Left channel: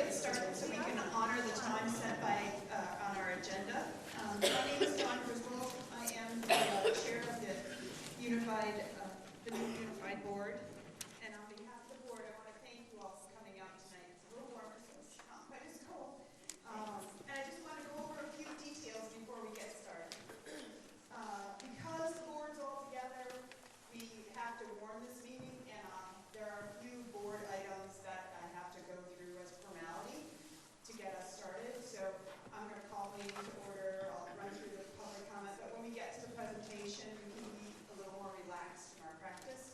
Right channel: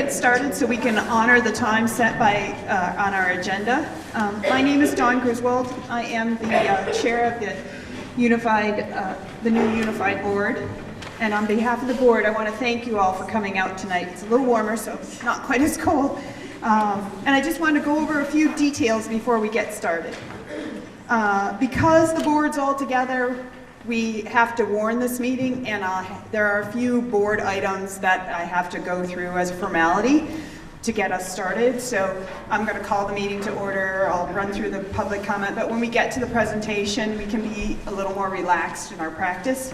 get started so we can honor the time set by on our agenda. My name is Dawn Griswold. I am the chair of the new Unified Board. And on behalf of the board, I want to thank you all for coming out tonight. It's a little warmer, so it's not quite as cold. And I just want to go over a few details before we get started. Because the board's all together, we have to warn this meeting, and there are a few board items that I have to go through as a formality to get us started. So I'm going to call the meeting to order. I'll run through the public comment, but when we get to the presentation, we can be a little more relaxed in our practice.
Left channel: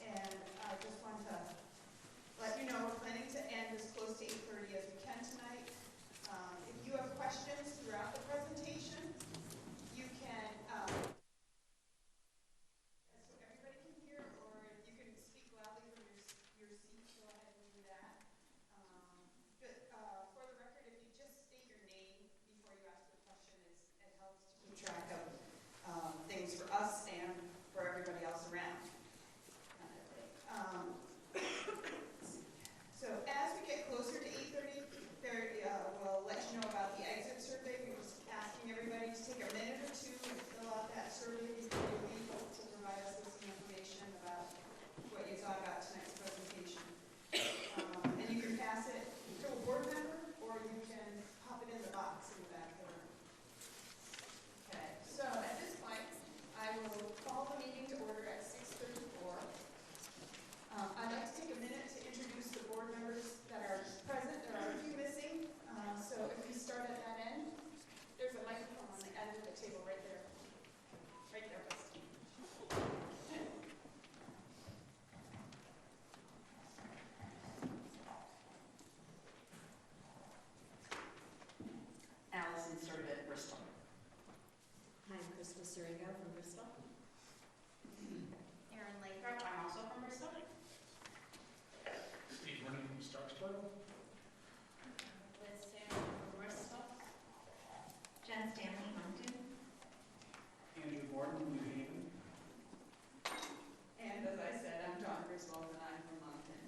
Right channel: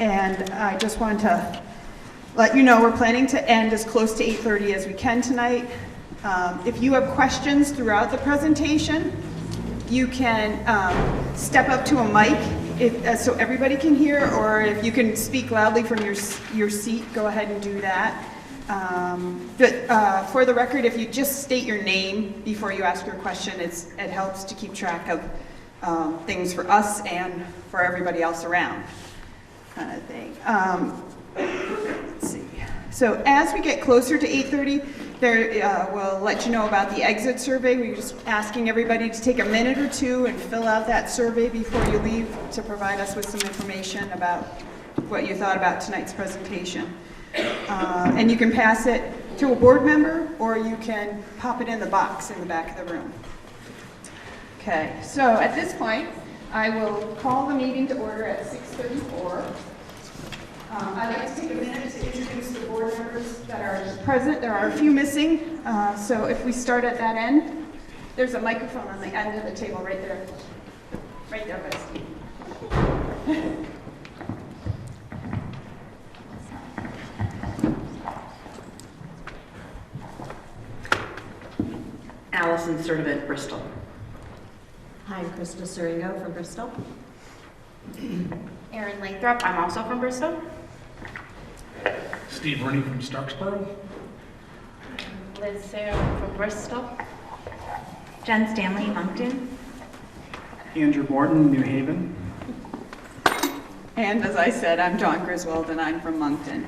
And I just want to let you know we're planning to end as close to 8:30 as we can tonight. If you have questions throughout the presentation, you can step up to a mic so everybody can hear, or if you can speak loudly from your seat, go ahead and do that. But for the record, if you just state your name before you ask your question, it helps to keep track of things for us and for everybody else around, kind of thing. Let's see. So as we get closer to 8:30, we'll let you know about the exit survey. We're just asking everybody to take a minute or two and fill out that survey before you leave to provide us with some information about what you thought about tonight's presentation. And you can pass it to a board member, or you can pop it in the box in the back of the room. Okay, so at this point, I will call the meeting to order at 6:34. I'd like to take a minute to introduce the board members that are present. There are a few missing, so if we start at that end, there's a microphone on the end of the table right there. Right there, by Steve. Allison Sertivant, Bristol. Hi, I'm Krista Suringo from Bristol. Erin Lathrop, I'm also from Bristol. Steve Rooney from Starksboro. Liz Sarah from Bristol. Jen Stanley, Moncton. Andrew Morton, New Haven. And as I said, I'm Dawn Griswold, and I'm from Moncton.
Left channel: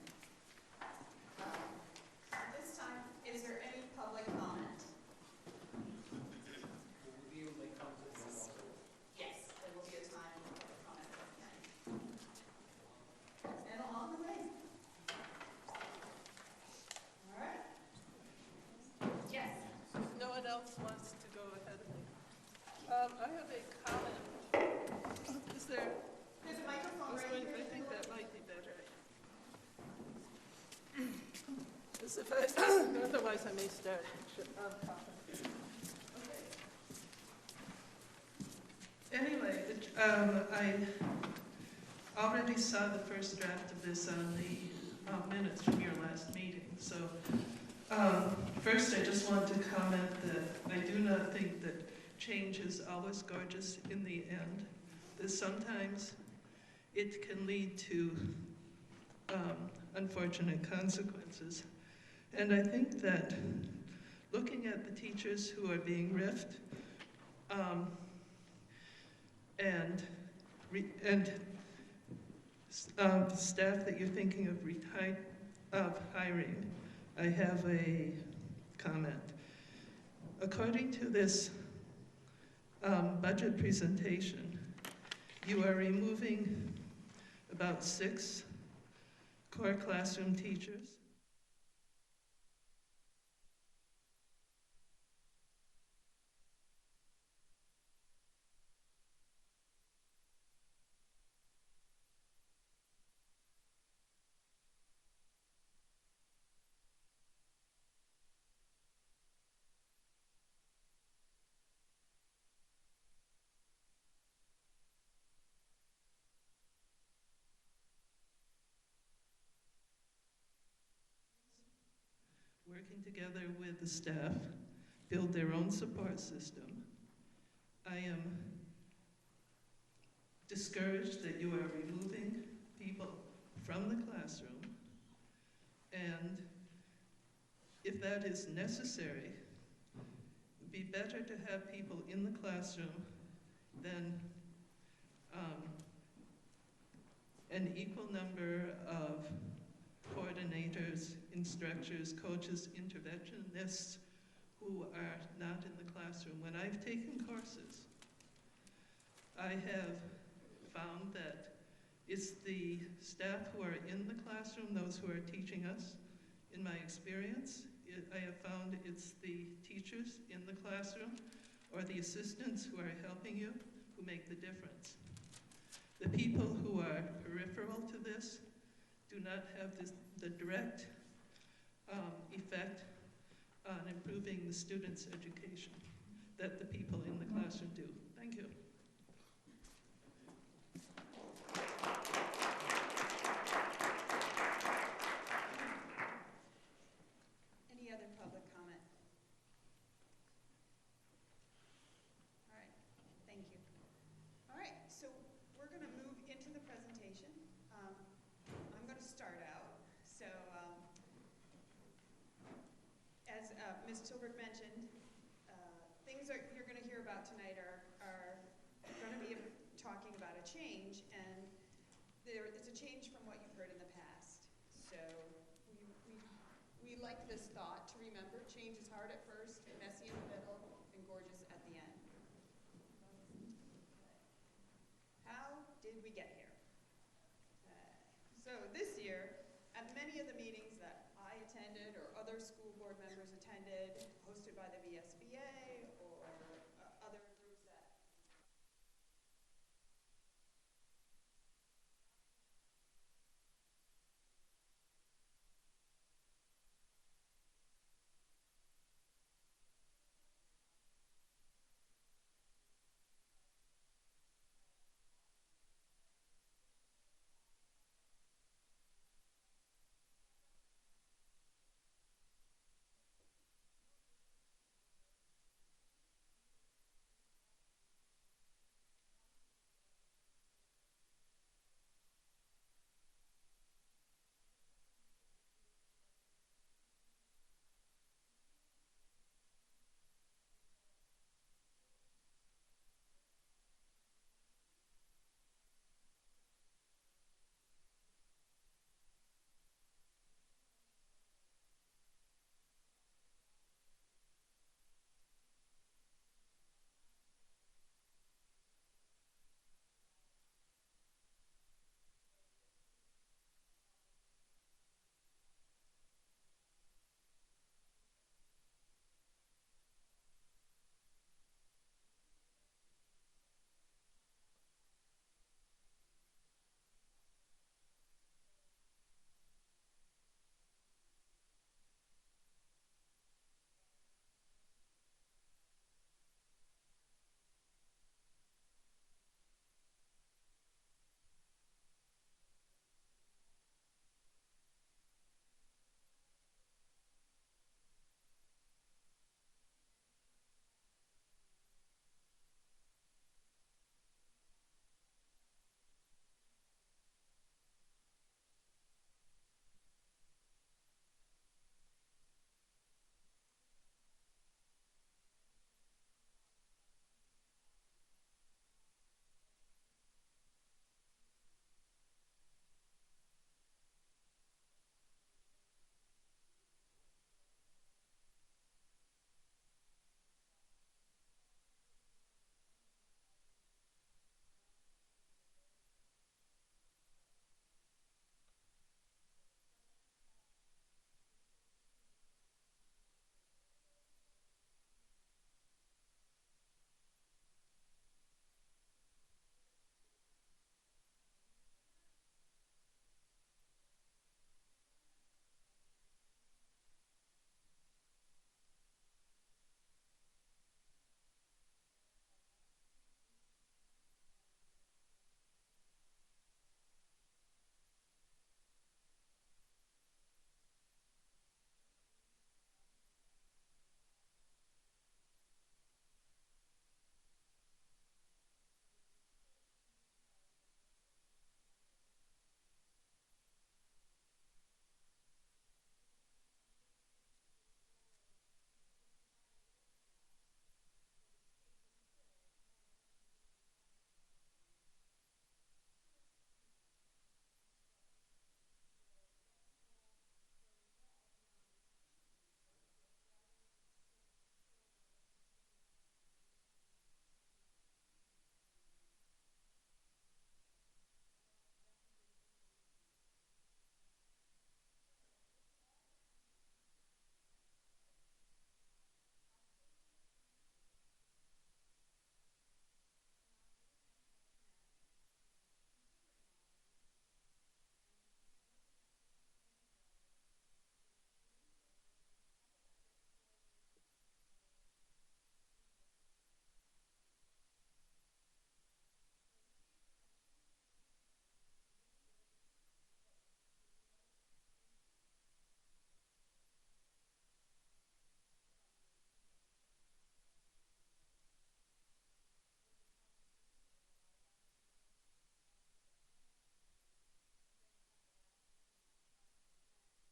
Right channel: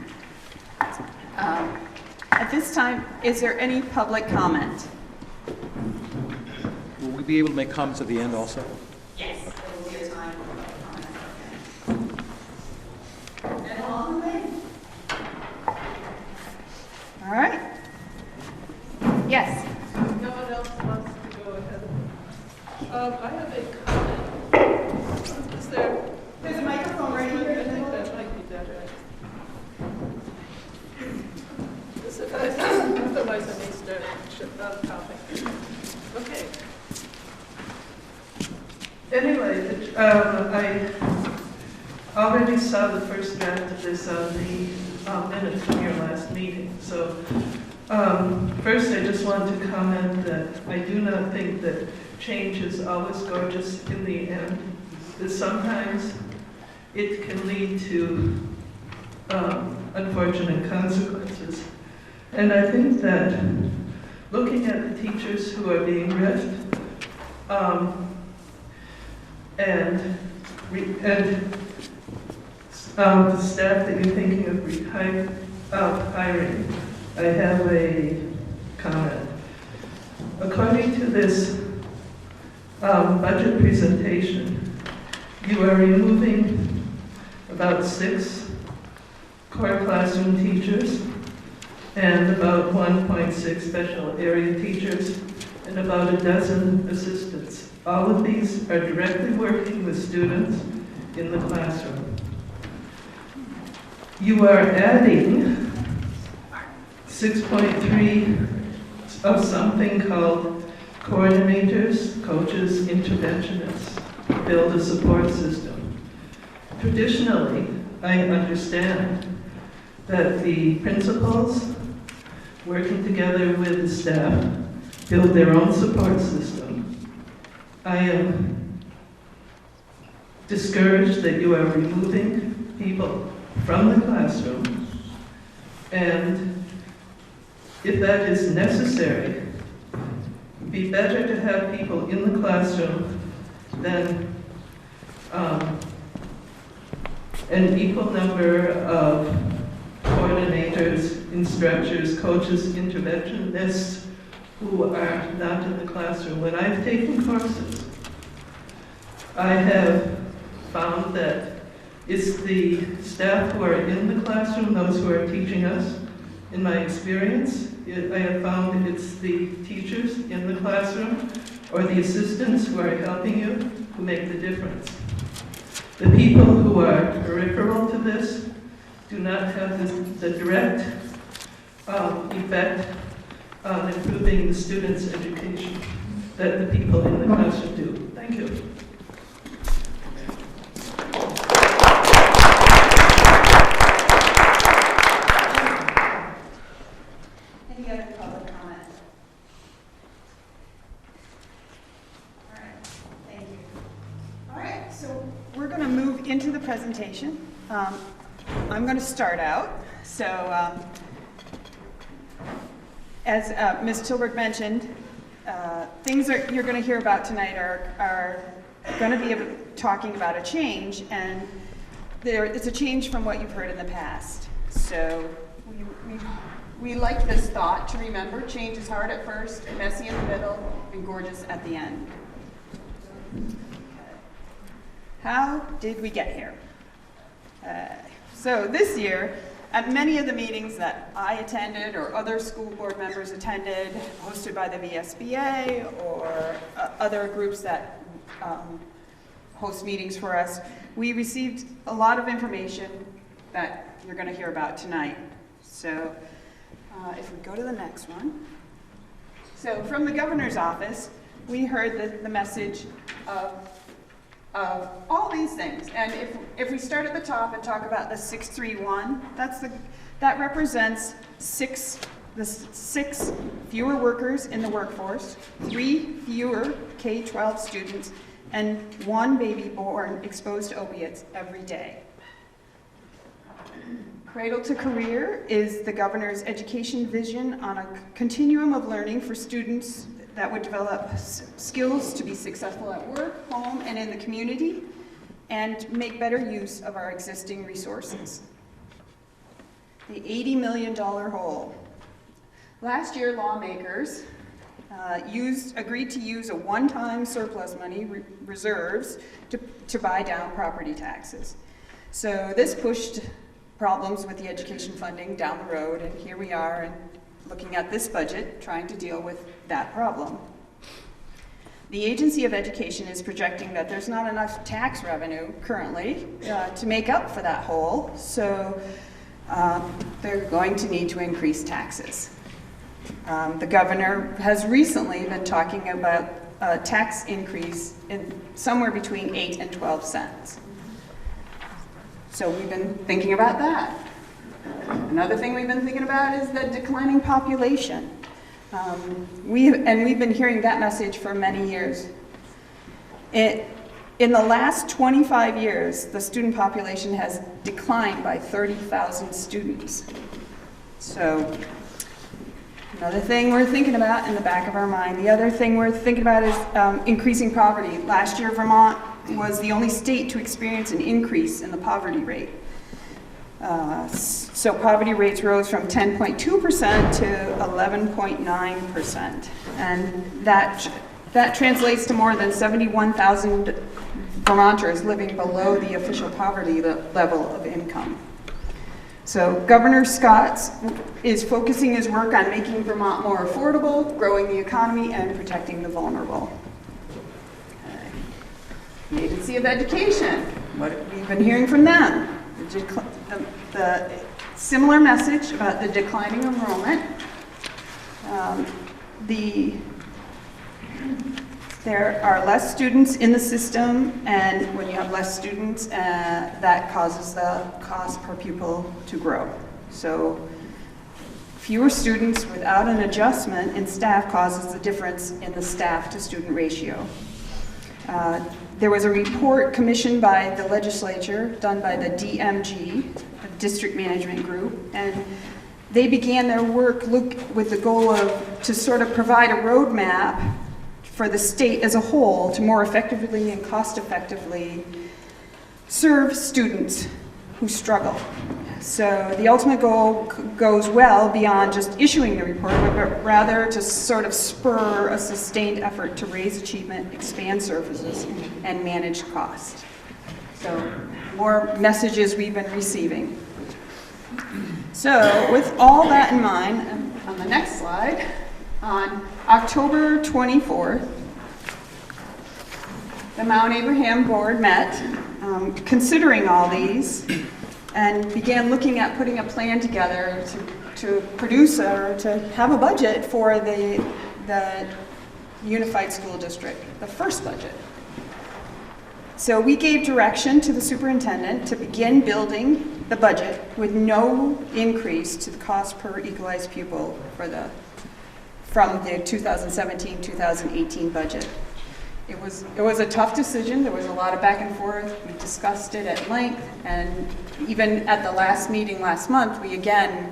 At this time, is there any public comment? Will we be able to make comments at the end also? Yes, there will be a time for public comment. And along the way? All right. Yes. No one else wants to go ahead. I have a comment. Is there? There's a microphone right here. I think that might be better. Otherwise, I may start talking. Okay. Anyway, I already saw the first draft of this on the minutes from your last meeting. So first, I just want to comment that I do not think that change is always gorgeous in the end. That sometimes it can lead to unfortunate consequences. And I think that looking at the teachers who are being ripped and the staff that you're thinking of hiring, I have a comment. According to this budget presentation, you are removing about 6 core classroom teachers and about 1.6 special area teachers and about a dozen assistants. All of these are directly working with students in the classroom. You are adding 6.3 of something called coordinators, coaches, interventionists, build a support system. Traditionally, I understand that the principals working together with the staff build their own support system. I am discouraged that you are removing people from the classroom, and if that is necessary, it'd be better to have people in the classroom than an equal number of coordinators instructors, coaches, interventionists who are not in the classroom. When I've taken courses, I have found that it's the staff who are in the classroom, those who are teaching us. In my experience, I have found it's the teachers in the classroom or the assistants who are helping you who make the difference. The people who are peripheral to this do not have the direct effect on improving the students' education that the people in the classroom do. Thank you. Any other public comment? All right, thank you. All right, so we're going to move into the presentation. I'm going to start out. So as Ms. Tilbert mentioned, things that you're going to hear about tonight are going to be talking about a change, and it's a change from what you've heard in the past. So we like this thought to remember: change is hard at first, messy in the middle, and gorgeous at the end. How did we get here? So this year, at many of the meetings that I attended or other school board members attended, hosted by the VSBA or other groups that host meetings for us, we received a lot of information that you're going to hear about tonight. So if we go to the next one. So from the governor's office, we heard the message of all these things. And if we start at the top and talk about the 631, that represents six fewer workers in the workforce, 3 fewer K-12 students, and 1 baby born exposed to opiates every day. Cradle to Career is the governor's education vision on a continuum of learning for students that would develop skills to be successful at work, home, and in the community, and make better use of our existing resources. The $80 million hole. Last year, lawmakers agreed to use a one-time surplus money reserves to buy down property taxes. So this pushed problems with the education funding down the road, and here we are and looking at this budget, trying to deal with that problem. The Agency of Education is projecting that there's not enough tax revenue currently to make up for that hole, so they're going to need to increase taxes. The governor has recently been talking about a tax increase in somewhere between 8 and 12 cents. So we've been thinking about that. Another thing we've been thinking about is the declining population. We've been hearing that message for many years. In the last 25 years, the student population has declined by 30,000 students. So another thing we're thinking about in the back of our mind. The other thing we're thinking about is increasing poverty. Last year, Vermont was the only state to experience an increase in the poverty rate. So poverty rates rose from 10.2% to 11.9%. And that translates to more than 71,000 Vermonters living below the official poverty level of income. So Governor Scott is focusing his work on making Vermont more affordable, growing the economy, and protecting the vulnerable. The Agency of Education, what have we been hearing from them? The similar message about the declining enrollment. There are less students in the system, and when you have less students, that causes the cost per pupil to grow. So fewer students without an adjustment in staff causes the difference in the staff to student ratio. There was a report commissioned by the legislature, done by the DMG, the District Management Group, and they began their work with the goal to sort of provide a roadmap for the state as a whole to more effectively and cost-effectively serve students who struggle. So the ultimate goal goes well beyond just issuing the report, but rather to sort of spur a sustained effort to raise achievement, expand services, and manage cost. So more messages we've been receiving. So with all that in mind, on the next slide, on October 24th, the Mount Abraham Board met, considering all these, and began looking at putting a plan together to produce or to have a budget for the Unified School District, the first budget. So we gave direction to the superintendent to begin building the budget with no increase to the cost per equalized pupil from the 2017-2018 budget. It was a tough decision. There was a lot of back and forth. We discussed it at length, and even at the last meeting last month, we again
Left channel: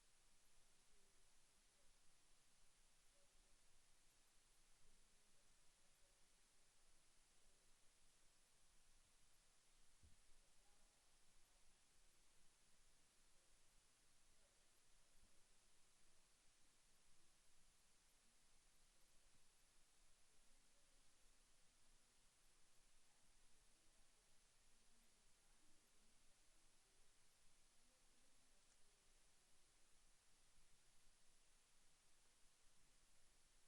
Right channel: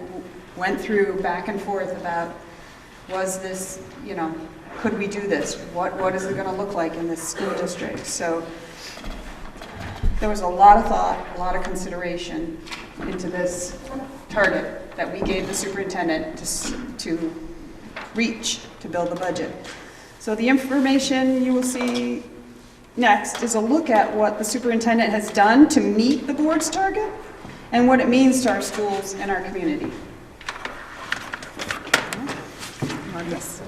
went through back and forth about, was this, could we do this? What is it going to look like in this school district? So there was a lot of thought, a lot of consideration into this target that we gave the superintendent to reach to build the budget. So the information you will see next is a look at what the superintendent has done to meet the board's target and what it means to our schools and our community. Yes.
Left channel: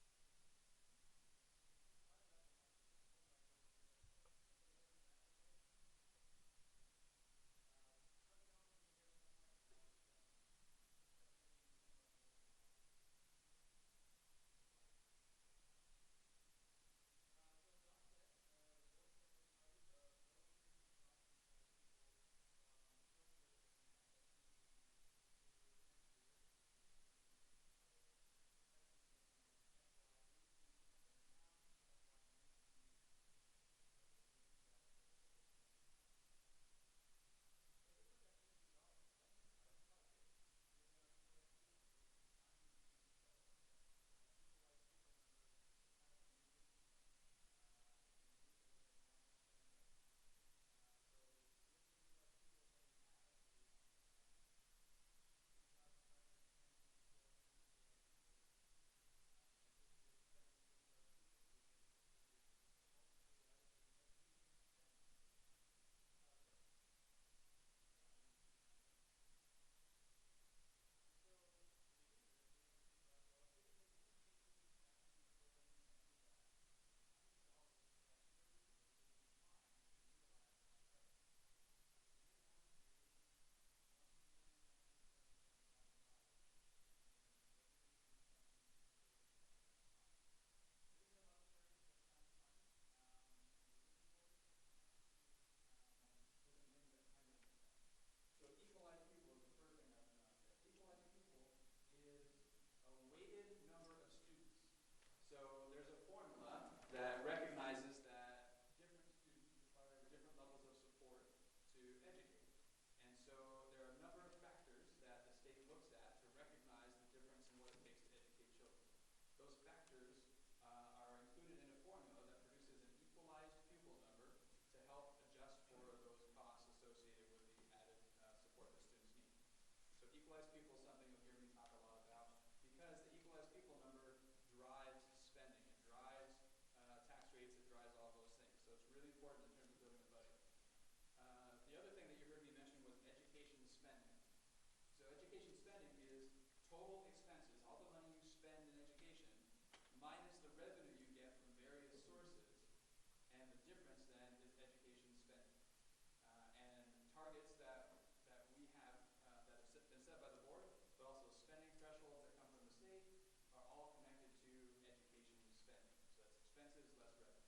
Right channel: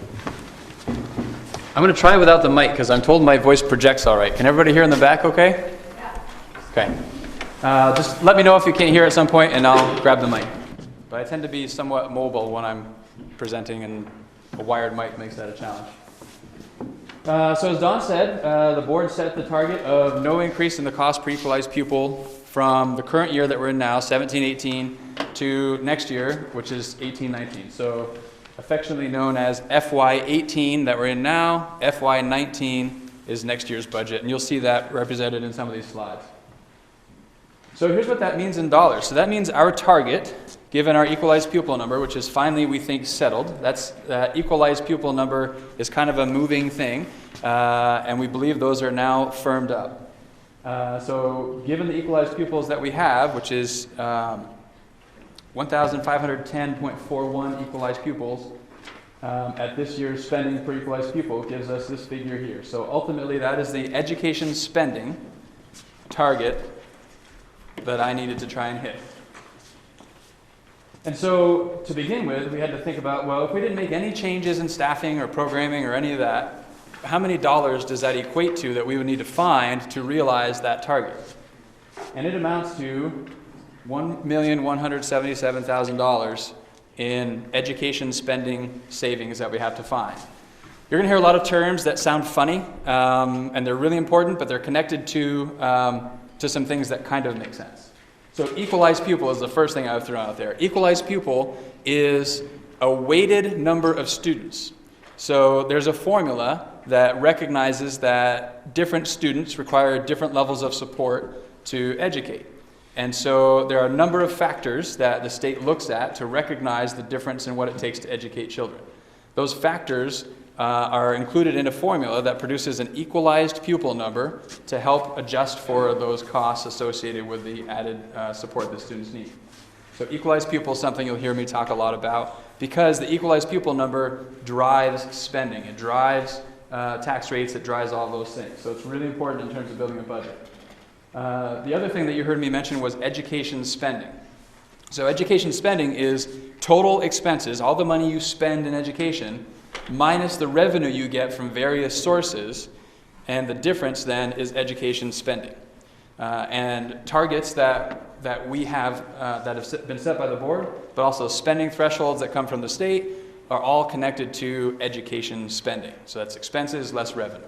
I'm going to try without the mic because I'm told my voice projects all right. Can everybody hear in the back okay? Okay. Just let me know if you can't hear at some point and I'll grab the mic. But I tend to be somewhat mobile when I'm presenting, and a wired mic makes that a challenge. So as Dawn said, the board set the target of no increase in the cost per equalized pupil from the current year that we're in now, 17-18, to next year, which is 18-19. So affectionately known as FY18 that we're in now, FY19 is next year's budget, and you'll see that represented in some of these slides. So here's what that means in dollars. So that means our target, given our equalized pupil number, which is finally, we think, settled. That's equalized pupil number is kind of a moving thing, and we believe those are now firmed up. So given the equalized pupils that we have, which is 1,510.41 equalized pupils, at this year's spending per equalized pupil gives us this figure here. So ultimately, that is the education spending target that I needed to try and hit. And so, to begin with, we had to think about, well, if we didn't make any changes in staffing or programming or any of that, how many dollars does that equate to that we would need to find to realize that target? And it amounts to $1,177,000 in education spending savings that we have to find. You're going to hear a lot of terms that sound funny, and they're really important, but they're connected to some things that kind of make sense. So equalized pupil is the first thing I've thrown out there. Equalized pupil is a weighted number of students. So there's a formula that recognizes that different students require different levels of support to educate. And so there are a number of factors that the state looks at to recognize the difference in what it takes to educate children. Those factors are included in a formula that produces an equalized pupil number to help adjust for those costs associated with the added support that students need. So equalized pupil is something you'll hear me talk a lot about because the equalized pupil number drives spending. It drives tax rates, it drives all those things. So it's really important in terms of building a budget. The other thing that you heard me mention was education spending. So education spending is total expenses, all the money you spend in education, minus the revenue you get from various sources, and the difference then is education spending. And targets that we have that have been set by the board, but also spending thresholds that come from the state, are all connected to education spending. So that's expenses less revenue.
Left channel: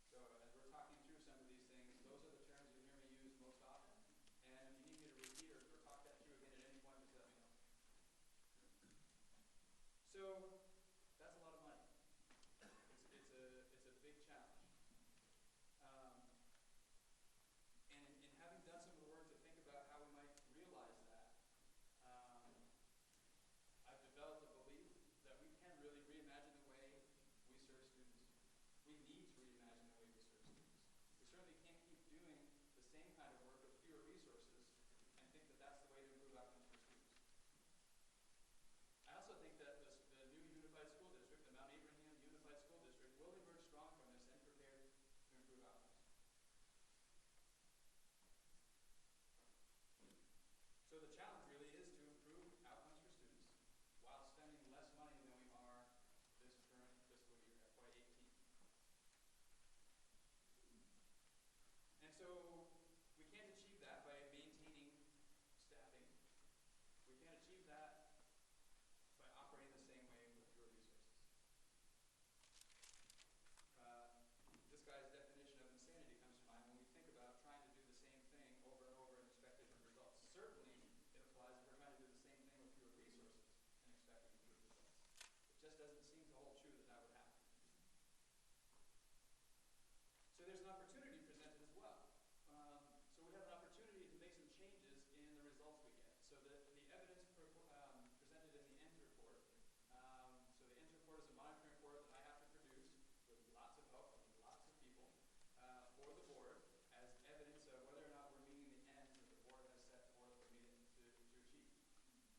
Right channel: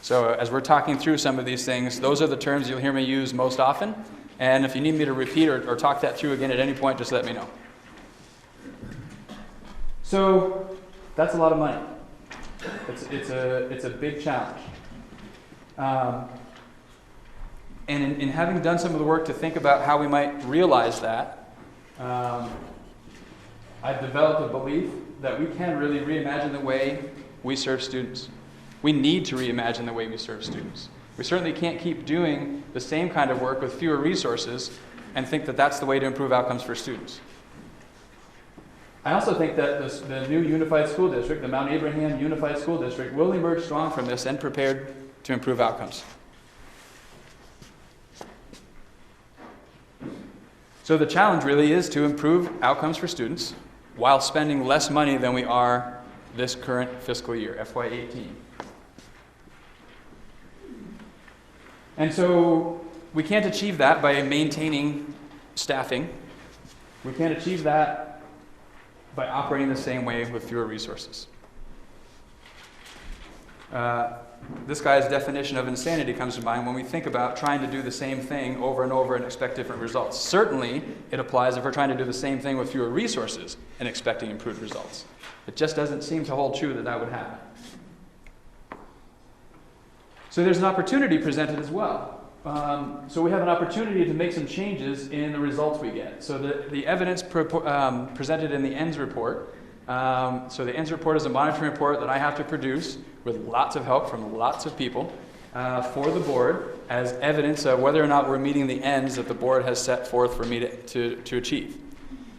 So as we're talking through some of these things, those are the terms you'll hear me use most often. And if you need me to repeat or talk that through again at any point, just let me know. So that's a lot of money. It's a big challenge. And in having done some of the work to think about how we might realize that, I've developed a belief that we can really reimagine the way we serve students. We need to reimagine the way we serve students. We certainly can't keep doing the same kind of work with fewer resources and think that that's the way to improve outcomes for students. I also think that the new unified school district, the Mount Abraham Unified School District, will emerge strong from this and prepared to improve outcomes. So the challenge really is to improve outcomes for students while spending less money than we are this current fiscal year, FY18. And so we can't achieve that by maintaining staffing. We can't achieve that by operating the same way with fewer resources. This guy's definition of insanity comes to mind when we think about trying to do the same thing over and over and expect different results. Certainly, it applies if we're trying to do the same thing with fewer resources and expecting improved results. It just doesn't seem to hold true that that would happen. So there's an opportunity presented as well. So we have an opportunity to make some changes in the results we get. So the evidence presented in the ENDS report, so the ENDS report is a monitoring report that I have to produce with lots of help from lots of people for the board as evidence of whether or not we're meeting the ends that the board has set forth for me to achieve.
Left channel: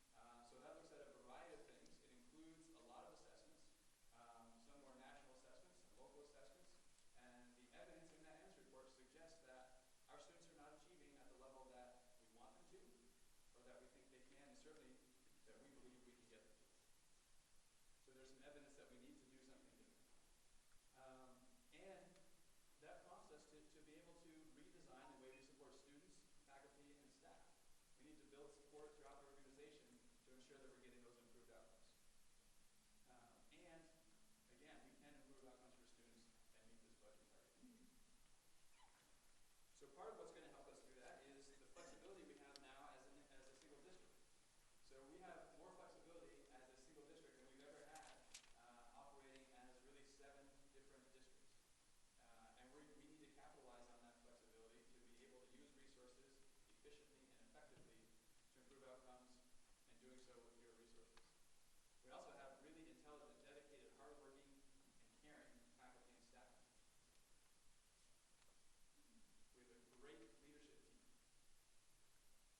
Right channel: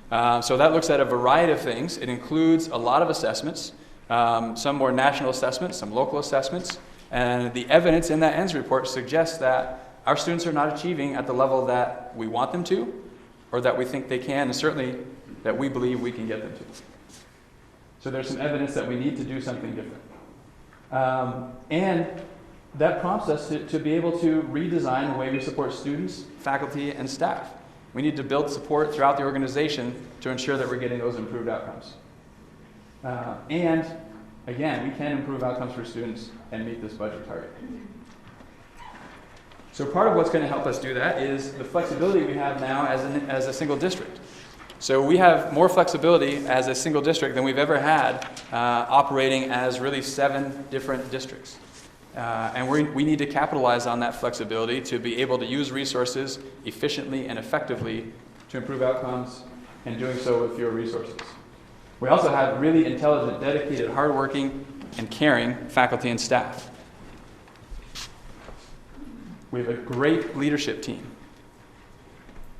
So that looks at a variety of things. It includes a lot of assessments, some more national assessments, some local assessments, and the evidence in that ENDS report suggests that our students are not achieving at the level that we want them to, or that we think they can, and certainly that we believe we can get them to. So there's some evidence that we need to do something different. And that prompts us to be able to redesign the way we support students, faculty, and staff. We need to build support throughout the organization to ensure that we're getting those improved outcomes. And again, we can improve outcomes for students and meet this budget target. So part of what's going to help us do that is the flexibility we have now as a single district. So we have more flexibility as a single district than we've ever had operating as really 7 different districts. And we need to capitalize on that flexibility to be able to use resources efficiently and effectively to improve outcomes, and doing so with fewer resources. We also have really intelligent, dedicated, hardworking, and caring faculty and staff. We have a great leadership team.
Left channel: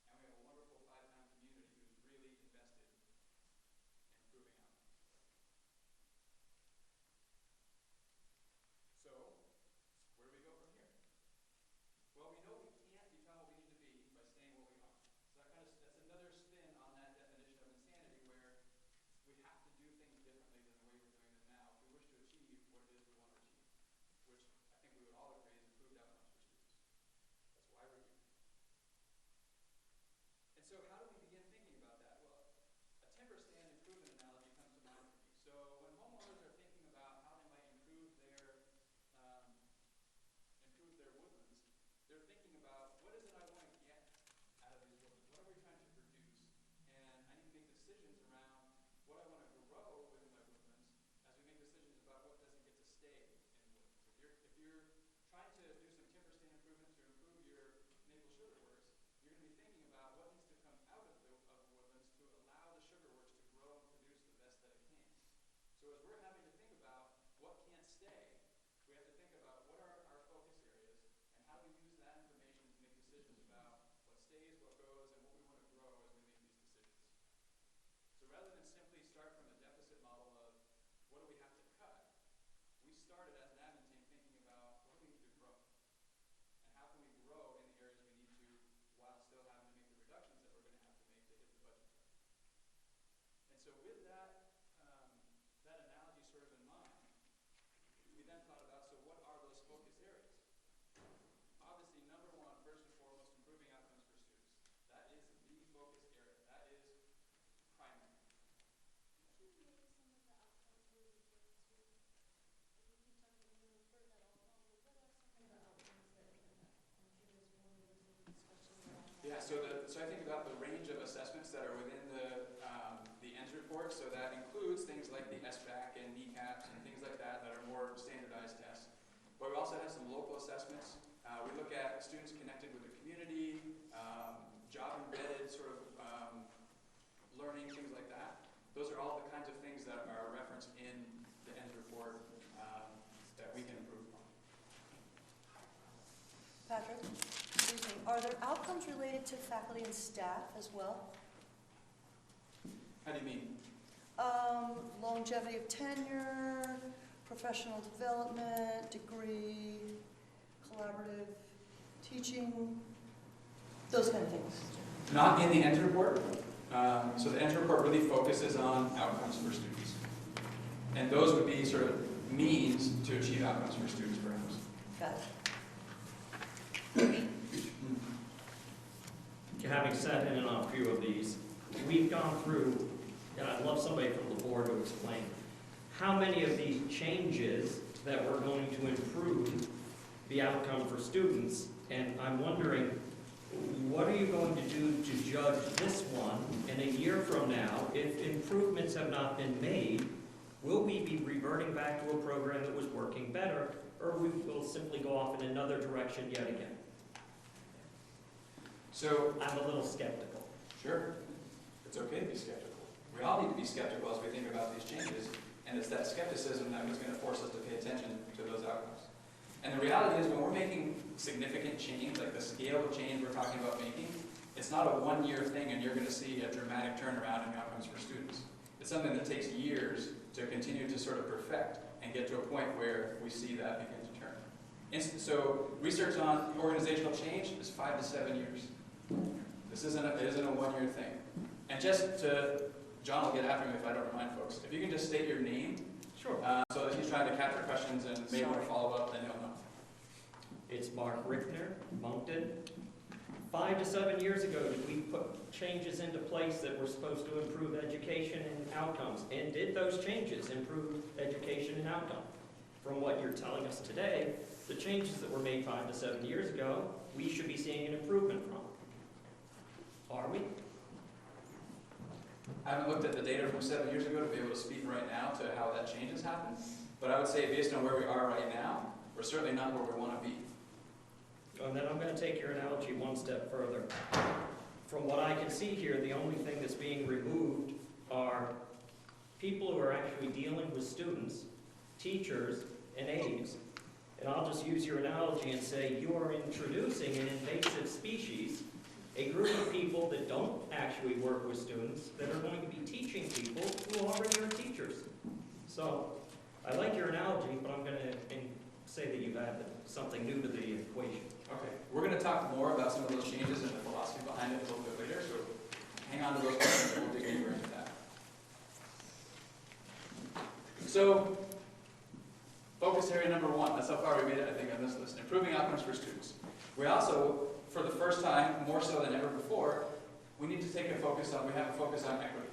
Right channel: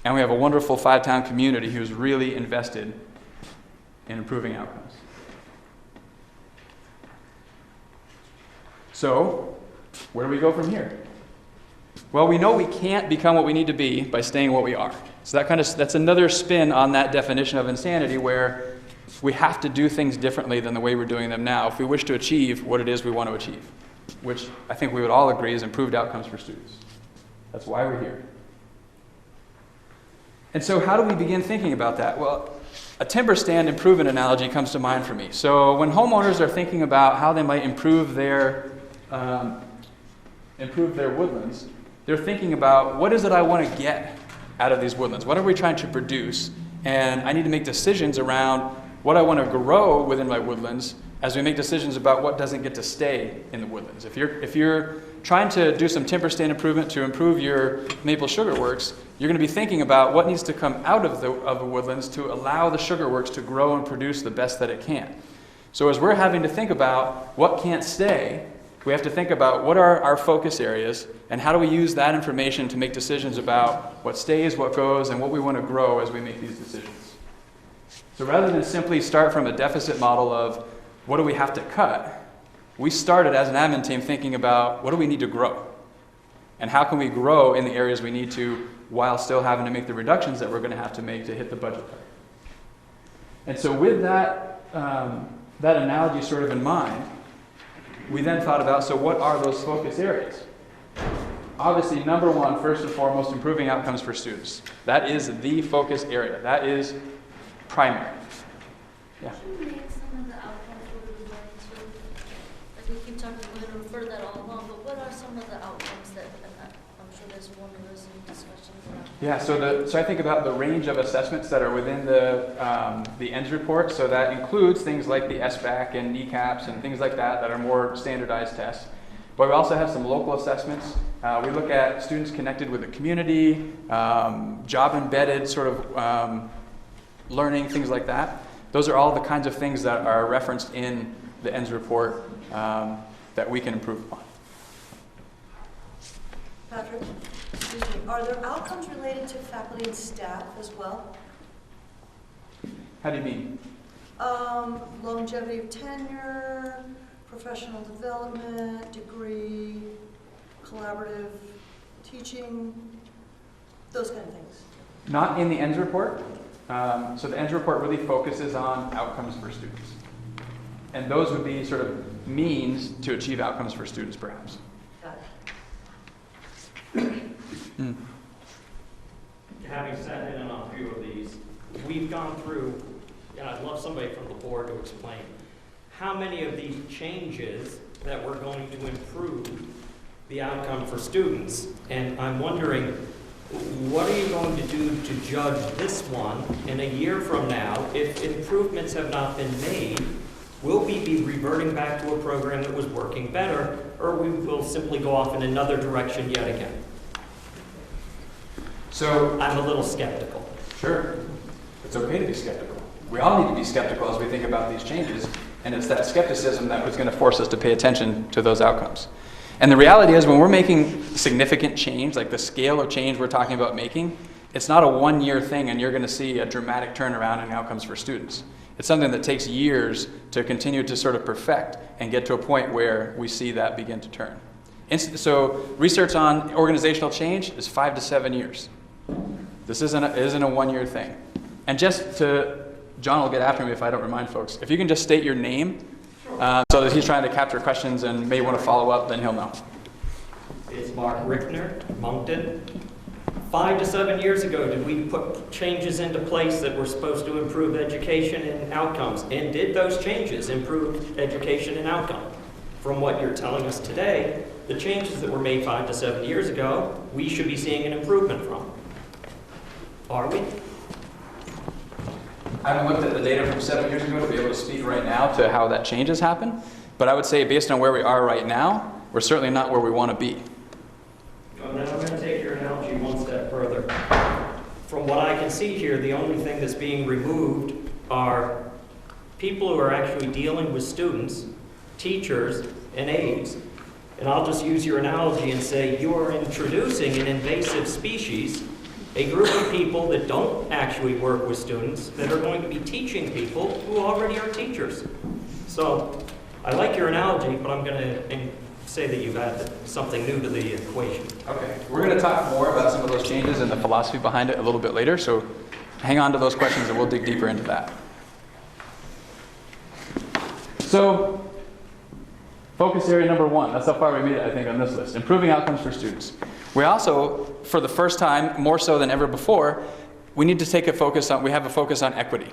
And we have a wonderful 5-town community who's really invested in improving outcomes. So, where do we go from here? Well, we know we can't become what we need to be by staying what we are. So that's another spin on that definition of insanity, where we have to do things differently than the way we're doing them now if we wish to achieve what it is we want to achieve, which I think we would all agree is improved outcomes for students. That's why we're here. And so how do we begin thinking about that? Well, a timber stand improvement analogy comes to mind for me. So when homeowners are thinking about how they might improve their woodlands, they're thinking about, what is it I want to get out of these woodlands? What are we trying to produce? And I need to make decisions around what I want to grow within my woodlands as we make decisions about what doesn't get to stay in the woodlands. If you're trying to do some timber stand improvement to improve your maple sugar works, you're going to be thinking about what needs to come out of the woodlands to allow the sugar works to grow and produce the best that it can. So as we're having to think about what can't stay, we have to think about what are our focus areas and how do we use that information to make decisions about what stays, what goes, and what we want to grow as we make these decisions. So rather than simply start from a deficit model of what do we have to cut, we started as an admin team thinking about what do we need to grow? And how can we grow in the areas we need to while still having to make the reductions that we're going to have to make to hit the budget target. And so with that analogy sort of in mind, we then thought about, so what are those focus areas? Obviously, number one, first and foremost, improving outcomes for students. That is the focus area. That is primary. Yeah. Can you name some of the outcomes we're referring to? Like we keep talking, we're going to refer that all along, but what are some of the outcomes that, I'm sure there's more of those in discussions around. Yeah, so I think about the range of assessments that are within the ENDS report. So that includes things like the SBAC and kneecaps and things like that are more standardized tests. But we also have some local assessments. We look at students connected with the community, job-embedded sort of learning, things like that. Those are all the kinds of things that are referenced in the ENDS report that we can improve upon. Patrick, excuse me, are are there outcomes related to faculty and staff as well? How do you mean? Longevity of tenure, professional development, degree, collaborative teaching, those kind of things. Not in the ends report. So the ends report really focuses on outcomes for students. And those would be sort of means to achieve outcomes for students, perhaps. Having sat in on a few of these, we've gone through, and I'd love somebody from the board to explain, how many of these changes that we're going to improve the outcome for students. And I'm wondering, what are you going to do to judge this one in a year from now if improvements have not been made? Will we be reverting back to a program that was working better, or we will simply go off in another direction yet again? So I'm a little skeptical. Sure. It's okay to be skeptical. We all need to be skeptical as we think about these changes, and it's that skepticism that was going to force us to pay attention to those outcomes. And the reality is, when we're making significant change, like the scale of change we're talking about making, it's not a one-year thing and you're going to see a dramatic turnaround in outcomes for students. It's something that takes years to continue to sort of perfect and get to a point where we see that begin to turn. So research on organizational change is 5 to 7 years. This isn't a one-year thing. And just to, John will get after me if I don't remind folks, if you can just state your name, so that he's trying to capture questions and may want to follow up, then he'll know. It's Mark Rickner, Moncton. 5 to 7 years ago, did we put changes into place that were supposed to improve education and outcomes? And did those changes improve education and outcome? From what you're telling us today, the changes that were made 5 to 7 years ago, we should be seeing an improvement from. Are we? I haven't looked at the data from 7 years ago to be able to speak right now to how that change has happened, but I would say based on where we are right now, we're certainly not where we want to be. And then I'm going to take your analogy one step further. From what I can see here, the only thing that's being removed are people who are actually dealing with students, teachers, and aides. And I'll just use your analogy and say you're introducing an invasive species, a group of people that don't actually work with students that are going to be teaching people who already are teachers. So I like your analogy, but I'm going to say that you've added something new to the equation. Okay, we're going to talk more about some of those changes and the philosophy behind it a little bit later, so hang on to those questions and we'll dig deeper into that. So, focus area number 1, that's how far we made it, I think, on this list, improving outcomes for students. We also, for the first time, more so than ever before, we need to take a focus on, we have a focus on equity.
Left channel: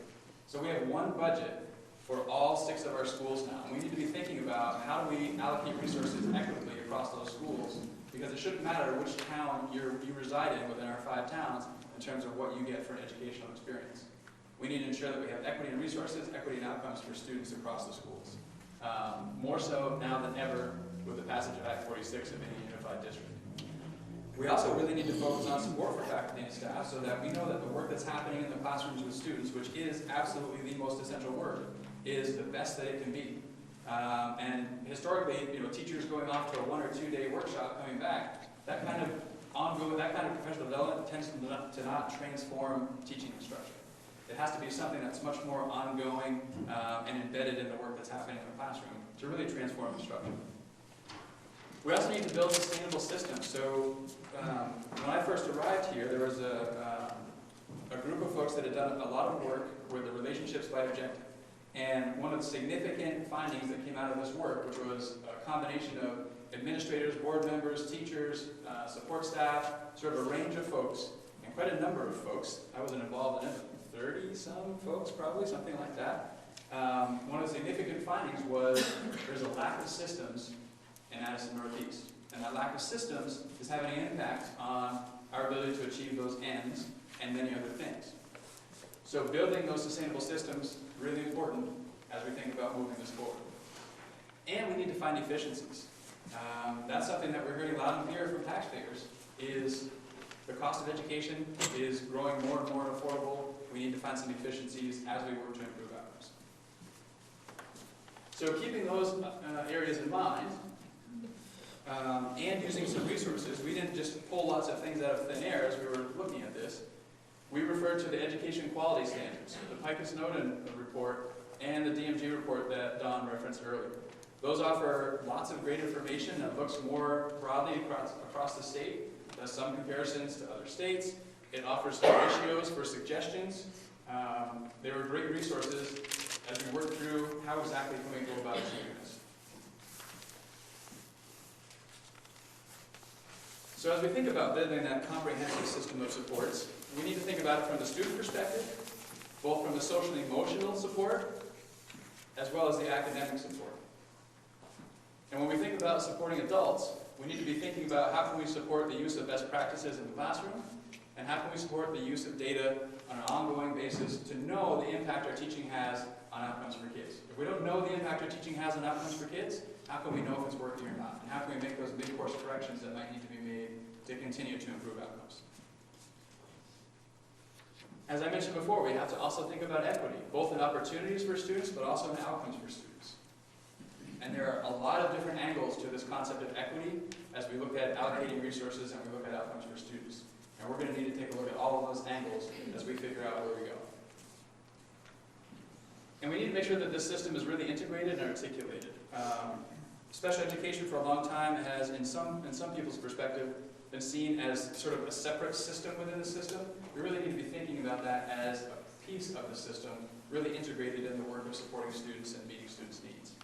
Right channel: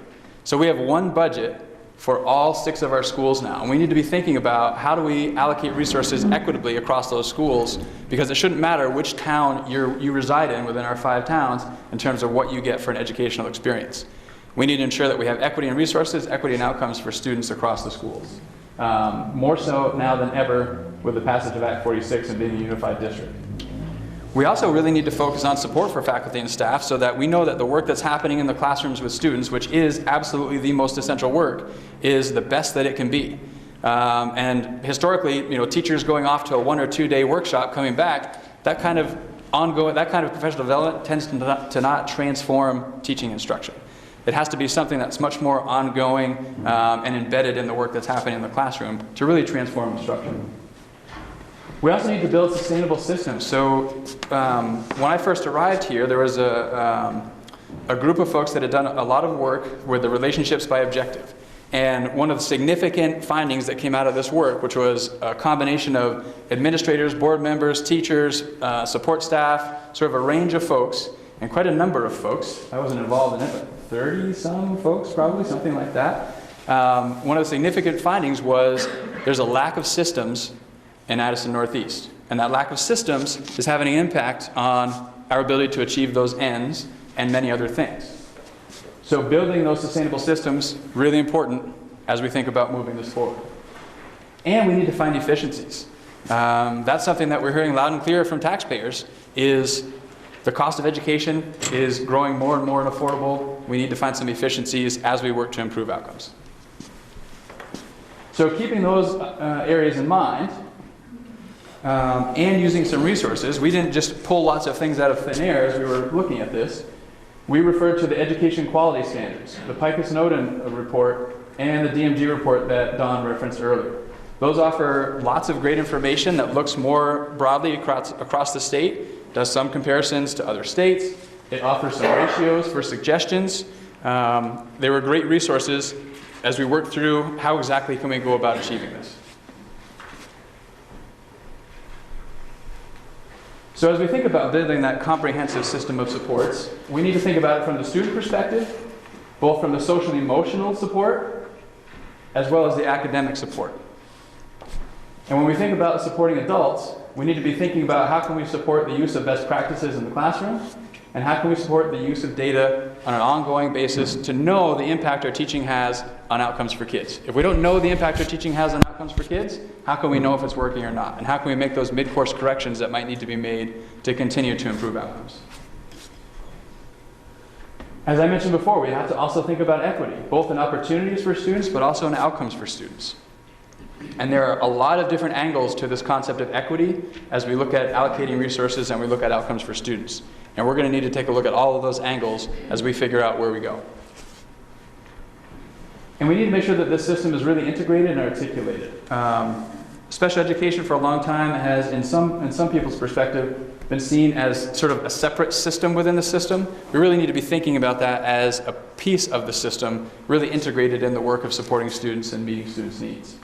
So we have one budget for all 6 of our schools now. And we need to be thinking about how do we allocate resources equitably across those schools, because it shouldn't matter which town you reside in within our 5 towns in terms of what you get for an educational experience. We need to ensure that we have equity in resources, equity in outcomes for students across the schools. More so now than ever with the passage of Act 46 and being a unified district. We also really need to focus on support for faculty and staff so that we know that the work that's happening in the classrooms with students, which is absolutely the most essential work, is the best that it can be. And historically, teachers going off to a 1 or 2 day workshop coming back, that kind of professional development tends to not transform teaching instruction. It has to be something that's much more ongoing and embedded in the work that's happening in the classroom to really transform instruction. We also need to build sustainable systems. So when I first arrived here, there was a group of folks that had done a lot of work with the relationships by objective. And one of the significant findings that came out of this work, which was a combination of administrators, board members, teachers, support staff, sort of a range of folks, and quite a number of folks. I wasn't involved in it, but 30-some folks, probably, something like that. One of the significant findings was there's a lack of systems in Addison Northeast. And that lack of systems is having an impact on our ability to achieve those ends and many other things. So building those sustainable systems, really important as we think about moving this forward. And we need to find efficiencies. That's something that we're hearing loud and clear from taxpayers, is the cost of education is growing more and more unaffordable. We need to find some efficiencies as we work to improve outcomes. So keeping those areas in mind, and using some resources. We didn't just pull lots of things out of thin air as we were looking at this. We referred to the education quality standards, the Pikus-Snowden report, and the DMG report that Don referenced earlier. Those offer lots of great information that looks more broadly across the state, does some comparisons to other states. It offers some ratios for suggestions. They were great resources as we worked through how exactly can we go about achieving this. So as we think about building that comprehensive system of supports, we need to think about it from the student perspective, both from the social and emotional support, as well as the academic support. And when we think about supporting adults, we need to be thinking about how can we support the use of best practices in the classroom, and how can we support the use of data on an ongoing basis to know the impact our teaching has on outcomes for kids. If we don't know the impact our teaching has on outcomes for kids, how can we know if it's working or not? And how can we make those mid-course corrections that might need to be made to continue to improve outcomes? As I mentioned before, we have to also think about equity, both in opportunities for students, but also in outcomes for students. And there are a lot of different angles to this concept of equity as we look at allocating resources and we look at outcomes for students. And we're going to need to take a look at all of those angles as we figure out where we go. And we need to make sure that this system is really integrated and articulated. Special education for a long time has, in some people's perspective, been seen as sort of a separate system within the system. We really need to be thinking about that as a piece of the system, really integrated in the work of supporting students and meeting students' needs.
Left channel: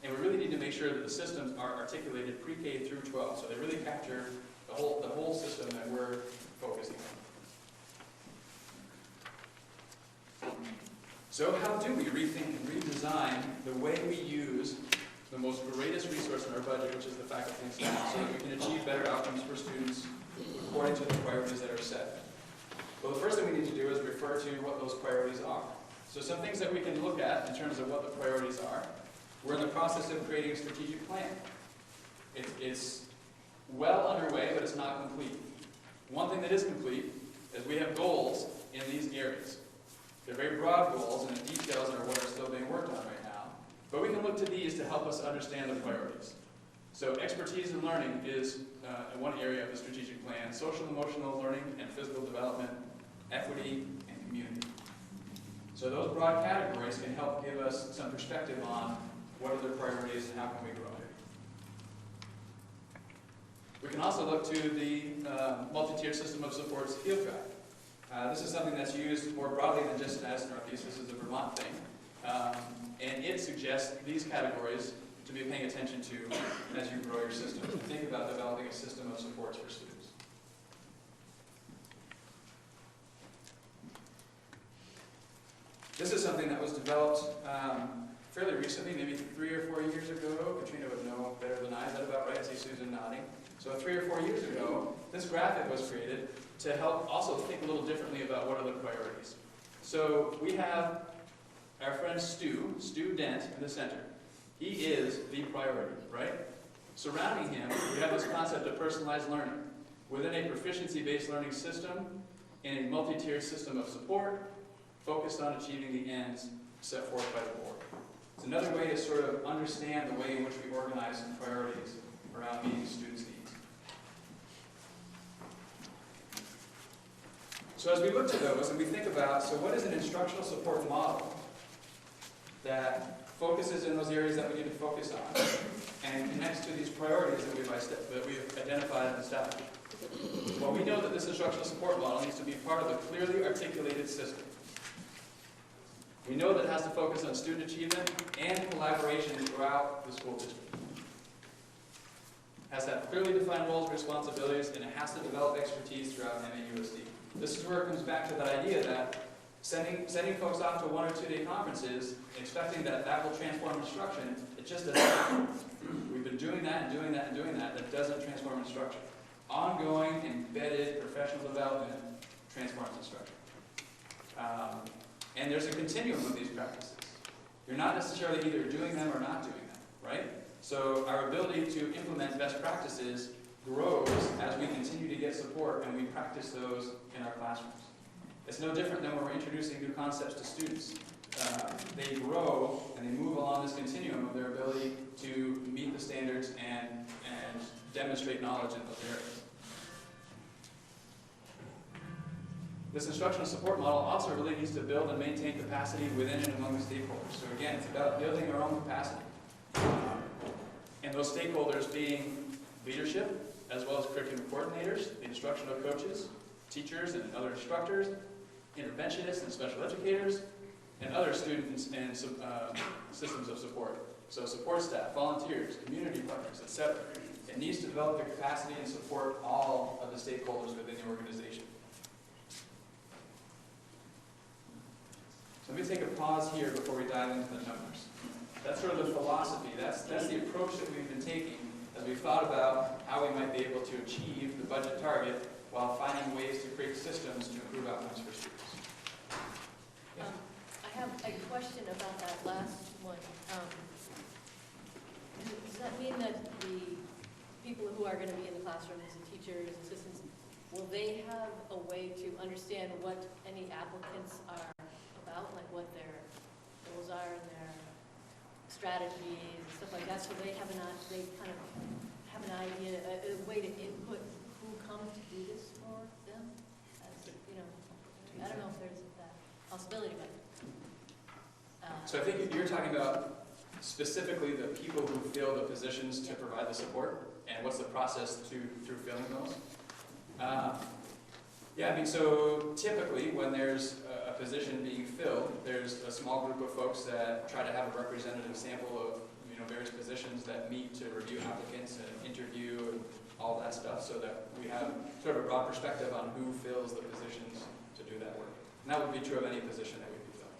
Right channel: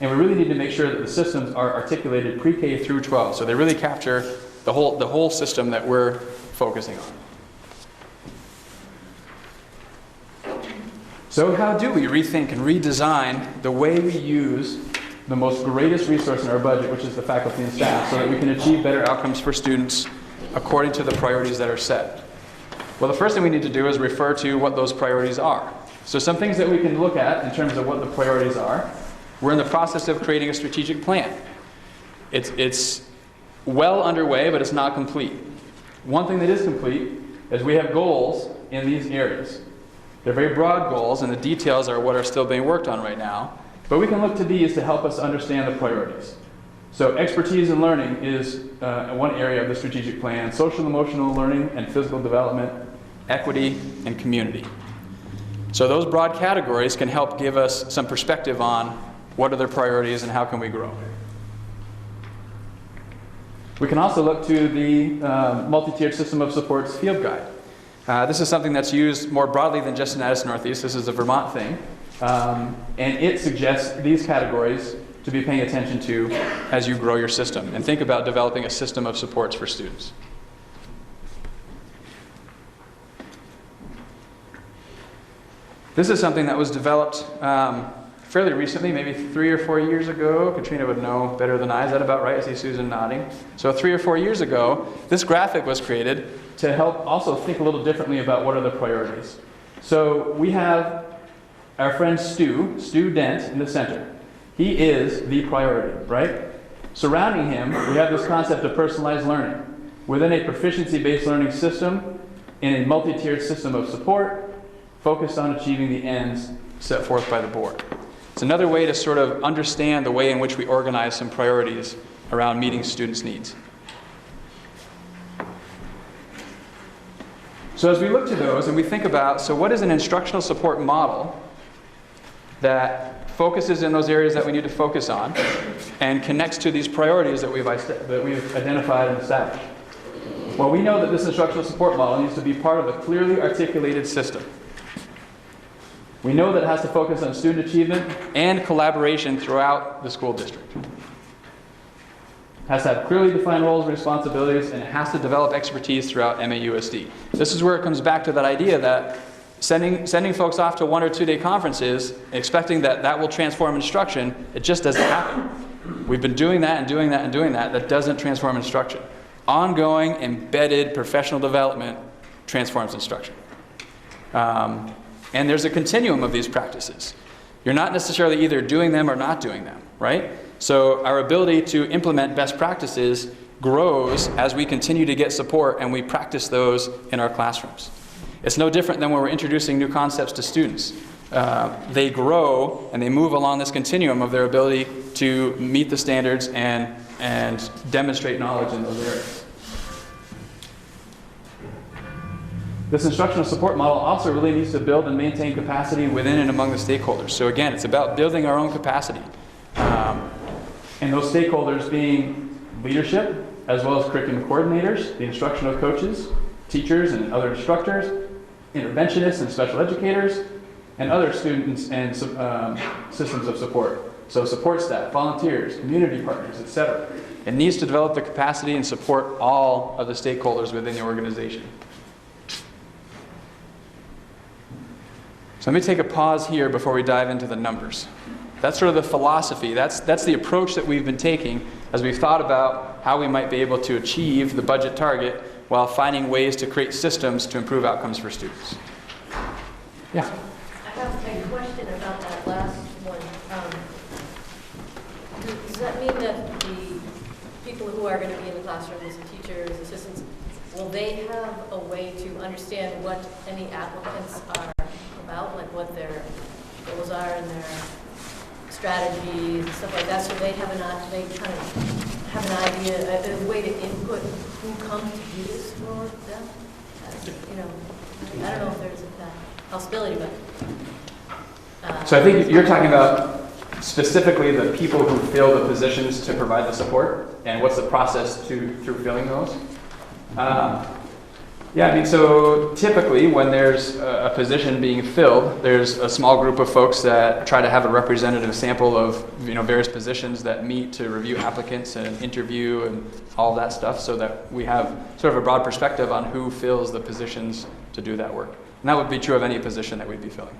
And we really need to make sure that the systems are articulated pre-K through 12, so they really capture the whole system that we're focusing on. So how do we rethink and redesign the way we use the most greatest resource in our budget, which is the faculty and staff, so that we can achieve better outcomes for students according to the priorities that are set? Well, the first thing we need to do is refer to what those priorities are. So some things that we can look at in terms of what the priorities are. We're in the process of creating a strategic plan. It's well underway, but it's not complete. One thing that is complete is we have goals in these areas. They're very broad goals, and the details are what are still being worked on right now. But we can look to these to help us understand the priorities. So expertise in learning is one area of the strategic plan. Social and emotional learning and physical development, equity, and community. So those broad categories can help give us some perspective on what are their priorities and how can we grow. We can also look to the multi-tiered system of supports field guide. This is something that's used more broadly than just in Addison Northeast. This is a Vermont thing. And it suggests these categories to be paying attention to as you grow your system and think about developing a system of supports for students. This is something that was developed fairly recently, maybe 3 or 4 years ago. Katrina would know better than I. Is that about right? I see Susan nodding. So 3 or 4 years ago, this graphic was created to help also think a little differently about what are the priorities. So we have our friend Stu Dent in the center. He is the priority, right? Surrounding him, we have this concept of personalized learning. Within a proficiency-based learning system, in a multi-tiered system of support, focused on achieving the ends set forth by the board. It's another way to sort of understand the way in which we organize some priorities around meeting students' needs. So as we look to those and we think about, so what is an instructional support model that focuses in those areas that we need to focus on and connects to these priorities that we've identified and established? Well, we know that this instructional support model needs to be part of a clearly articulated system. We know that it has to focus on student achievement and collaboration throughout the school district. It has to have clearly defined roles and responsibilities, and it has to develop expertise throughout MAUSD. This is where it comes back to that idea that sending folks off to 1 or 2 day conferences, expecting that that will transform instruction, it just doesn't happen. We've been doing that and doing that and doing that. That doesn't transform instruction. Ongoing, embedded professional development transforms instruction. And there's a continuum of these practices. You're not necessarily either doing them or not doing them, right? So our ability to implement best practices grows as we continue to get support and we practice those in our classrooms. It's no different than when we're introducing new concepts to students. They grow and they move along this continuum of their ability to meet the standards and and demonstrate knowledge in those areas. This instructional support model also really needs to build and maintain capacity within and among the stakeholders. So again, it's about building our own capacity. And those stakeholders being leadership, as well as curriculum coordinators, the instructional coaches, teachers and other instructors, interventionists and special educators, and other students and systems of support. So support staff, volunteers, community partners, etc. It needs to develop the capacity and support all of the stakeholders within the organization. So let me take a pause here before we dive into the numbers. That's sort of the philosophy. That's the approach that we've been taking as we've thought about how we might be able to achieve the budget target while finding ways to create systems to improve outcomes for students. Yeah? I have a question about that last one. Does that mean that the people who are going to be in the classrooms, the teachers, assistants, will they have a way to understand what any applicants are about, like what their goals are and their strategies and stuff like that, so they kind of have an idea, a way to input who comes to do this for them? You know, I don't know if there's that possibility, but. So I think you're talking about specifically the people who fill the positions to provide the support, and what's the process through filling those? Yeah, I mean, so typically when there's a position being filled, there's a small group of folks that try to have a representative sample of, you know, various positions that meet to review applicants and interview and all that stuff, so that we have sort of a broad perspective on who fills the positions to do that work. And that would be true of any position that we'd be filling.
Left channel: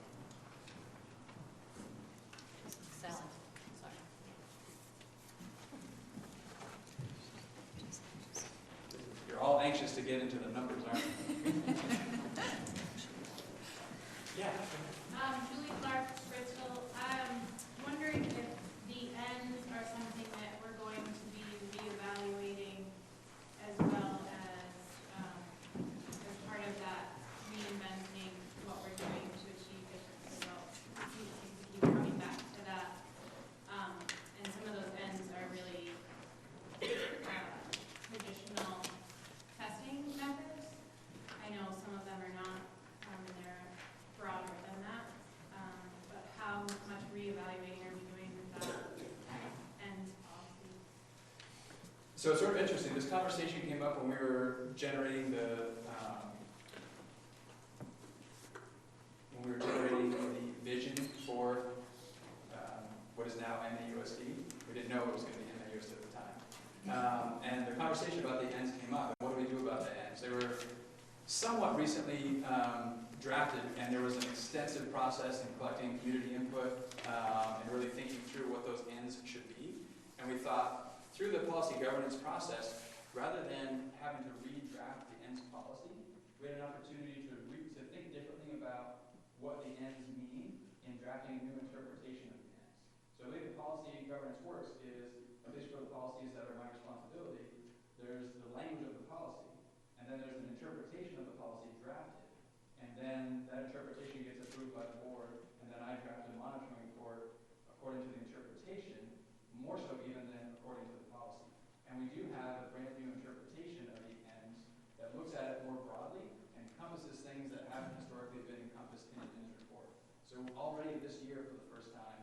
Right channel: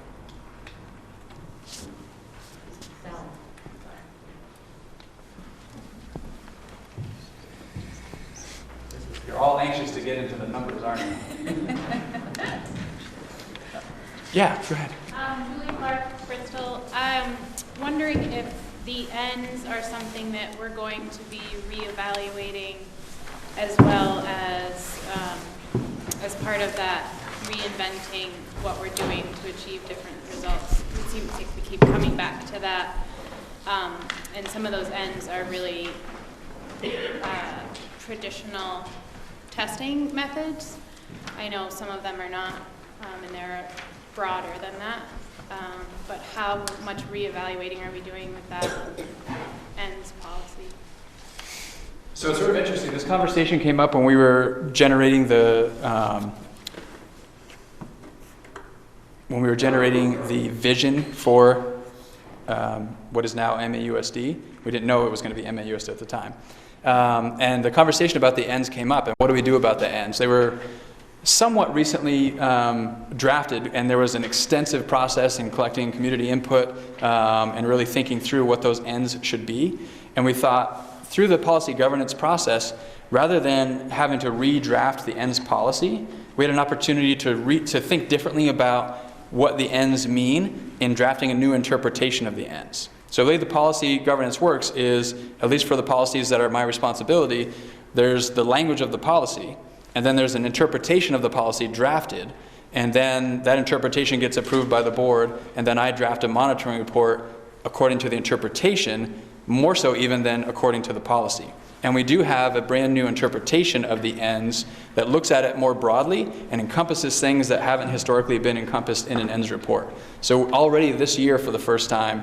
You're all anxious to get into the numbers, aren't you? Yeah, go ahead. Julie Clark, Bristol. I'm wondering if the ends are something that we're going to be reevaluating as well as part of that reinventing what we're doing to achieve different results. It seems like we keep coming back to that, and some of those ends are really traditional testing methods. I know some of them are not, and they're broader than that. But how much reevaluating are we doing with that ends policy? So it's sort of interesting. This conversation came up when we were generating the vision for what is now MAUSD. We didn't know it was going to be MAUSD at the time. And the conversation about the ends came up, and what do we do about the ends? They were somewhat recently drafted, and there was an extensive process in collecting community input and really thinking through what those ends should be. And we thought, through the policy governance process, rather than having to redraft the ends policy, we had an opportunity to think differently about what the ends mean in drafting a new interpretation of the ends. So the way the policy governance works is, at least for the policies that are my responsibility, there's the language of the policy, and then there's an interpretation of the policy drafted, and then that interpretation gets approved by the board, and then I draft a monitoring report according to the interpretation, more so even than according to the policy. And we do have a brand new interpretation of the ends that looks at it more broadly and encompasses things that haven't historically been encompassed in an ends report. So already this year, for the first time,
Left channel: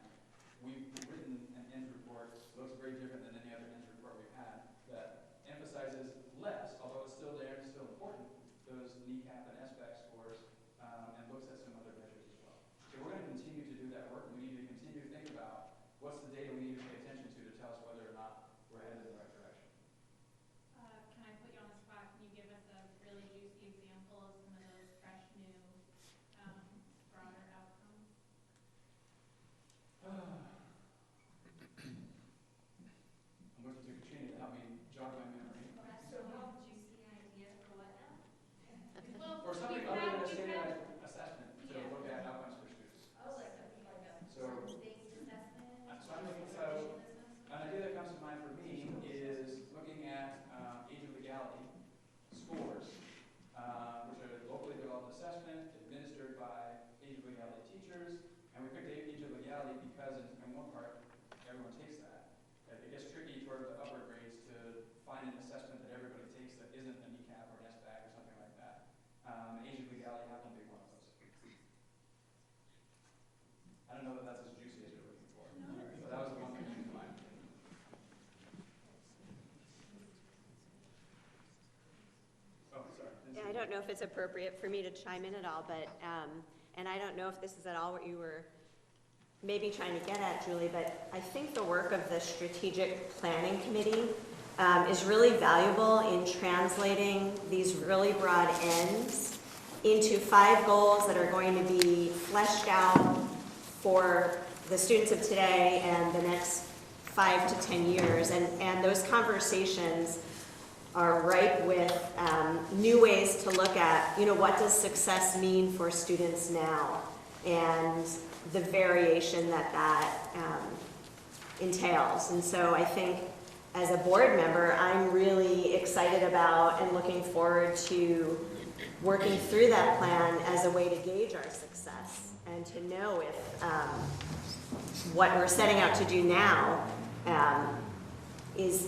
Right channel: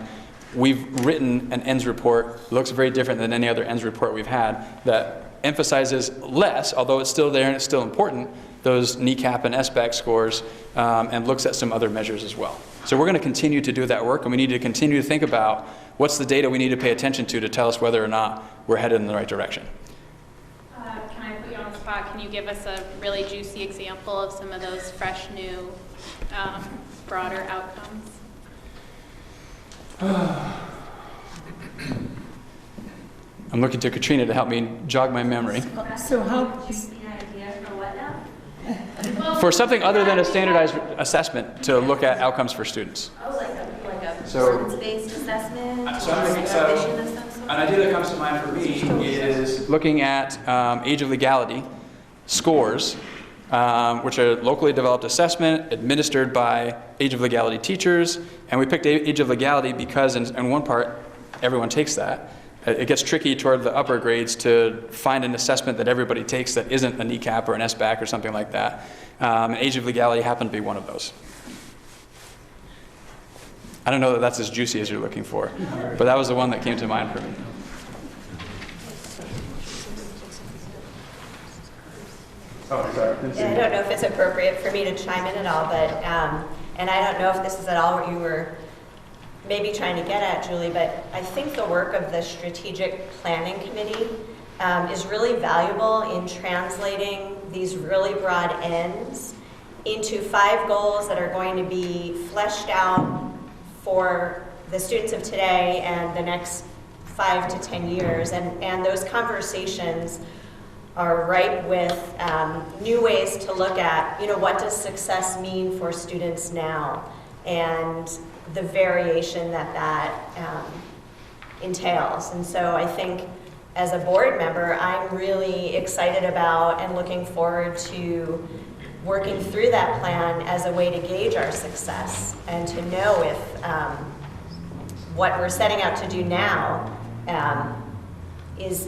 we've written an ends report, looks very different than any other ends report we've had, that emphasizes less, although it's still there and it's still important, those NECAP and SBAC scores, and looks at some other measures as well. So we're going to continue to do that work, and we need to continue to think about what's the data we need to pay attention to tell us whether or not we're headed in the right direction. Can I put you on the spot? Can you give us a really juicy example of some of those fresh, new, broader outcomes? I'm looking to Katrina to help me jog my memory. So how, For something other than a standardized assessment to look at outcomes for students. Oh, like a performance-based assessment? An idea that comes to mind for me is looking at age of legality scores, which are locally developed assessment administered by age of legality teachers. And we picked age of legality because in one part, everyone takes that. it gets tricky toward the upper grades to find an assessment that everybody takes that isn't a NECAP or an SBAC or something like that. And Age of Legality happened to be one of those. I don't know that that's as juicy as you're looking for, but that was the one that came to mind for me. Oh, sorry. Yeah, I don't know if it's appropriate for me to chime in at all, but, and I don't know if this is at all what you were maybe trying to get at, Julie, but I think the work of the Strategic Planning Committee is really valuable in translating these really broad ends into 5 goals that are going to be fleshed out for the students of today and the next 5 to 10 years. And those conversations are ripe with new ways to look at, you know, what does success mean for students now, and the variation that entails. And so I think as a board member, I'm really excited about and looking forward to working through that plan as a way to gauge our success and to know if what we're setting out to do now is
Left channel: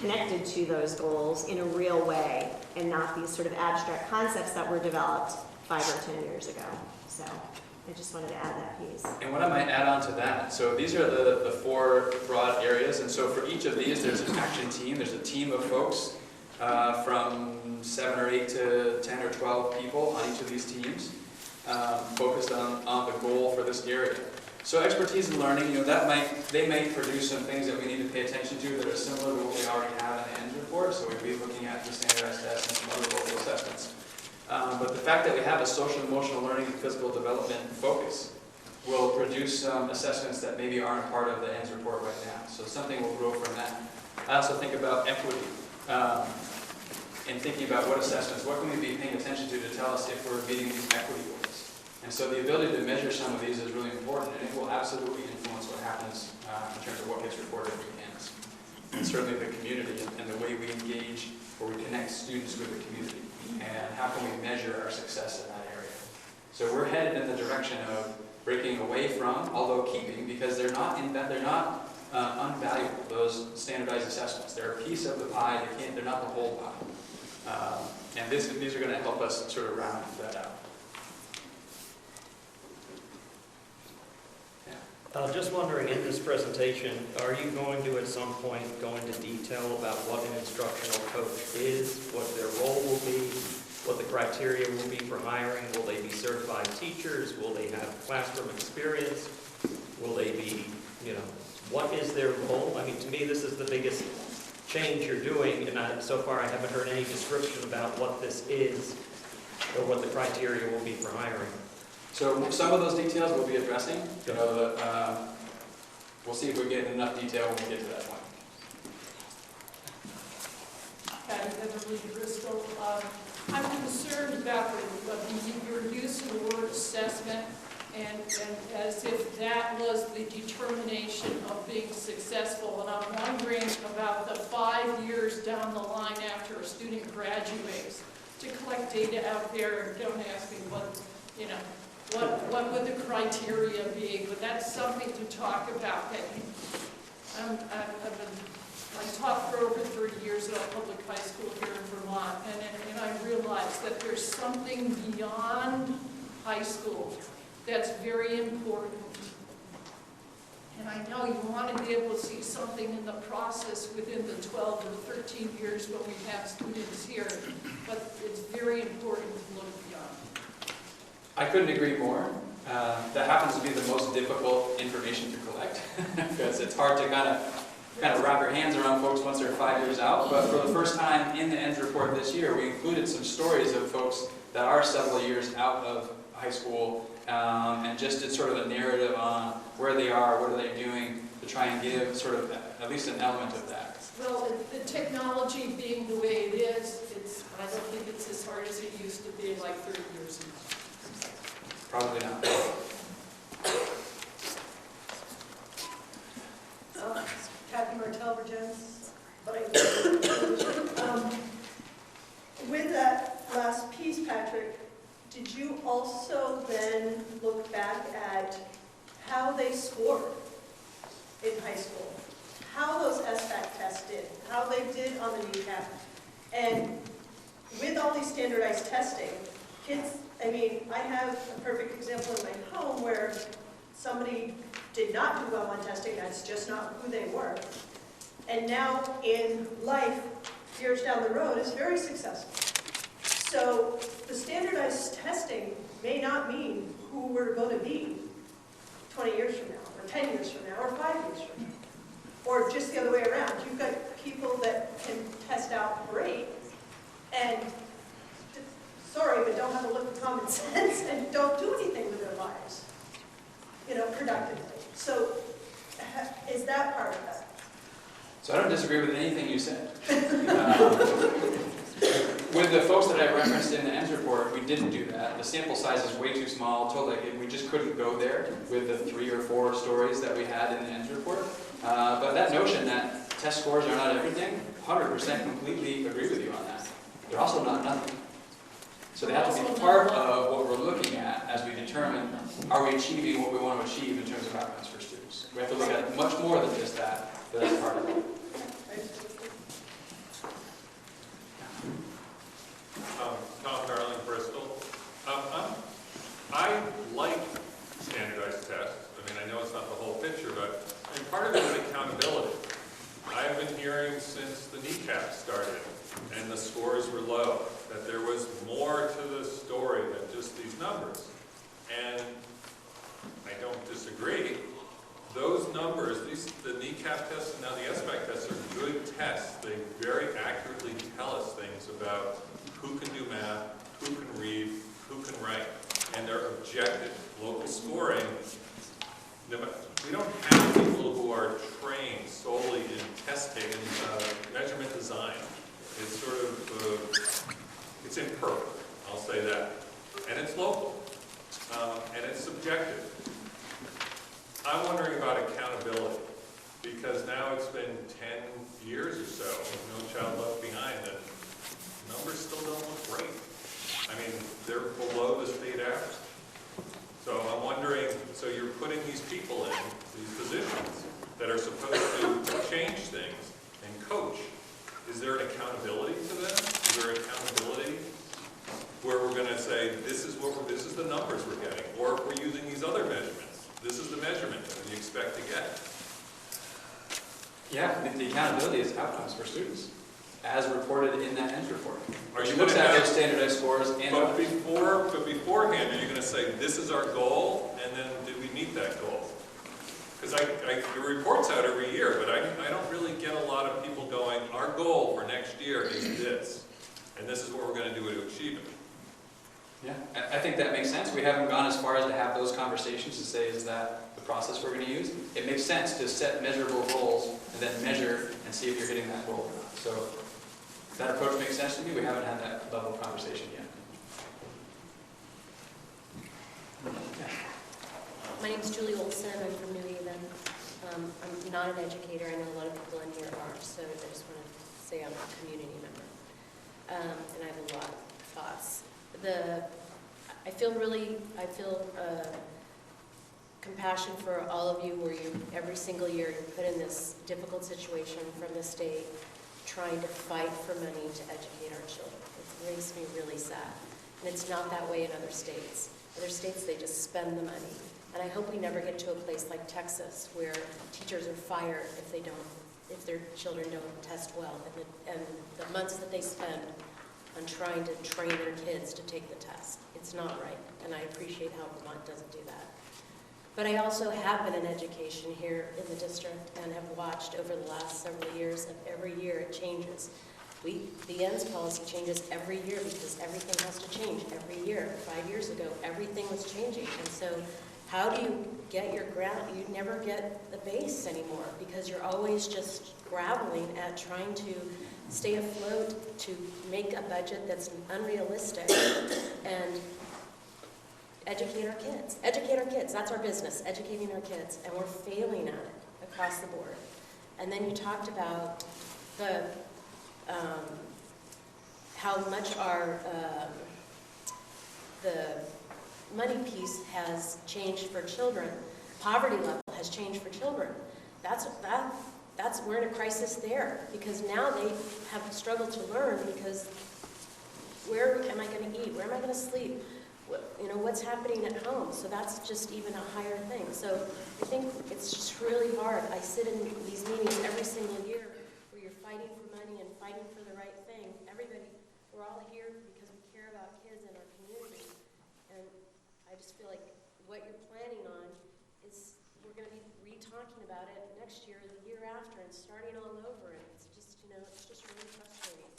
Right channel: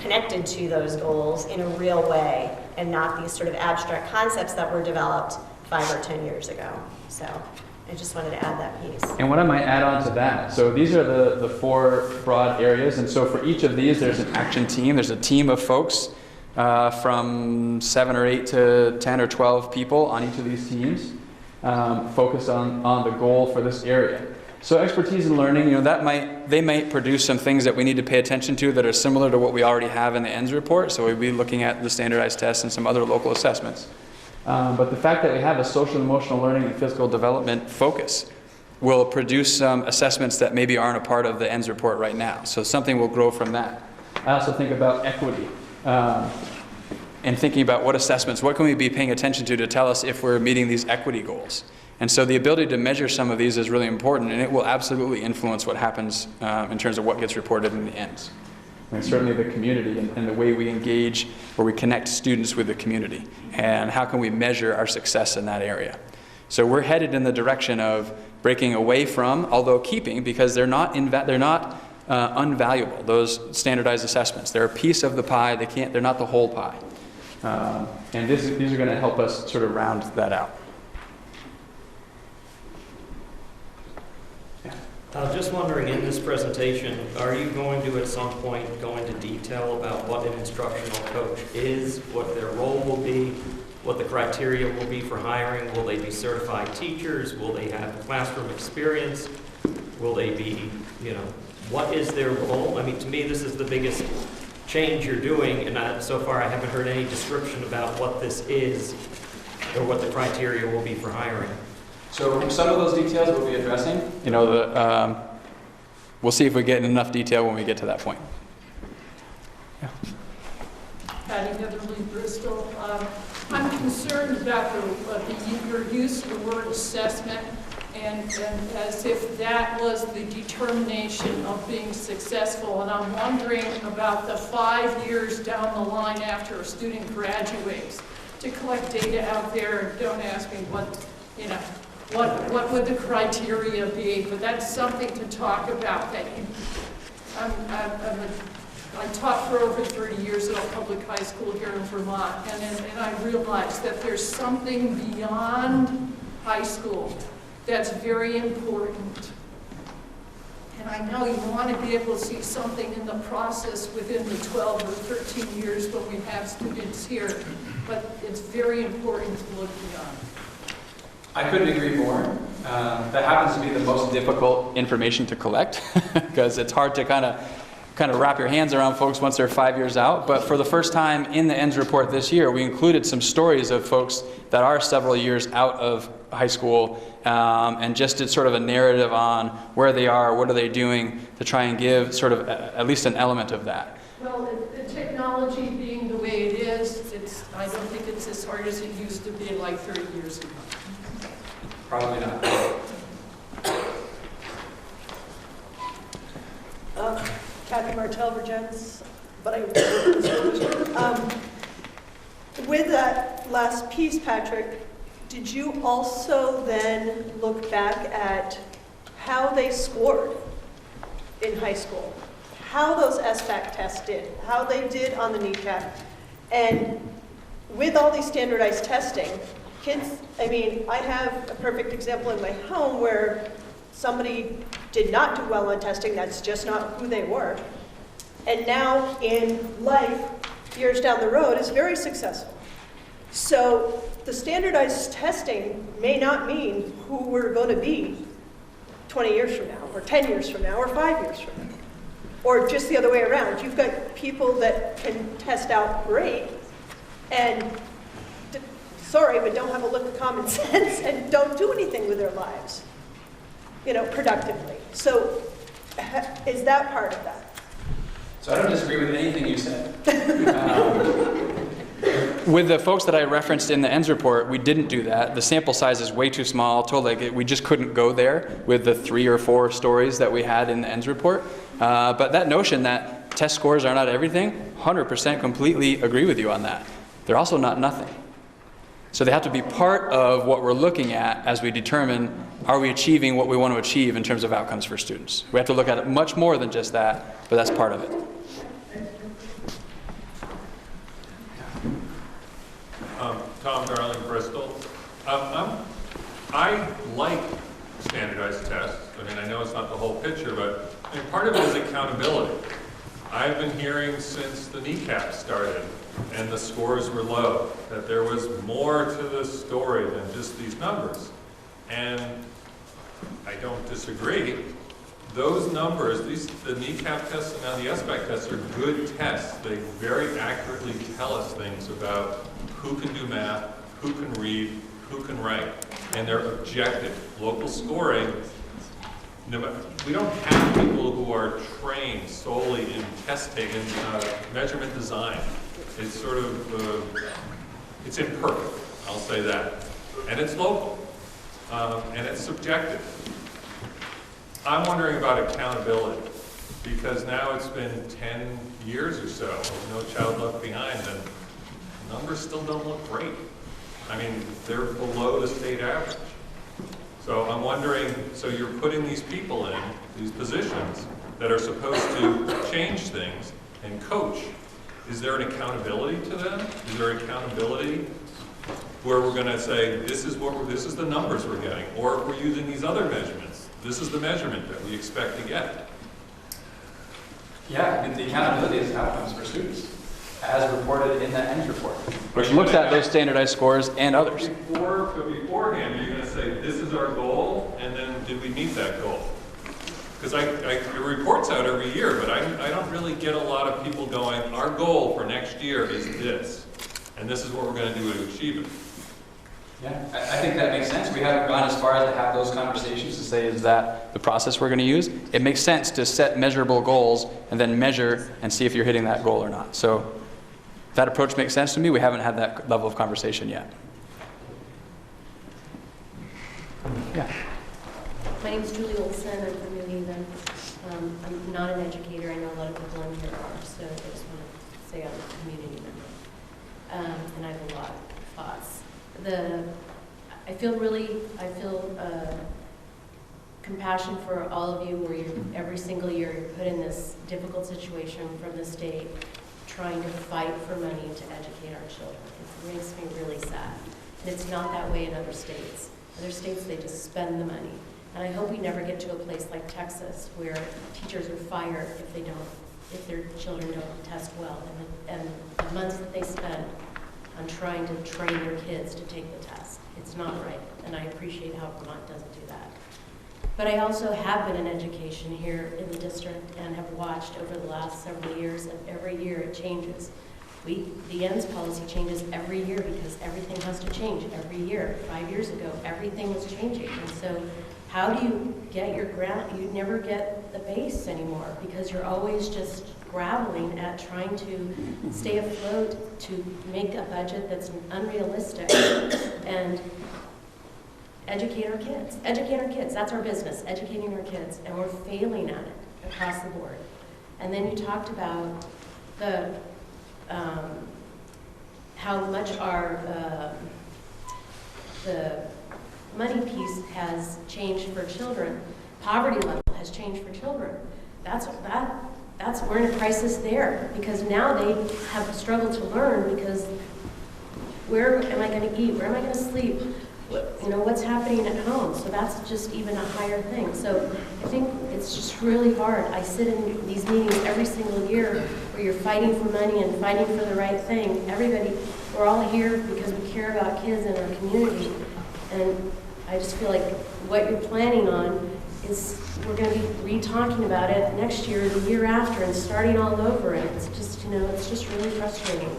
connected to those goals in a real way and not these sort of abstract concepts that were developed 5 or 10 years ago. So I just wanted to add that piece. And what I might add on to that, so these are the 4 broad areas, and so for each of these there's an action team. There's a team of folks from 7 or 8 to 10 or 12 people on each of these teams focused on the goal for this area. So expertise in learning, you know, they might produce some things that we need to pay attention to that are similar to what we already have in the ENDS report. So we'd be looking at the standardized tests and some other local assessments. But the fact that we have a social and emotional learning and physical development focus will produce some assessments that maybe aren't a part of the ENDS report right now. So something will grow from that. I also think about equity and thinking about what can we be paying attention to tell us if we're meeting these equity goals. And so the ability to measure some of these is really important, and it will absolutely influence what happens in terms of what gets reported in the ends. And certainly the community and the way we engage or we connect students with the community. And how can we measure our success in that area? So we're headed in the direction of breaking away from, although keeping, because they're not unvaluable, those standardized assessments. They're a piece of the pie. They're not the whole pie. And these are going to help us sort of round that out. Just wondering, in this presentation, are you going to at some point go into detail about what an instructional coach is, what their role will be, what the criteria will be for hiring? Will they be certified teachers? Will they have classroom experience? Will they be, you know, what is their role? I mean, to me, this is the biggest change you're doing, and so far I haven't heard any description about what this is or what the criteria will be for hiring. So some of those details we'll be addressing. You know, we'll see if we get enough detail when we get to that point. Yeah. Patty Beverly, Bristol. I'm concerned about your use of the word assessment and as if that was the determination of being successful. And I'm wondering about the 5 years down the line after a student graduates to collect data out there. Don't ask me what, you know, what would the criteria be, but that's something to talk about. That I taught for over 30 years at a public high school here in Vermont, and I realized that there's something beyond high school that's very important. And I know you want to be able to see something in the process within the 12 or 13 years when we have students here, but it's very important to look beyond. I couldn't agree more. That happens to be the most difficult information to collect because it's hard to kind of wrap your hands around folks once they're 5 years out. But for the first time in the ENDS report this year, we included some stories of folks that are several years out of high school and just did sort of a narrative on where they are, what are they doing to try and give sort of at least an element of that. Well, the technology being the way it is, I don't think it's as hard as it used to be like 30 years ago. Probably not. Kathy Martell, Virgins, but with that last piece, Patrick, did you also then look back at how they scored in high school? how those SBAC tests did, how they did on the kneecap. And with all these standardized testing, kids, I mean, I have a perfect example in my home where somebody did not do well on testing, that's just not who they were. And now in life, years down the road, is very successful. So the standardized testing may not mean who we're going to be 20 years from now, or 10 years from now, or 5 years from now. Or just the other way around. You've got people that can test out great and, sorry, but don't have a lick of common sense and don't do anything with their lives, productively. So is that part of that? So I don't disagree with anything you said. With the folks that I referenced in the ends report, we didn't do that. The sample size is way too small. We just couldn't go there with the 3 or 4 stories that we had in the ends report. But that notion that test scores are not everything, 100% completely agree with you on that. They're also not nothing. So they have to be part of what we're looking at as we determine, are we achieving what we want to achieve in terms of outcomes for students? We have to look at it much more than just that, but that's part of it. Tom Darling, Bristol. I like standardized tests. I mean, I know it's not the whole picture, but part of it is accountability. I've been hearing since the kneecap started and the scores were low that there was more to the story than just these numbers. And I don't disagree. Those numbers, the kneecap tests and now the SBAC tests are good tests. They very accurately tell us things about who can do math, who can read, who can write, and they're objective. Local scoring, we don't have people who are trained solely in test taking, measurement design. It's sort of, it's imperfect, I'll say that. And it's local, and it's subjective. I'm wondering about accountability, because now it's been 10 years or so with No Child Left Behind, and numbers still don't look great. I mean, they're below the state average. So I'm wondering, so you're putting these people in these positions that are supposed to change things and coach. Is there an accountability to them? Is there accountability where we're going to say, this is the numbers we're getting, or if we're using these other measurements, this is the measurement that we expect to get? Yeah, the accountability is outcomes for students, as reported in that ends report, which looks at those standardized scores and others. But beforehand, you're going to say, this is our goal, and then did we meet that goal? Because your report's out every year, but I don't really get a lot of people going, our goal for next year is this, and this is what we're going to do to achieve it. Yeah, I think that makes sense. We haven't gone as far as to have those conversations to say, is that the process we're going to use? It makes sense to set measurable goals and then measure and see if you're hitting that goal or not. So that approach makes sense to me. We haven't had that level of conversation yet. Yeah. My name's Julie Olson. I'm from New Haven. I'm not an educator. I know a lot of people in here are, so I just want to say I'm a community member. And I have a lot of thoughts. I feel compassion for all of you where you every single year you're put in this difficult situation from the state trying to fight for money to educate our children. It makes me really sad. And it's not that way in other states. Other states, they just spend the money. And I hope we never get to a place like Texas where teachers are fired if their children don't test well. And the months that they spend on trying to train their kids to take the test. It's not right, and I appreciate how Vermont doesn't do that. But I also have been in education here in the district and have watched over the last several years, and every year it changes. The ends policy changes every year because everything has to change every year. 5 years ago, everything was changing, and so how do you get your ground? You never get the base anymore because you're always just grappling at trying to stay afloat, to make a budget that's unrealistic and educate our kids. Educate our kids, that's our business, educating our kids, and we're failing at it across the board. And then you talked about the how much our the money piece has changed for children. Poverty level has changed for children. That's we're in a crisis there, because now they have struggled to learn, because where am I going to eat? Where am I going to sleep? You know, what's happening at home? So that's just even a higher thing. So I think it's just really hard. I sit in these meetings every single year where you're fighting for money and fighting for the right thing. Everybody, we're all here because we care about kids in our community. And I just feel like what you're planning on is we're going to be re-talking about it next year, the year after, and starting all over. And it's just, you know, it's just really frustrating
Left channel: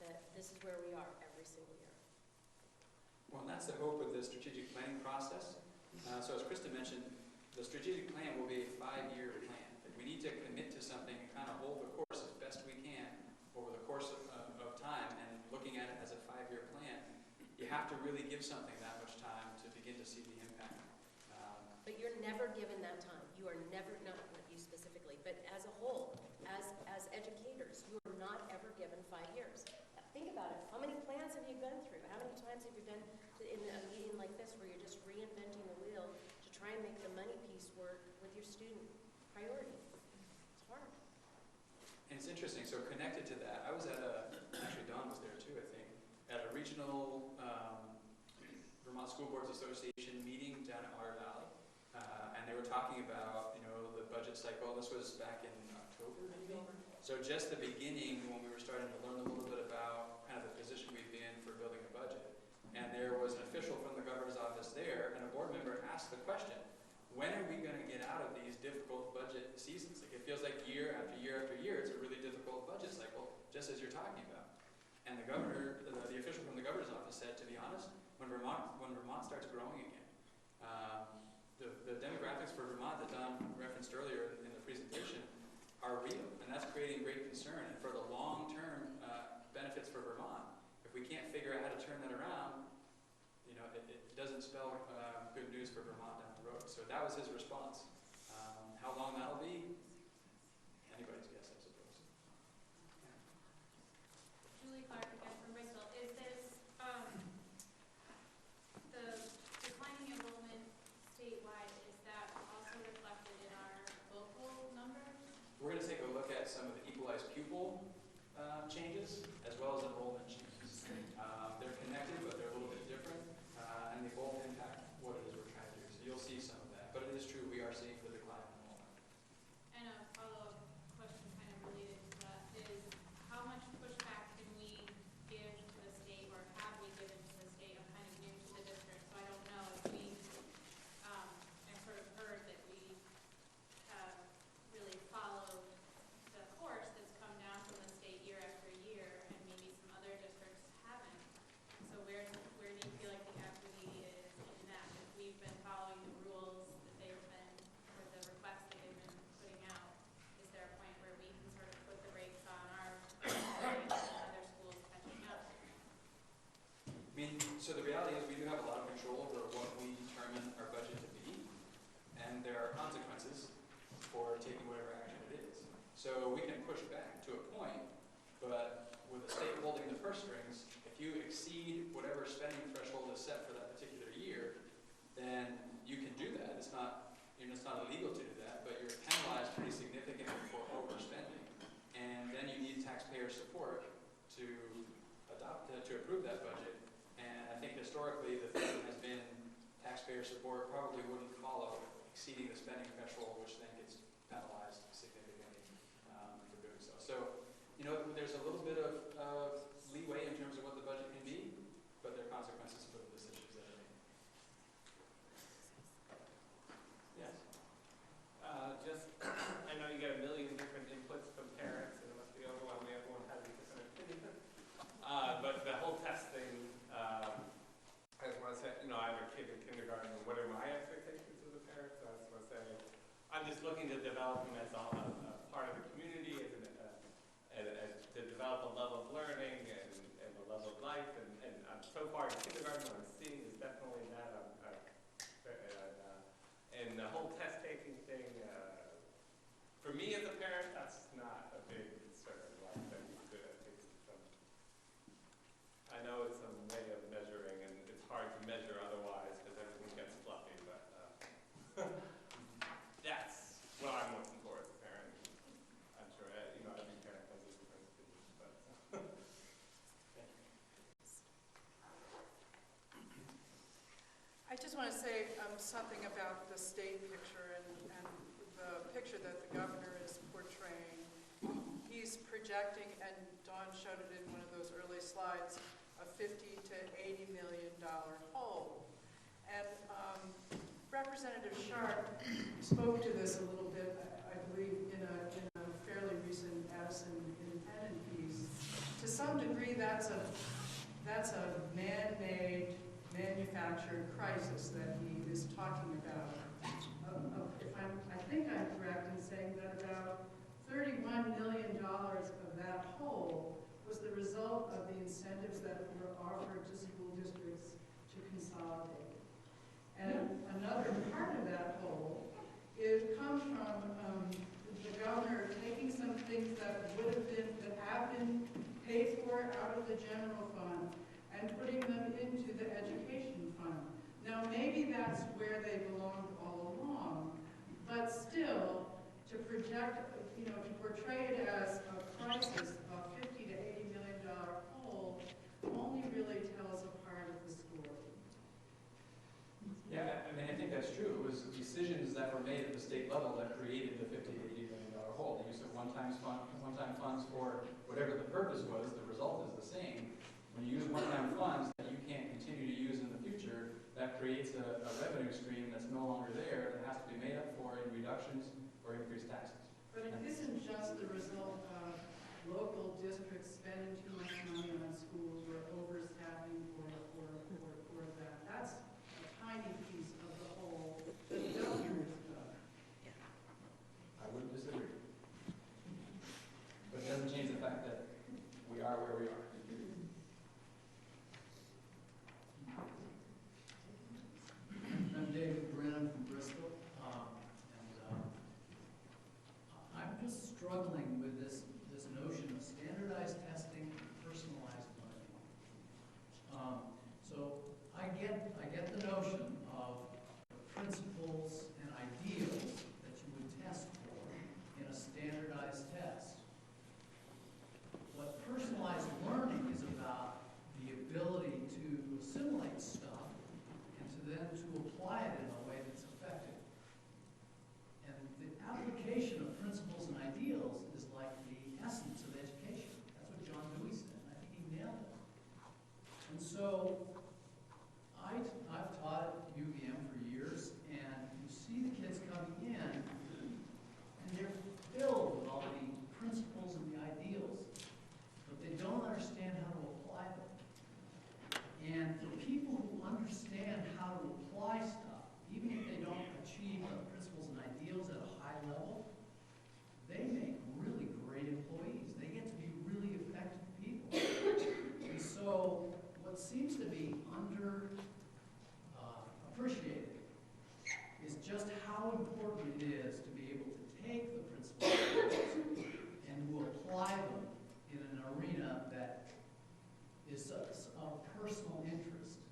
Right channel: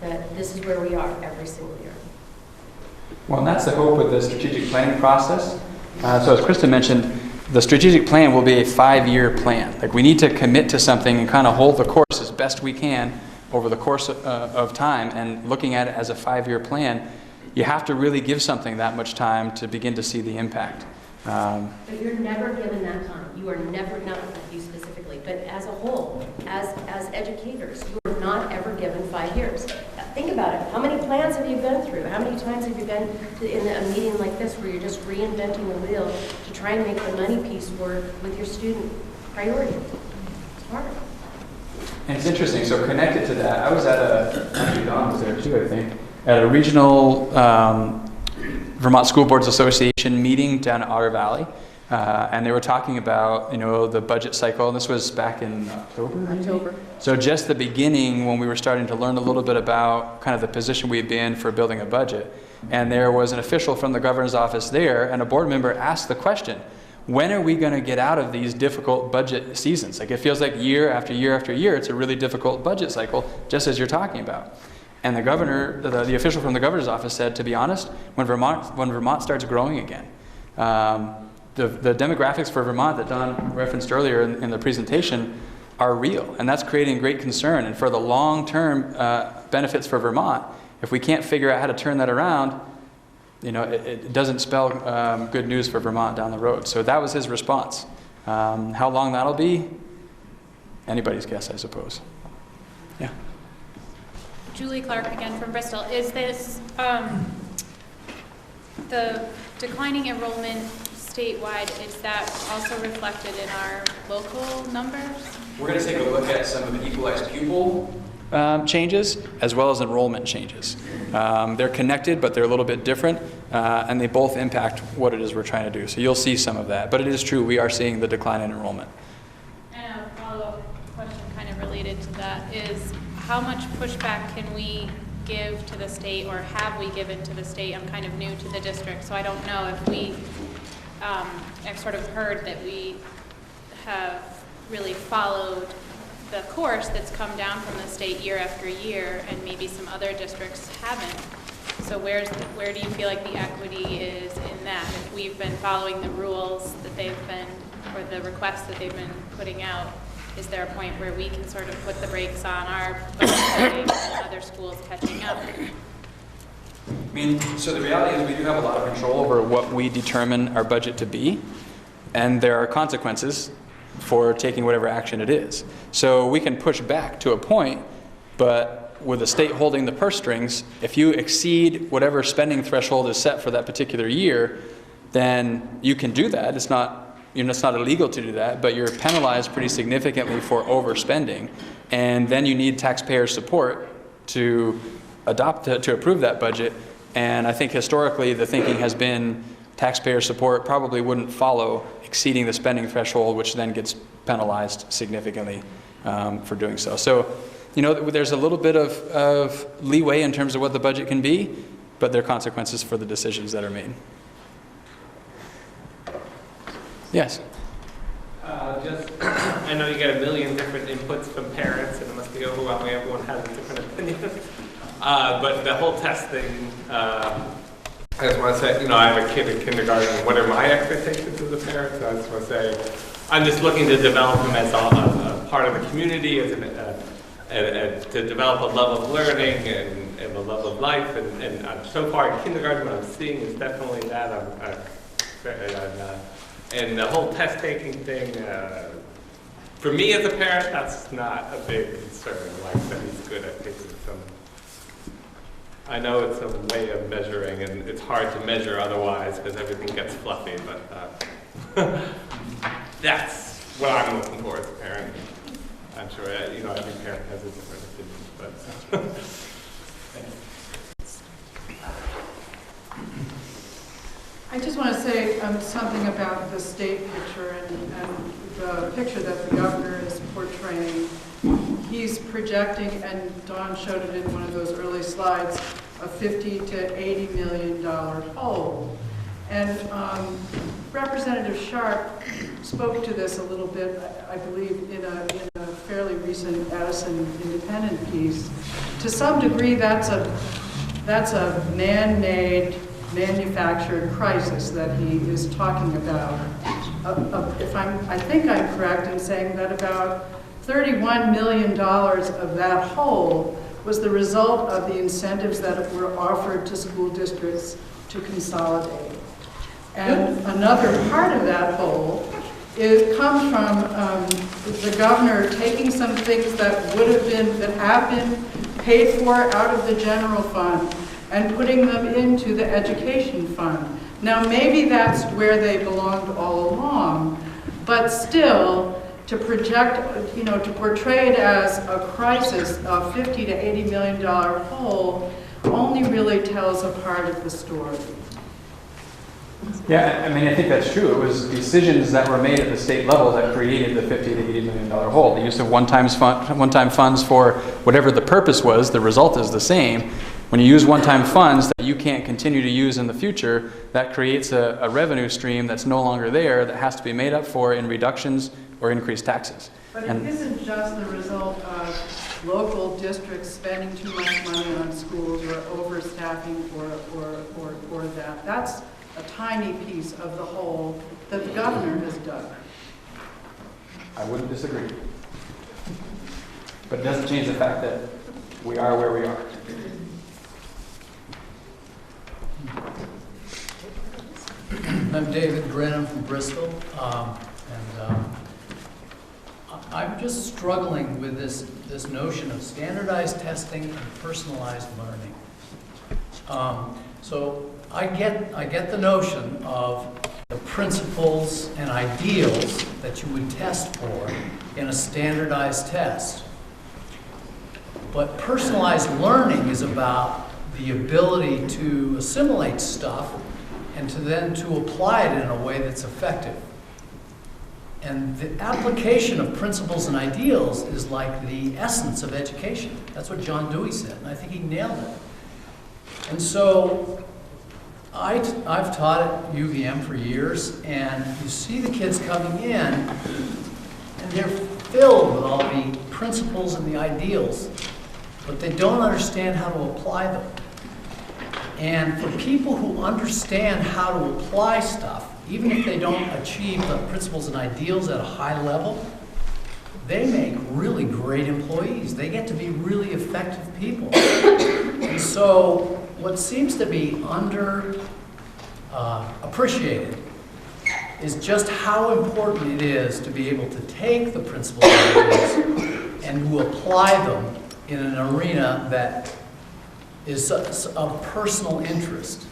that this is where we are every single year. Well, and that's the hope with the strategic planning process. So as Krista mentioned, the strategic plan will be a 5-year plan. Like, we need to commit to something and kind of hold the course as best we can over the course of time, and looking at it as a 5-year plan, you have to really give something that much time to begin to see the impact. But you're never given that time. You are never, not you specifically, but as a whole, as educators, you are not ever given 5 years. Think about it. How many plans have you been through? How many times have you been in a meeting like this where you're just reinventing the wheel to try and make the money piece work with your student priority? It's hard. And it's interesting, so connected to that, I was at actually Don was there too, I think, at a regional Vermont School Boards Association meeting down at Otter Valley. And they were talking about, you know, the budget cycle, and this was back in October? So just the beginning, when we were starting to learn a little bit about kind of the position we'd be in for building a budget. And there was an official from the governor's office there, and a board member asked the question, when are we going to get out of these difficult budget seasons? Like, it feels like year after year after year, it's a really difficult budget cycle, just as you're talking about. And the governor, the official from the governor's office said, to be honest, when Vermont starts growing again, the demographics for Vermont that Don referenced earlier in the presentation are real, and that's creating great concern. And for the long-term benefits for Vermont, if we can't figure out how to turn that around, you know, it doesn't spell good news for Vermont down the road. So that was his response. How long that'll be, anybody's guess, I suppose. Yeah. Julie Clark again from Bristol. Is this the declining enrollment statewide, is that also reflected in our local numbers? We're going to take a look at some of the equalized pupil changes as well as enrollment changes. They're connected, but they're a little bit different, and they both impact what it is we're trying to do. So you'll see some of that, but it is true, we are seeing the decline in enrollment. And a follow-up question kind of related to that is, how much pushback can we give to the state, or have we given to the state? I'm kind of new to the district, so I don't know if we, I've sort of heard that we have really followed the course that's come down from the state year after year, and maybe some other districts haven't. So where do you feel like the equity is in that? If we've been following the rules that they've been, or the requests that they've been putting out, is there a point where we can sort of put the brakes on our budgeting and other schools catching up? I mean, so the reality is we do have a lot of control over what we determine our budget to be, and there are consequences for taking whatever action it is. So we can push back to a point, but with the state holding the purse strings, if you exceed whatever spending threshold is set for that particular year, then you can do that. It's not, you know, it's not illegal to do that, but you're penalized pretty significantly for overspending, and then you need taxpayer support to to approve that budget. And I think historically the thinking has been taxpayer support probably wouldn't follow exceeding the spending threshold, which then gets penalized significantly for doing so. So, you know, there's a little bit of leeway in terms of what the budget can be, but there are consequences for the decisions that are made. Yes? I know you get a million different inputs from parents, and it must be overwhelming. Everyone has a different opinion. But the whole testing, I just want to say, you know, I have a kid in kindergarten. What are my expectations as a parent? So I just want to say, I'm just looking to develop him as a part of the community, as to develop a love of learning and a love of life. And so far in kindergarten, what I'm seeing is definitely that. And the whole test-taking thing, for me as a parent, that's not a big concern. Like that he's good at taking some. I know it's a way of measuring, and it's hard to measure otherwise because everything gets fluffy, but that's what I'm looking for as a parent. I'm sure, you know, every parent has a different opinion, but. I just want to say something about the state picture and the picture that the governor is portraying. He's projecting, and Dawn showed it in one of those early slides, a $50 to $80 million hole. And Representative Sharp spoke to this a little bit, I believe, in a fairly recent Addison Independent piece. To some degree, that's a man-made, manufactured crisis that he is talking about. I think I'm correct in saying that about $31 million of that hole was the result of the incentives that were offered to school districts to consolidate. And another part of that hole comes from the governor taking some things that have been paid for out of the general fund and putting them into the education fund. Now, maybe that's where they belonged all along, but still, to project, to portray it as a crisis, a $50 to $80 million hole, only really tells a part of the story. Yeah, I mean, I think that's true. It was decisions that were made at the state level that created the $50 to $80 million hole. The use of one-time funds for whatever the purpose was, the result is the same. When you use one-time funds that you can't continue to use in the future, that creates a revenue stream that's no longer there that has to be made up for in reductions or increased taxes. But it isn't just the result of local districts spending too much money on schools or overstaffing or that. That's a tiny piece of the whole that the governor has done. I wouldn't disagree. But it doesn't change the fact that we are where we are. I'm David Grenham from Bristol, I'm just struggling with this notion of standardized testing and personalized learning. So I get the notion of the principles and ideals that you would test for in a standardized test. But personalized learning is about the ability to assimilate stuff and to apply it in a way that's effective. And the application of principles and ideals is like the essence of education. That's what John Dewey said, and I think he nailed it. And so I've taught at UVM for years, and you see the kids coming in, and they're filled with all the principles and the ideals, but they don't understand how to apply them. And for people who understand how to apply stuff, even if they don't achieve the principles and ideals at a high level, they make really great employees. They get to be really effective people. And so what seems to be appreciated is just how important it is to be able to take the principles and ideals and to apply them in an arena that is of personal interest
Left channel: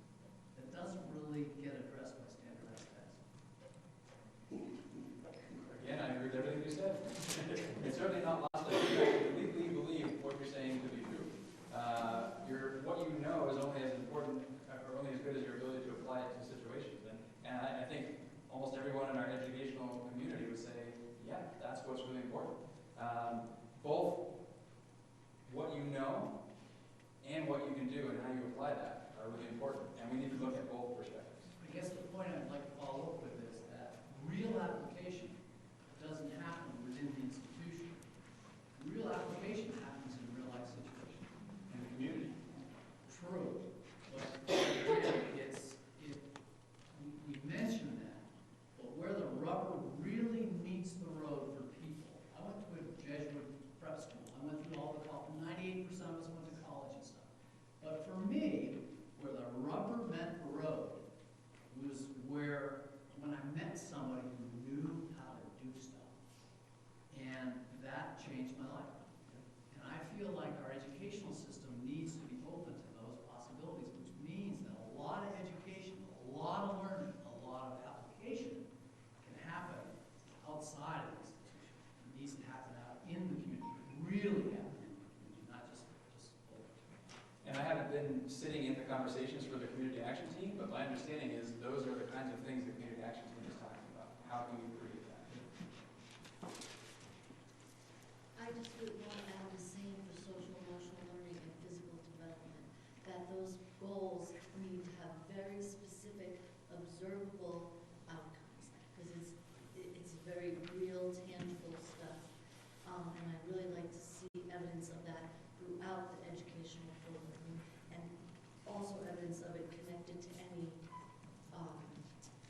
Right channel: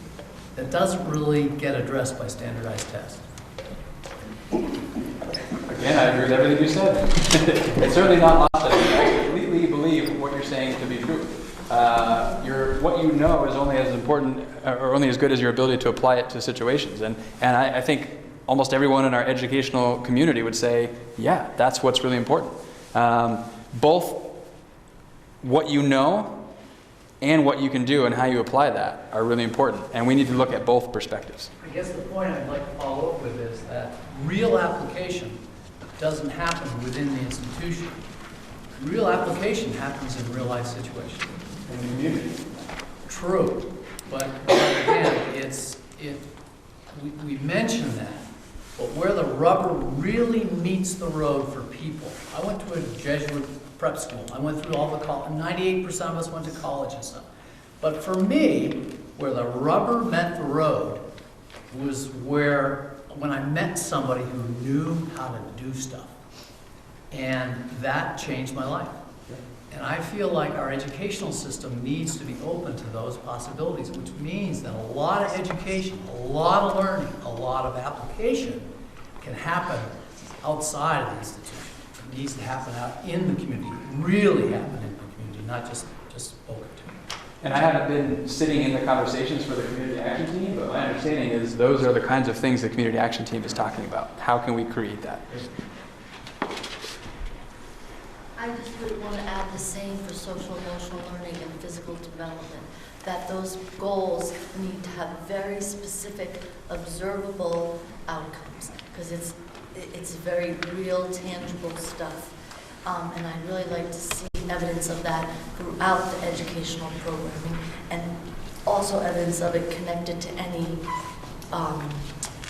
that doesn't really get addressed by standardized tests. Again, I agree with everything you said. It's certainly not lost on me. I completely believe what you're saying to be true. What you know is only as important or only as good as your ability to apply it to situations. And I think almost everyone in our educational community would say, yeah, that's what's really important. Both what you know and what you can do and how you apply that are really important. And we need to look at both perspectives. I guess the point I'd like to follow up with is that real application doesn't happen within the institution. Real application happens in real life situations. In the community. True. But again, we mention that, but where the rubber really meets the road for people. I went to a Jesuit prep school. I went through all the college, 98% of us went to college and stuff. But for me, where the rubber met the road was when I met somebody who knew how to do stuff. And that changed my life. And I feel like our educational system needs to be open to those possibilities, which means that a lot of education, a lot of learning, a lot of application can happen outside of the institution. needs to happen out in the community, really happen in the community, not just spoken to. And I haven't been sitting in the conversations for the community action team, but my understanding is those are the kinds of things the community action team is talking about. How can we create that? I just would want to add the same for social emotional learning and physical development, that those goals need to have very specific, observable outcomes, because it's very real, tangible stuff. And I'd really like to see evidence of that throughout the educational programming, and also evidence of it connected to any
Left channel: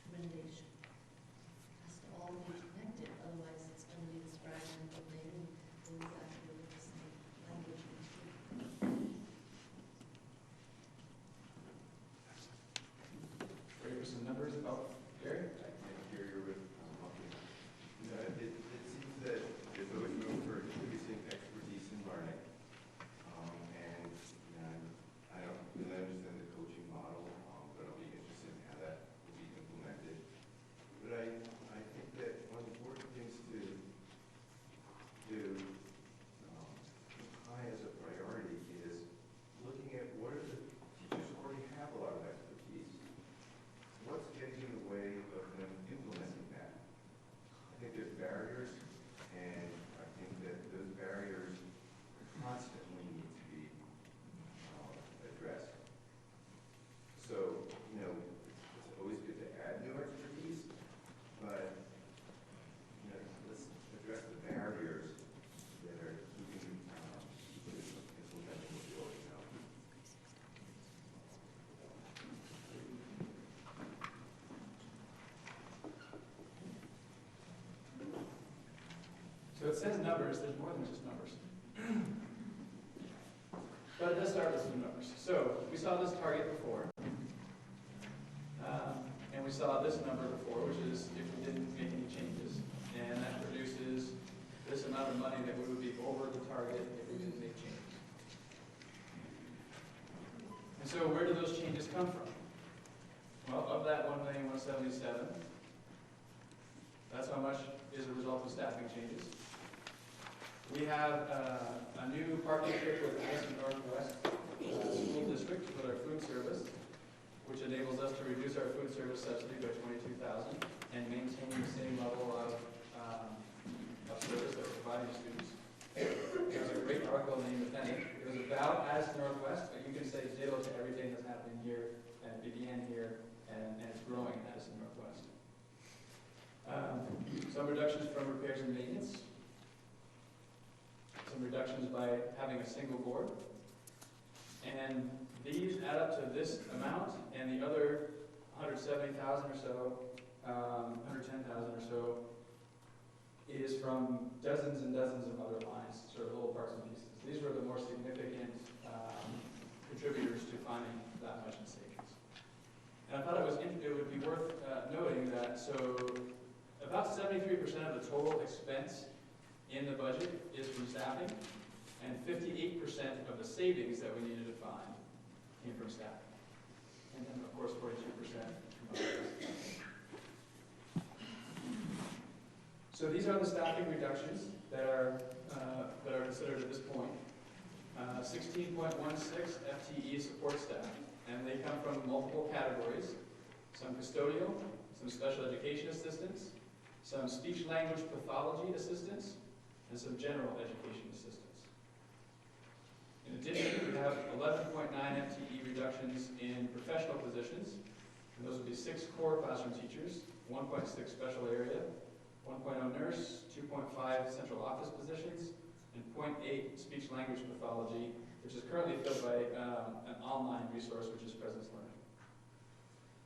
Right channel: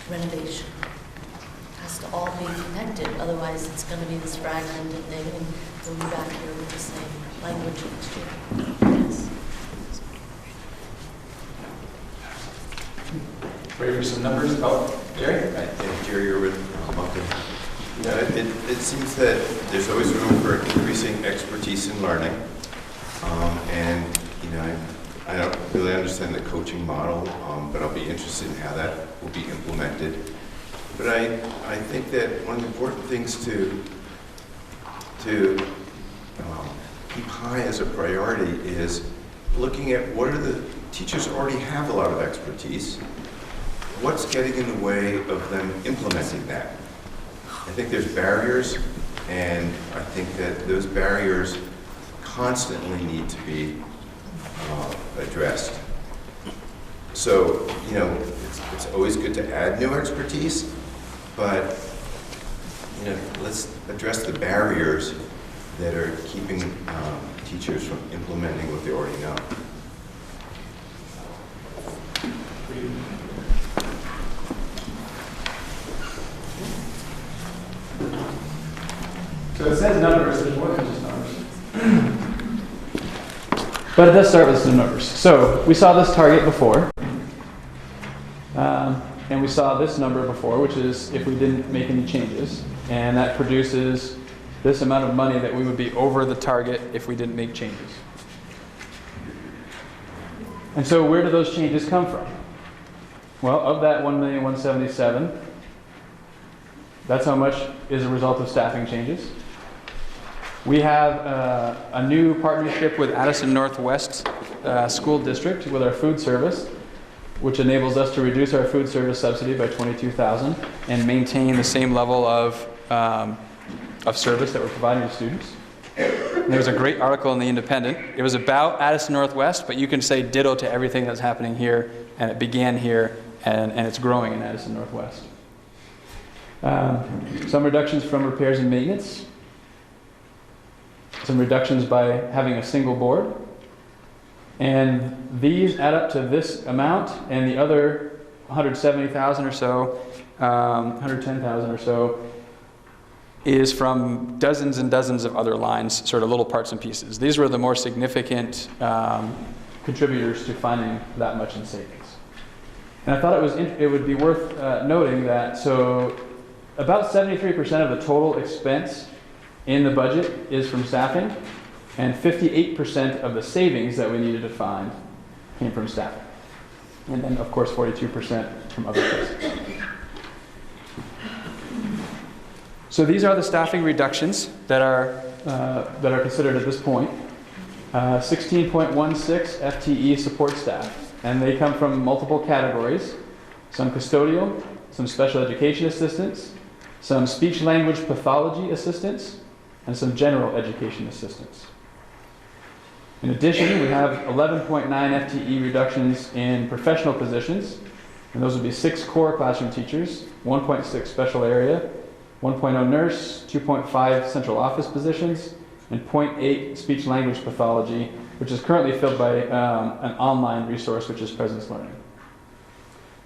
renovation. It has to all be connected, otherwise it's going to be this fragmented thing, and we'll be back here with the same language next year. Yes. Ready for some numbers? Oh, Jerry? Right, yeah, Jerry Irwin, Moncton. You know, it seems that there's always room for increasing expertise in learning. And, you know, I don't really understand the coaching model, but I'll be interested in how that will be implemented. But I think that one of the important things to keep high as a priority is looking at what are the teachers already have a lot of expertise. What's getting in the way of them implementing that? I think there's barriers, and I think that those barriers constantly need to be addressed. So, you know, it's always good to add new expertise, but, you know, let's address the barriers that are keeping teachers from implementing what they already know. So it says numbers, there's more than just numbers. But it does start with some numbers. So we saw this target before. And we saw this number before, which is if we didn't make any changes. And that produces this amount of money that we would be over the target if we didn't make changes. And so where do those changes come from? Well, of that $1,177,000, that's how much is a result of staffing changes. We have a new partnership with Addison Northwest School District with our food service, which enables us to reduce our food service subsidy by $22,000 and maintain the same level of service that we're providing to students. And there was a great article in The Independent. It was about Addison Northwest, but you can say ditto to everything that's happening here, and it began here, and it's growing in Addison Northwest. Some reductions from repairs and maintenance. Some reductions by having a single board. And these add up to this amount, and the other 170,000 or so, 110,000 or so, is from dozens and dozens of other lines, sort of little parts and pieces. These were the more significant contributors to finding that much in savings. And I thought it would be worth noting that, so about 73% of the total expense in the budget is from staffing, and 58% of the savings that we needed to find came from staffing. And then, of course, 42% from other places. So these are the staffing reductions that are considered at this point. 16.16 FTE support staff, and they come from multiple categories: some custodial, some special education assistants, some speech language pathology assistants, and some general education assistants. In addition, we have 11.9 FTE reductions in professional positions, and those would be 6 core classroom teachers, 1.6 special area, 1.0 nurse, 2.5 central office positions, and 0.8 speech language pathology, which is currently filled by an online resource, which is Presence Learning.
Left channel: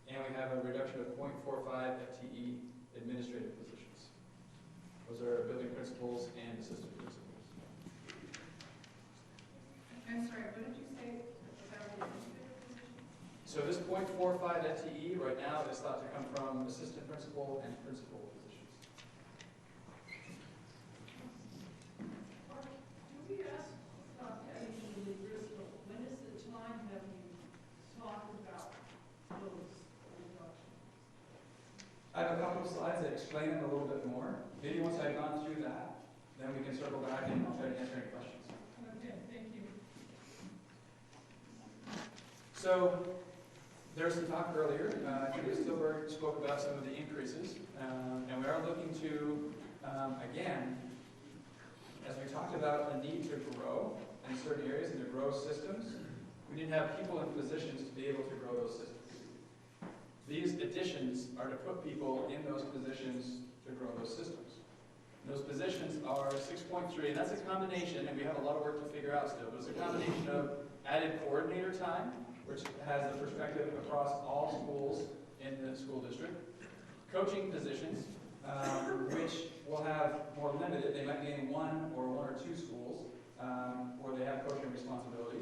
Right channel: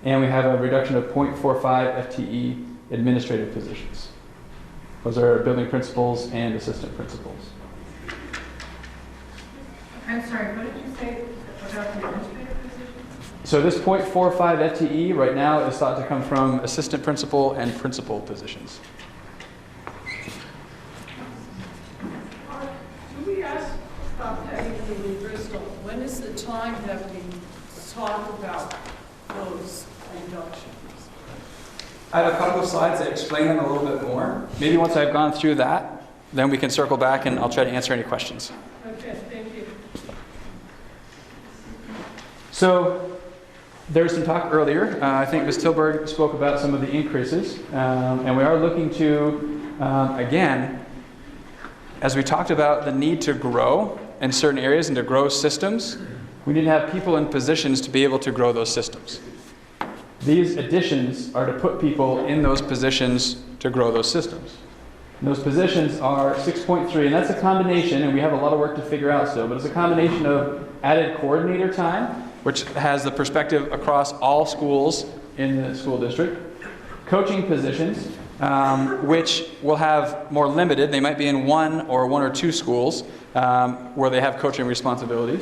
And we have a reduction of 0.45 FTE administrative positions. Those are building principals and assistant principals. I'm sorry, what did you say about the administrative positions? So this 0.45 FTE right now is thought to come from assistant principal and principal positions. Do we ask about that even in Bristol? When is the time that we talk about those reductions? I have a couple of slides that explain them a little bit more. Maybe once I've gone through that, then we can circle back and I'll try to answer any questions. Okay, thank you. So there was some talk earlier. I think Ms. Tilburg spoke about some of the increases. And we are looking to, again, as we talked about the need to grow in certain areas and to grow systems, we need to have people in positions to be able to grow those systems. These additions are to put people in those positions to grow those systems. And those positions are 6.3, and that's a combination, and we have a lot of work to figure out still, but it's a combination of added coordinator time, which has the perspective across all schools in the school district, coaching positions, which will have more limited, they might be in one or two schools where they have coaching responsibilities.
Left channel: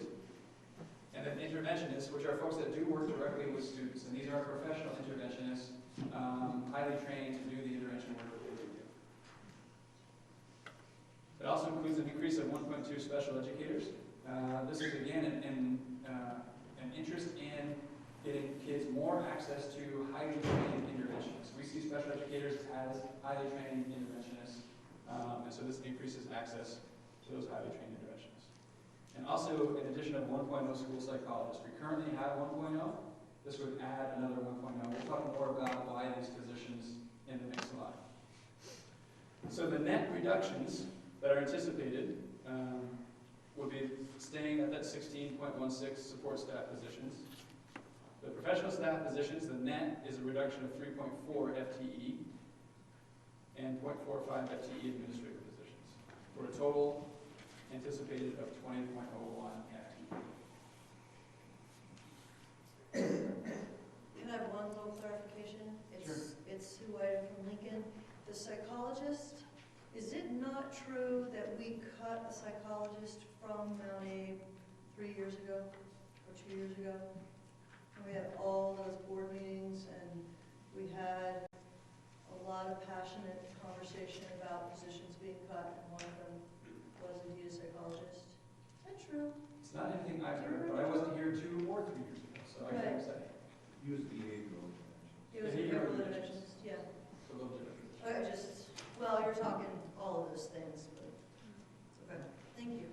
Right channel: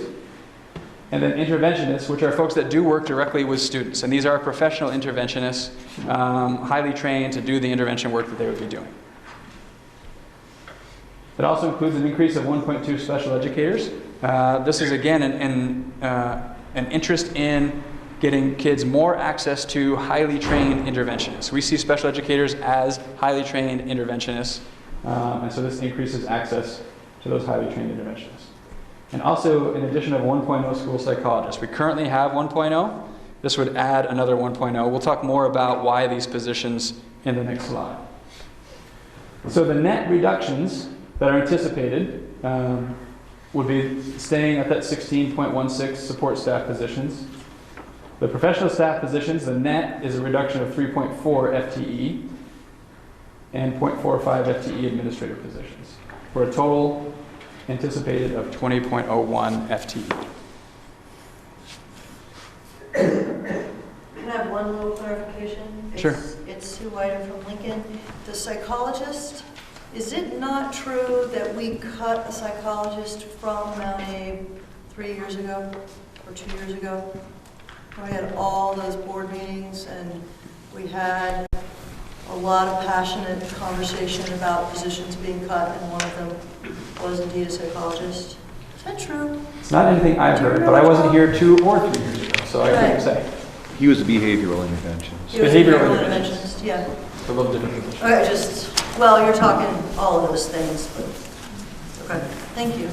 And then interventionists, which are folks that do work directly with students. And these are professional interventionists, highly trained to do the intervention work that they would be doing. It also includes an increase of 1.2 special educators. This is, again, an interest in getting kids more access to highly trained interventionists. We see special educators as highly trained interventionists, and so this increases access to those highly trained interventionists. And also, in addition of 1.0 school psychologists. We currently have 1.0. This would add another 1.0. We'll talk more about why these positions in the next slide. So the net reductions that are anticipated would be staying at that 16.16 support staff positions. The professional staff positions, the net is a reduction of 3.4 FTE and 0.45 FTE administrative positions, for a total anticipated of 20.01 FTE. Can I have one little clarification? Sure. It's Sue Whiter from Lincoln. The psychologist, is it not true that we cut a psychologist from Mount A 3 years ago or 2 years ago? We had all those board meetings and we had a lot of passionate conversation about positions being cut, and one of them was indeed a psychologist. Is that true? It's not anything I've heard, but I wasn't here 2 or 3 years ago, so I couldn't say. He was a behavioral interventionist. He was a behavioral interventionist, yeah. A little different position. Okay, well, you're talking all of those things, but, okay, thank you.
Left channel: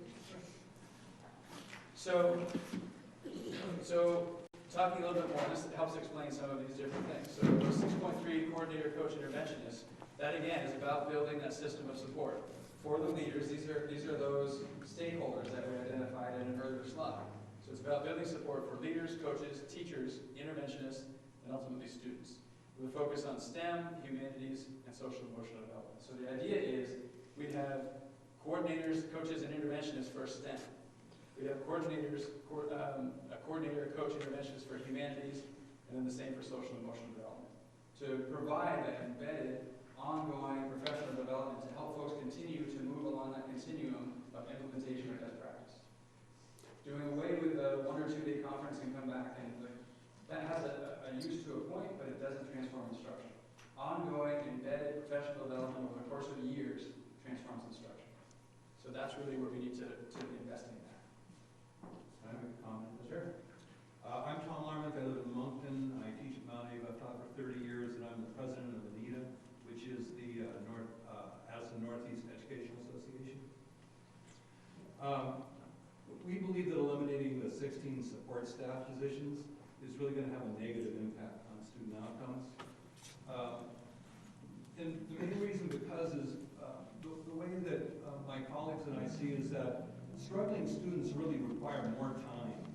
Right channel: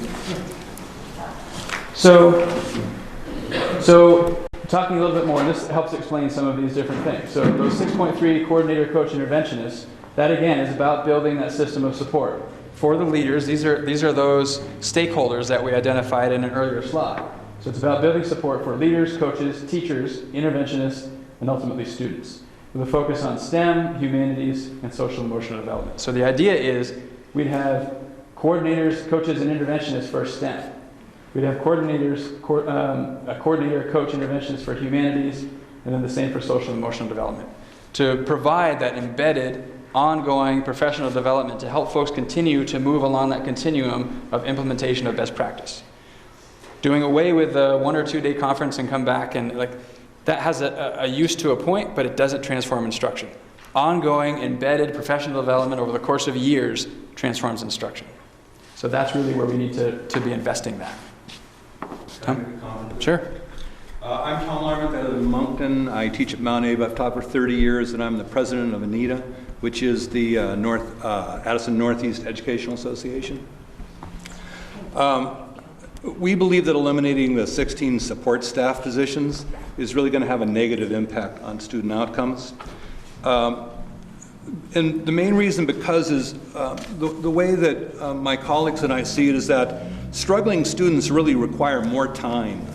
So talking a little bit more, and this helps explain some of these different things. So those 6.3 coordinator, coach, interventionists, that again is about building that system of support. For the leaders, these are those stakeholders that we identified in an earlier slide. So it's about building support for leaders, coaches, teachers, interventionists, and ultimately students, with a focus on STEM, humanities, and social emotional development. So the idea is we'd have coordinators, coaches, and interventionists for STEM. We'd have coordinators, a coordinator, coach, interventionist for humanities, and then the same for social and emotional development, to provide that embedded, ongoing professional development to help folks continue to move along that continuum of implementation of best practice. Doing away with the 1 or 2 day conference and come back, and that has a use to a point, but it doesn't transform instruction. Ongoing, embedded professional development over the course of years transforms instruction. So that's really where we need to be investing that. Tom? Sure. I'm Tom Larmont out of Moncton. I teach at Mount Abe. I've taught for 30 years, and I'm the president of ANITA, which is the Addison Northeast Educational Association. We believe that eliminating the 16 support staff positions is really going to have a negative impact on student outcomes. And the main reason is the way that my colleagues and I see it is that struggling students really require more time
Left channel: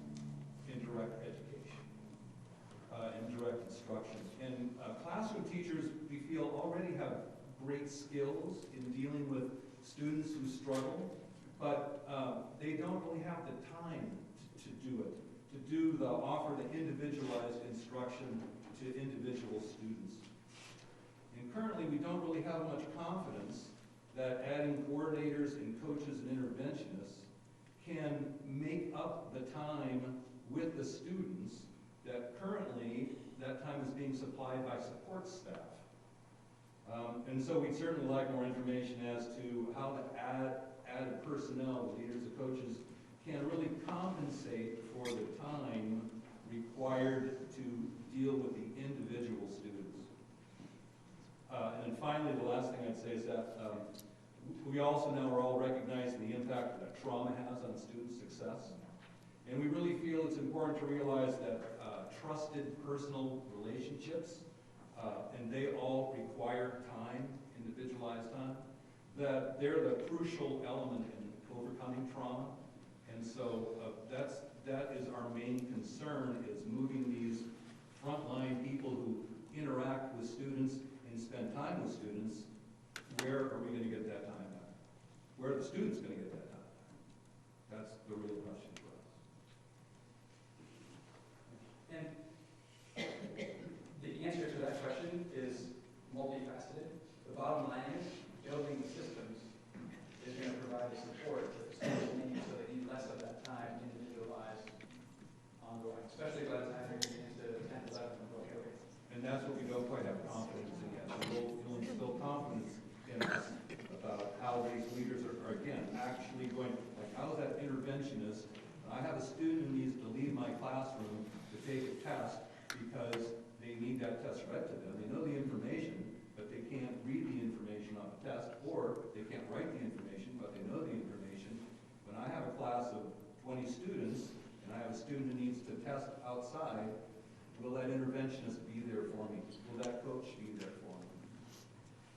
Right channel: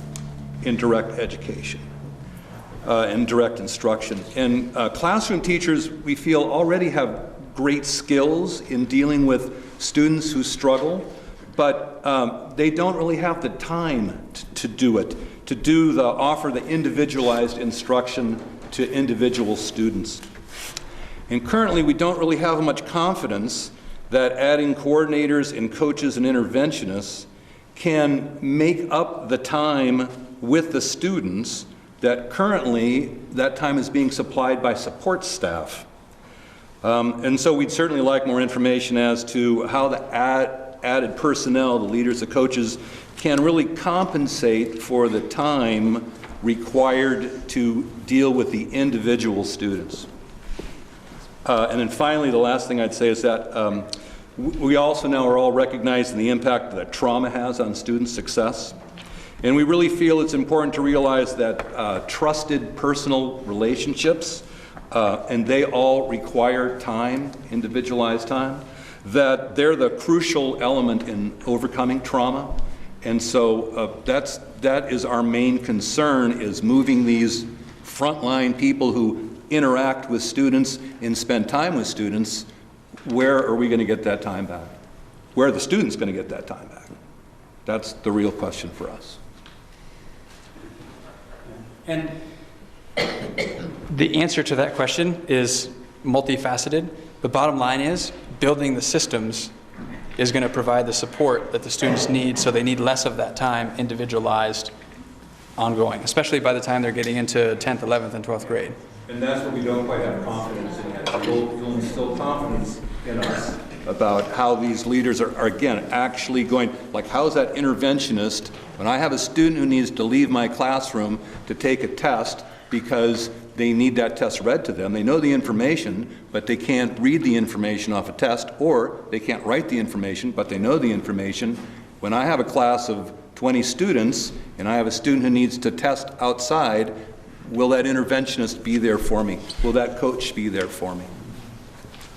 in direct education and direct instruction. And classroom teachers, we feel, already have great skills in dealing with students who struggle, but they don't really have the time to do it, to offer the individualized instruction to individual students. And currently, we don't really have much confidence that adding coordinators and coaches and interventionists can make up the time with the students that currently that time is being supplied by support staff. And so we'd certainly like more information as to how the added personnel, the leaders, the coaches, can really compensate for the time required to deal with the individual students. And then finally, the last thing I'd say is that We also now are all recognizing the impact that trauma has on student success. And we really feel it's important to realize that trusted personal relationships, and they all require time, individualized time, that they're the crucial element in overcoming trauma. And so that is our main concern, is moving these frontline people who interact with students and spend time with students. Where are we going to get that time back? Where are the students going to get that time back? That's the real question for us. And the answer to that question is multifaceted. The bottom line is building the systems is going to provide the support that the students need, so they need less of that time individualized, ongoing, especially by the time they're getting into 10th, 11th, and 12th grade. And that's what we don't quite have confidence in yet. You'll instill confidence in us about how these leaders are again, actually going, like, how's that interventionist, when I have a student who needs to leave my classroom to take a test because they need that test read to them, they know the information, but they can't read the information off a test, or they can't write the information, but they know the information. When I have a class of 20 students, and I have a student who needs to test outside, will that interventionist be there for me? Will that coach be there for me?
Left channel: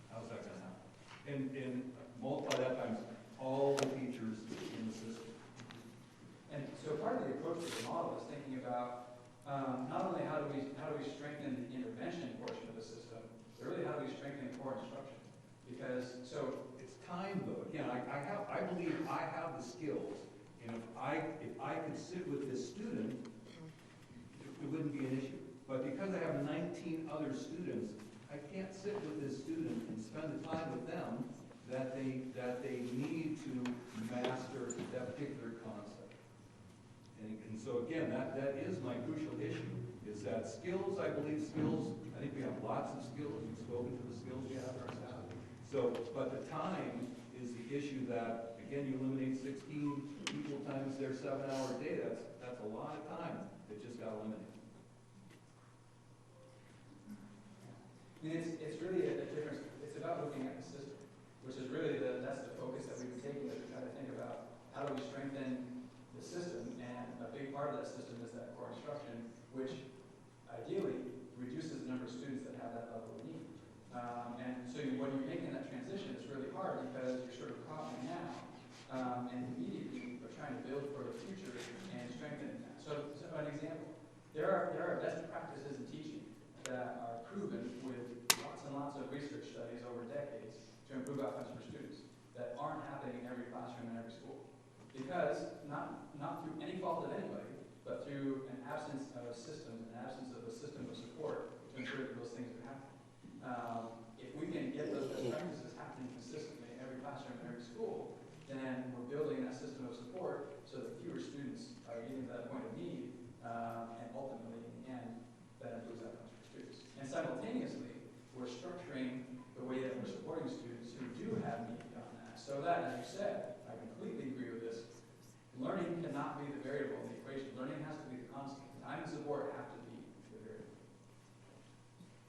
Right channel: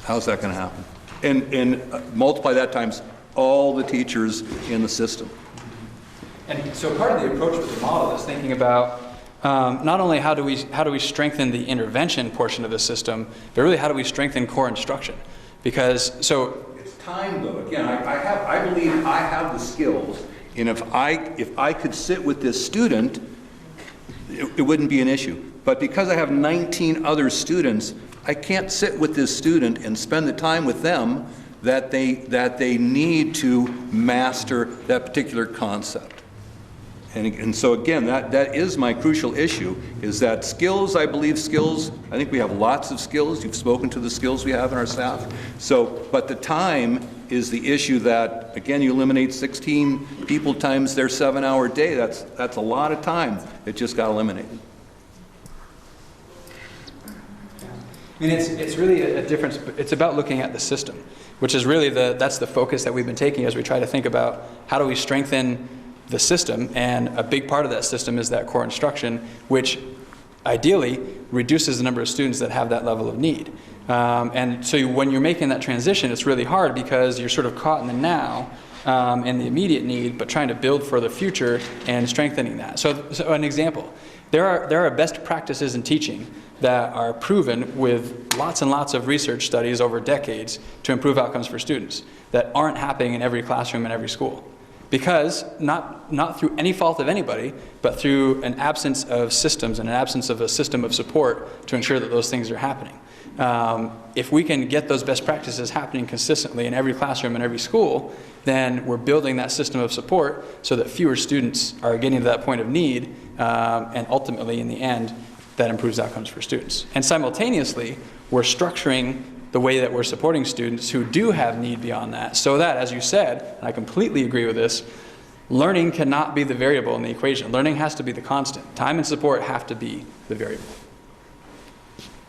How's that going to happen? And multiply that times all the teachers in the system. And so part of the approach with the model is thinking about not only how do we strengthen the intervention portion of the system, but really how do we strengthen core instruction? Because so it's time though. Again, I believe I have the skills, and if I could sit with this student, it wouldn't be an issue. But because I have 19 other students, I can't sit with this student and spend the time with them that they need to master that particular concept. And so again, that is my crucial issue, is that skills, I believe skills, I think we have lots of skills. You've spoken to the skills we have in our staff. So, but the time is the issue that, again, you eliminate 16 people times their 7-hour day. That's a lot of time that just got eliminated. I mean, it's really a difference. It's about looking at the system, which is really that's the focus that we've been taking as we try to think about how do we strengthen the system, and a big part of that system is that core instruction, which ideally reduces the number of students that have that level of need. And so when you're making that transition, it's really hard because you're sort of caught in the now and the immediate need, but trying to build for the future and strengthening that. So an example, there are best practices in teaching that are proven with lots and lots of research studies over decades to improve outcomes for students that aren't happening in every classroom in every school. Because, not through any fault of anybody, but through an absence of systems and an absence of a system of support to ensure that those things are happening. If we can get those best practices happening consistently in every classroom and every school, then we're building that system of support so that fewer students are getting to that point of need, and ultimately, in the end, that improves outcomes for students. And simultaneously, we're structuring the way that we're supporting students who do have need beyond that, so that, as you said, and I completely agree with this, learning cannot be the variable in the equation. Learning has to be the constant. Time and support have to be the variable.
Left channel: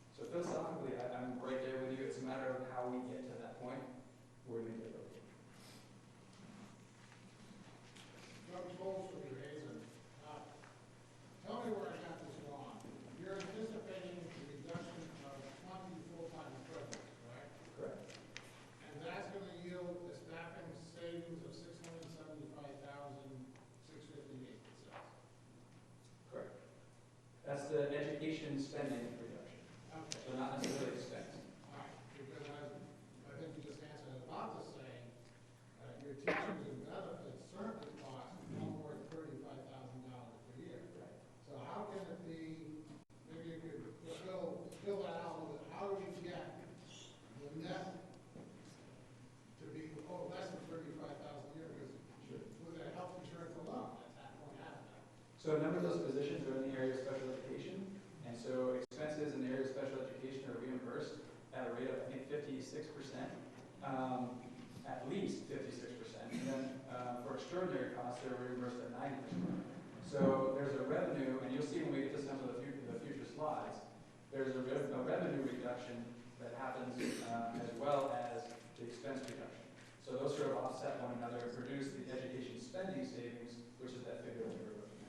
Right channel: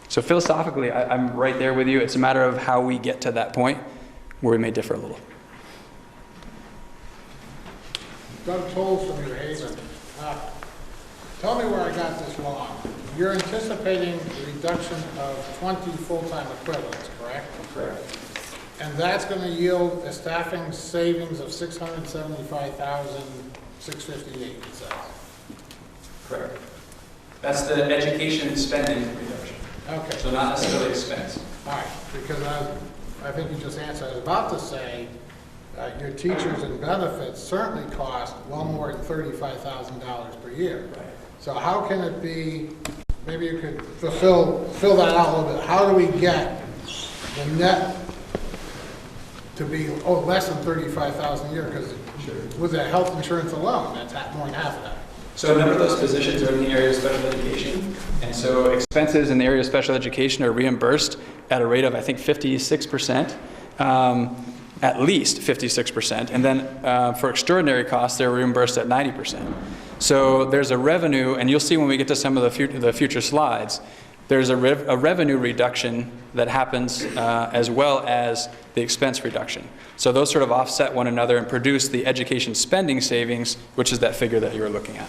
So philosophically, I'm right there with you. It's a matter of how we get to that point where we may differ a little. Doug Toll from New Haven. Tell me where I got this wrong. You're anticipating a reduction of 20 full-time equivalents, correct? Correct. And that's going to yield a staffing savings of $675,658, it says. Correct. That's the education spending reduction. Okay. So not necessarily expense. All right, because I think you just answered. I was about to say your teachers and benefits certainly cost well more than $35,000 per year. Right. So how can it be, maybe you could fill that out a little bit. How do we get the net to be less than $35,000 a year? Because with that health insurance alone, that's more than half of that. So a number of those positions are in the area of special education. And so expenses in the area of special education are reimbursed at a rate of, I think, 56%, at least 56%. And then for extraordinary costs, they're reimbursed at 90%. So there's a revenue, and you'll see when we get to some of the future slides, there's a revenue reduction that happens as well as the expense reduction. So those sort of offset one another and produce the education spending savings, which is that figure that you were looking at.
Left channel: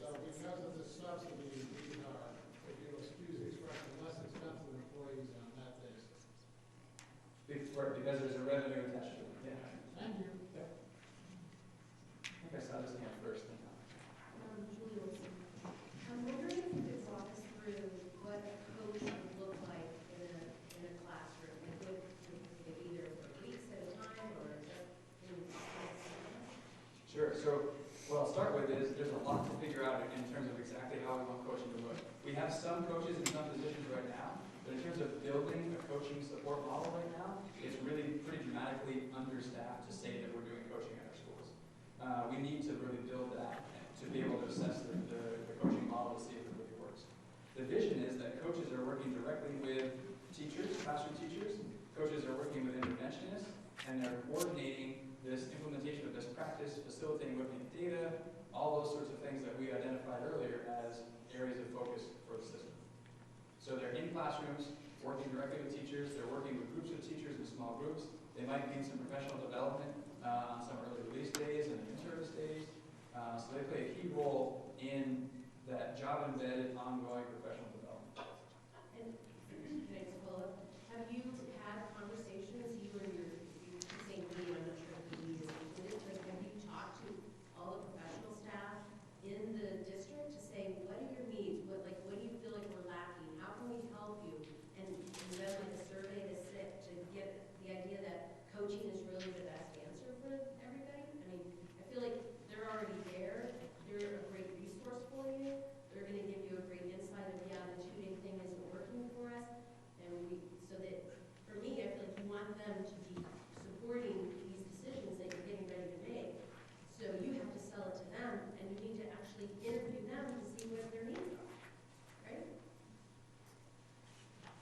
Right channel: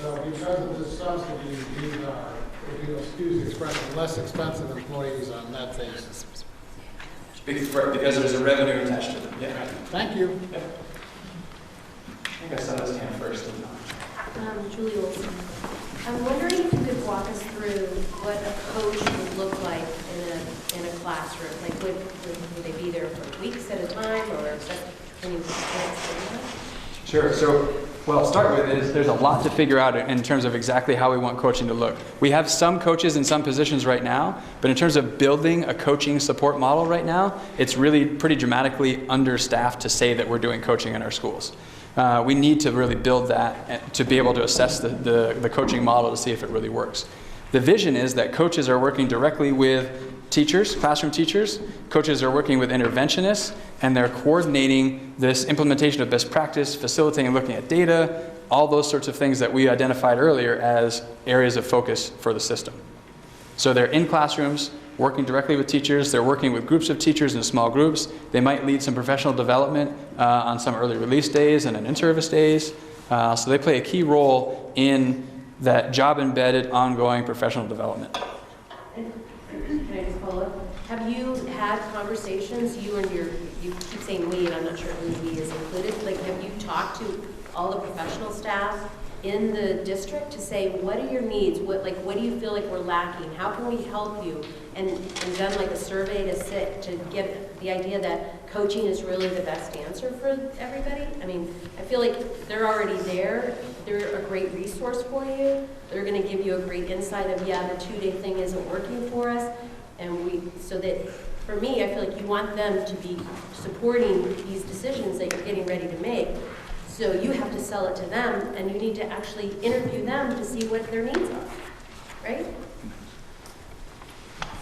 So because of this subsidy, these are, if you excuse the expression, less expensive employees on that basis. Because there's a revenue attached to them. Yeah. Thank you. Yep. I think I saw this hand first. Julie Olson. I'm wondering if you could walk us through what a coach would look like in a classroom. Like, would they be there for weeks at a time, or is that any Sure. So, well, I'll start with is there's a lot to figure out in terms of exactly how we want coaching to look. We have some coaches in some positions right now, but in terms of building a coaching support model right now, it's really pretty dramatically understaffed to say that we're doing coaching in our schools. We need to really build that to be able to assess the coaching model to see if it really works. The vision is that coaches are working directly with teachers, classroom teachers. Coaches are working with interventionists, and they're coordinating this implementation of best practice, facilitating looking at data, all those sorts of things that we identified earlier as areas of focus for the system. So they're in classrooms, working directly with teachers. They're working with groups of teachers in small groups. They might lead some professional development on some early release days and in-service days. So they play a key role in that job-embedded, ongoing professional development. Can I just follow up? Have you had conversations, you keep saying we, and I'm not sure who we is included, like have you talked to all the professional staff in the district to say, what are your needs? What do you feel like we're lacking? How can we help you? And done like a survey to get the idea that coaching is really the best answer for everybody? I mean, I feel like they're already there. They're a great resource for you. They're going to give you a great insight of, yeah, the 2-day thing isn't working for us. And so that, for me, I feel like you want them to be supporting these decisions that you're getting ready to make. So you have to sell it to them, and you need to actually interview them to see what their needs are, right?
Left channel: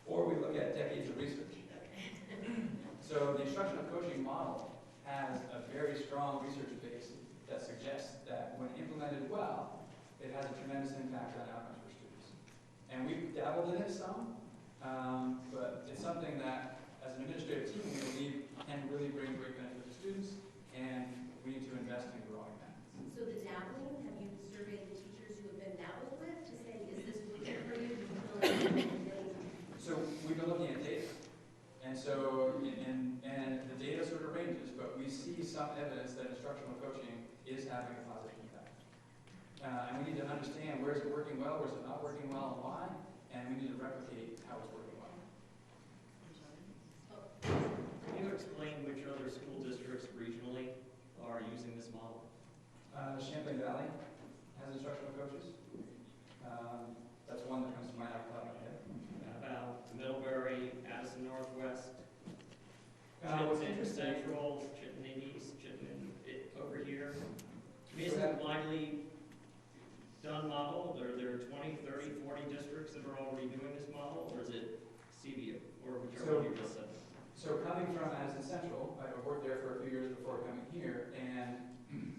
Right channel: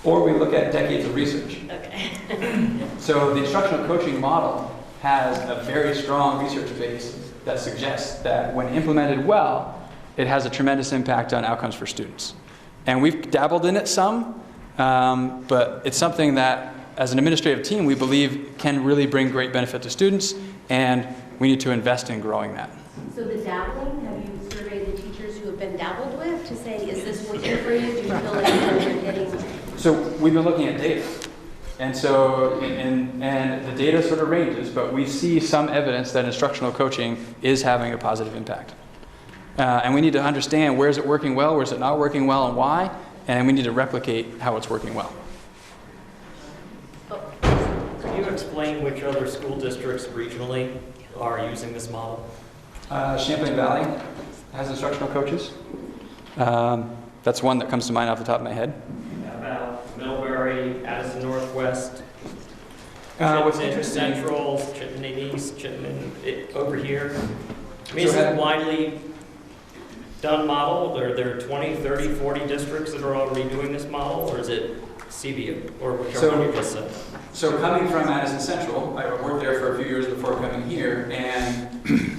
Or we look at decades of research. Okay. So the instructional coaching model has a very strong research base that suggests that when implemented well, it has a tremendous impact on outcomes for students. And we've dabbled in it some, but it's something that, as an administrative team, we believe can really bring great benefit to students, and we need to invest in growing that. So the dabbling, have you surveyed the teachers who have been dabbled with to say, is this working for you? Do you feel like you're getting... So we've been looking at data. And so, and the data sort of ranges, but we see some evidence that instructional coaching is having a positive impact. And we need to understand where is it working well, where is it not working well, and why, and we need to replicate how it's working well. Can you explain which other school districts regionally are using this model? Champlain Valley has instructional coaches. That's one that comes to mind off the top of my head. About Millbury, Addison Northwest, What's Chittenden interesting, Central, Chittenden East, Chittenden over here. I mean, is it a widely done model? Are there 20, 30, 40 districts that are already doing this model, or is it CBU, or whichever one you just said? So coming from Addison Central, I worked there for a few years before coming here, and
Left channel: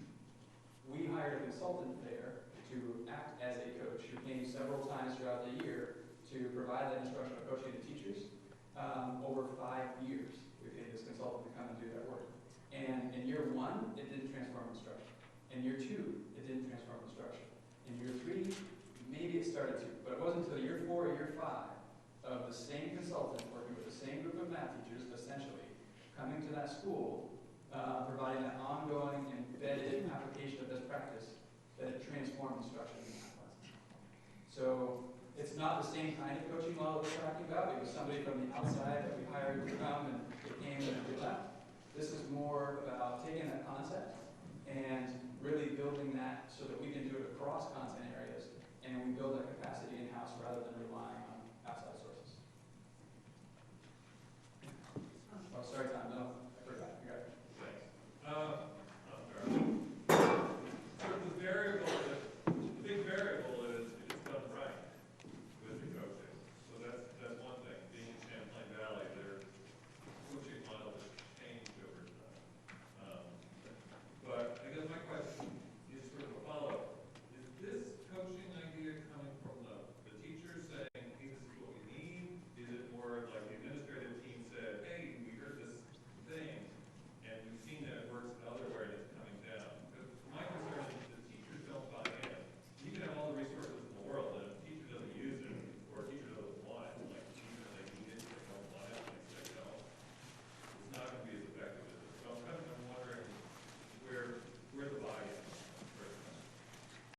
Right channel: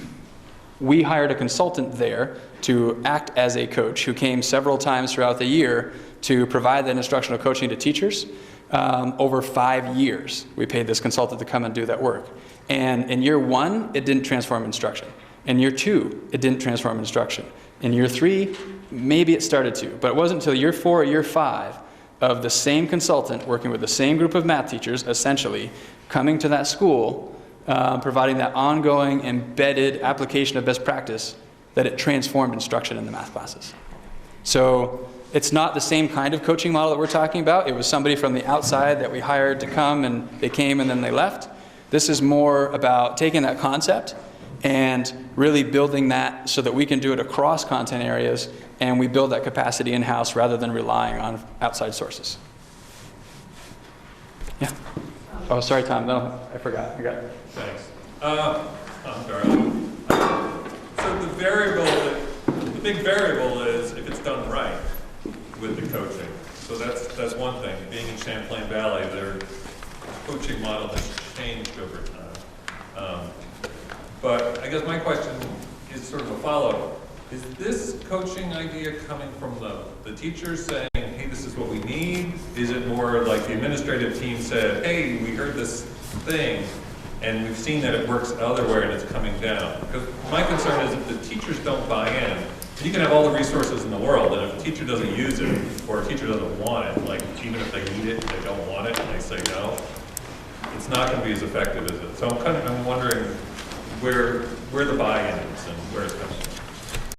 we hired a consultant there to act as a coach who came several times throughout the year to provide that instructional coaching to teachers. Over 5 years, we paid this consultant to come and do that work. And in year 1, it didn't transform instruction. In year 2, it didn't transform instruction. In year 3, maybe it started to, but it wasn't until year 4 or year 5 of the same consultant working with the same group of math teachers, essentially, coming to that school, providing that ongoing embedded application of best practice, that it transformed instruction in the math classes. So it's not the same kind of coaching model that we're talking about. It was somebody from the outside that we hired to come, and they came and then they left. This is more about taking that concept and really building that so that we can do it across content areas, and we build that capacity in-house rather than relying on outside sources. Yeah. Oh, sorry, Tom. No, I forgot. I got it. Thanks. I'm sorry. So the big variable is if it's done right with the coaching. So that's one thing. Being in Champlain Valley, their coaching model has changed over time. But I guess my question is sort of a follow-up. Is this coaching idea coming from the teachers saying, hey, this is what we need? Is it more like the administrative team said, hey, we heard this thing, and we've seen that it works elsewhere and it's coming down. Because my concern is if the teachers don't buy in, you can have all the resources in the world, and if a teacher doesn't use it, or a teacher doesn't want it, like even if they need it, they don't want it, and they say no, it's not going to be as effective as it. So I'm wondering where the buy-in is and where it's coming from.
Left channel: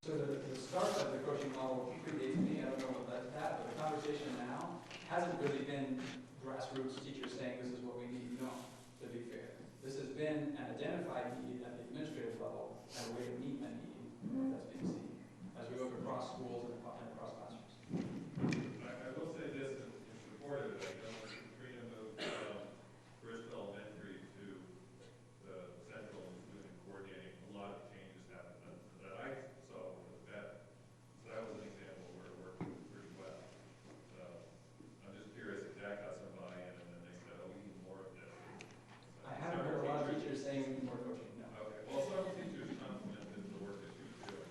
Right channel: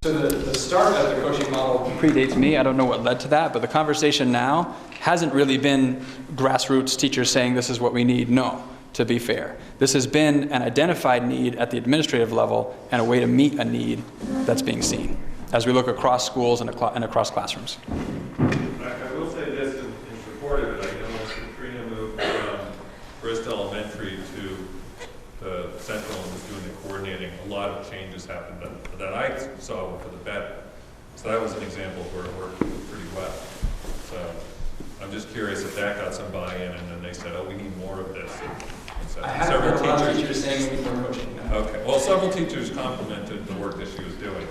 So the start of the coaching model predates me. I don't know what led to that, but the conversation now hasn't really been grassroots teachers saying this is what we need. No, to be fair. This has been an identified need at the administrative level and a way to meet a need that's being seen as we look across schools and across classrooms. I will say this in support of it. I know Katrina moved from Bristol Elementary to the Central and was doing the coordinating. A lot of changes happened that I saw for the better. So that was an example where it worked pretty well. So I'm just curious if that got some buy-in and then they said, oh, we need more of this. And so I haven't heard a lot of teachers saying we need more coaching. No. Okay. Well, several teachers complimented the work that she was doing.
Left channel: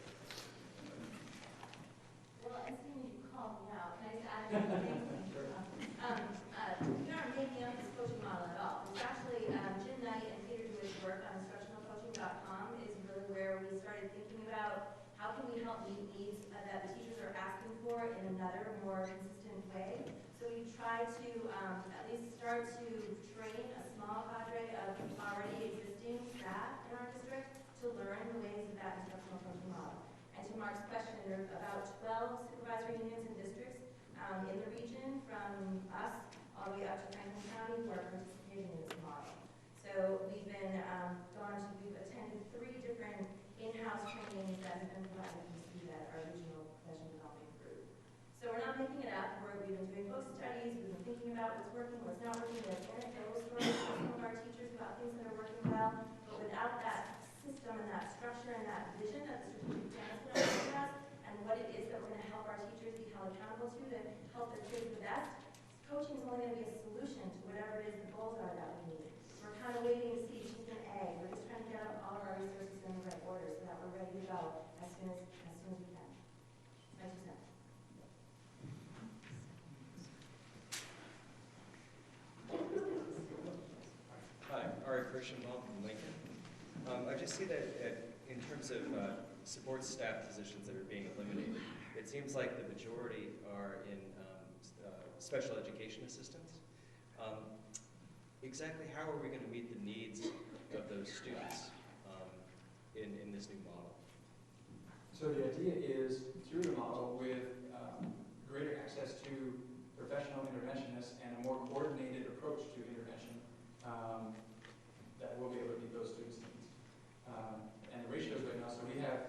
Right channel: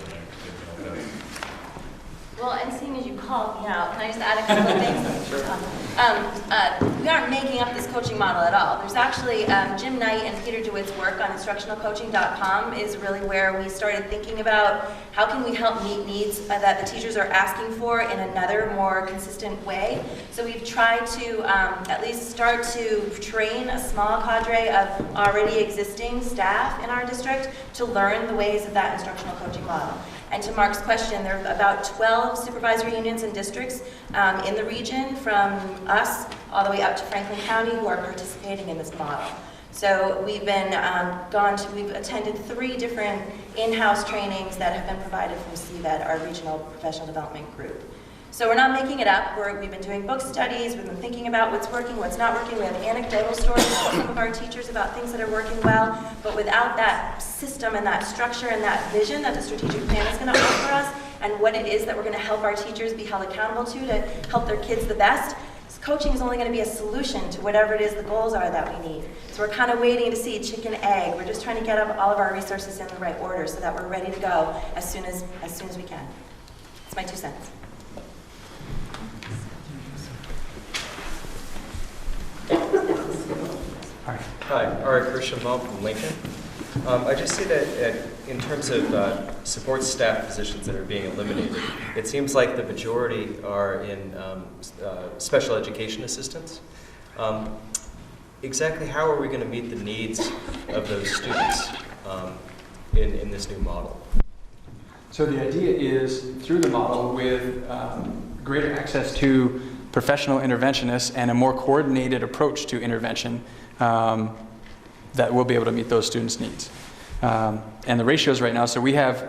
Well, and seeing as you called me out, can I just add a couple of things? Sure. We aren't making up this coaching model at all. There's actually Jim Knight and Peter DeWitt's work on instructionalcoaching.com is really where we started thinking about how can we help meet needs that the teachers are asking for in another more consistent way. So we've tried to at least start to train a small cadre of already existing staff in our district to learn the ways of that instructional coaching model. And to Mark's question, there are about 12 supervisory unions and districts in the region, from us all the way up to Franklin County, who are participating in this model. So we've been we've attended 3 different in-house trainings that have been provided from CVED, our regional professional development group. So we're not making it up. We've been doing book studies. We've been thinking about what's working, what's not working. We have anecdotal stories from some of our teachers about things that are working well. But without that system and that structure and that vision that the strategic plan is going to offer us, and what it is that we're going to help our teachers be held accountable to help their kids the best, coaching is only going to be a solution to whatever it is the goals are that we need. So we're kind of waiting to see chicken egg. We're just trying to get all of our resources in the right order so that we're ready to go as soon as we can. It's my 2 cents. Hi, Ari Kirschenbaum from Lincoln. I just see that in terms of support staff positions that are being eliminated, it seems like the majority are in special education assistants. Exactly how are we going to meet the needs of those students in this new model? So the idea is, through the model, with greater access to professional interventionists and a more coordinated approach to intervention, that we'll be able to meet those students' needs. And the ratios right now, so we have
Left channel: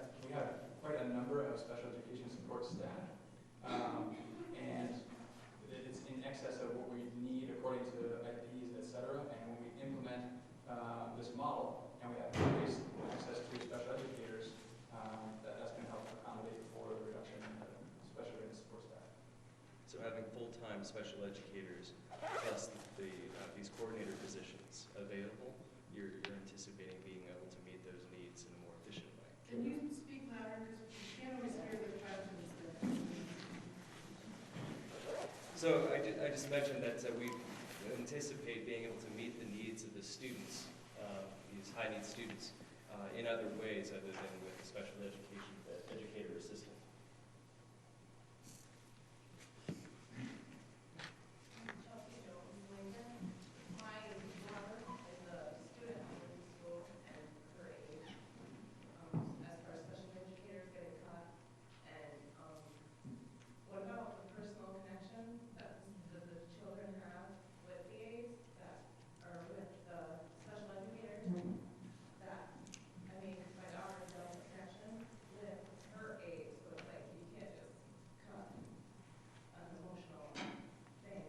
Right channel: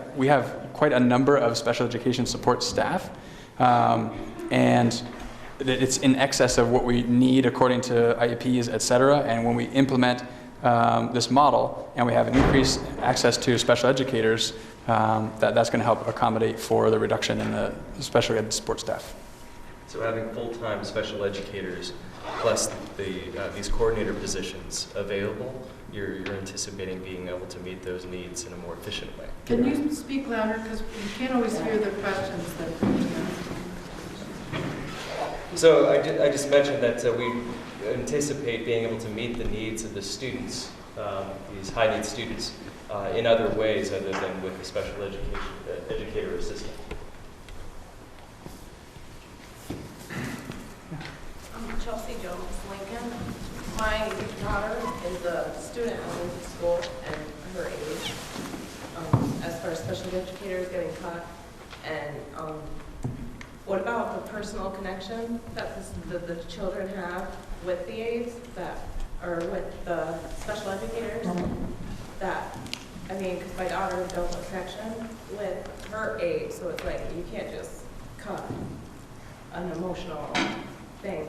quite a number of special education support staff, and it's in excess of what we need according to IEPs, et cetera. And when we implement this model and we have an increased access to special educators, that's going to help accommodate for the reduction in the special ed support staff. So having full-time special educators plus these coordinator positions available, you're anticipating being able to meet those needs in a more efficient way. Can you speak louder, because we can't always hear the questions that are being asked. So I just mentioned that we anticipate being able to meet the needs of the students, these high-need students, in other ways other than with the special educator assistant. Chelsea Jones, Lincoln. My daughter is a student at Lincoln School, and her age, as far as special educators getting cut, and what about the personal connection that the children have with the aides or with the special educators? That, I mean, because my daughter built a connection with her aide, so it's like you can't just cut an emotional thing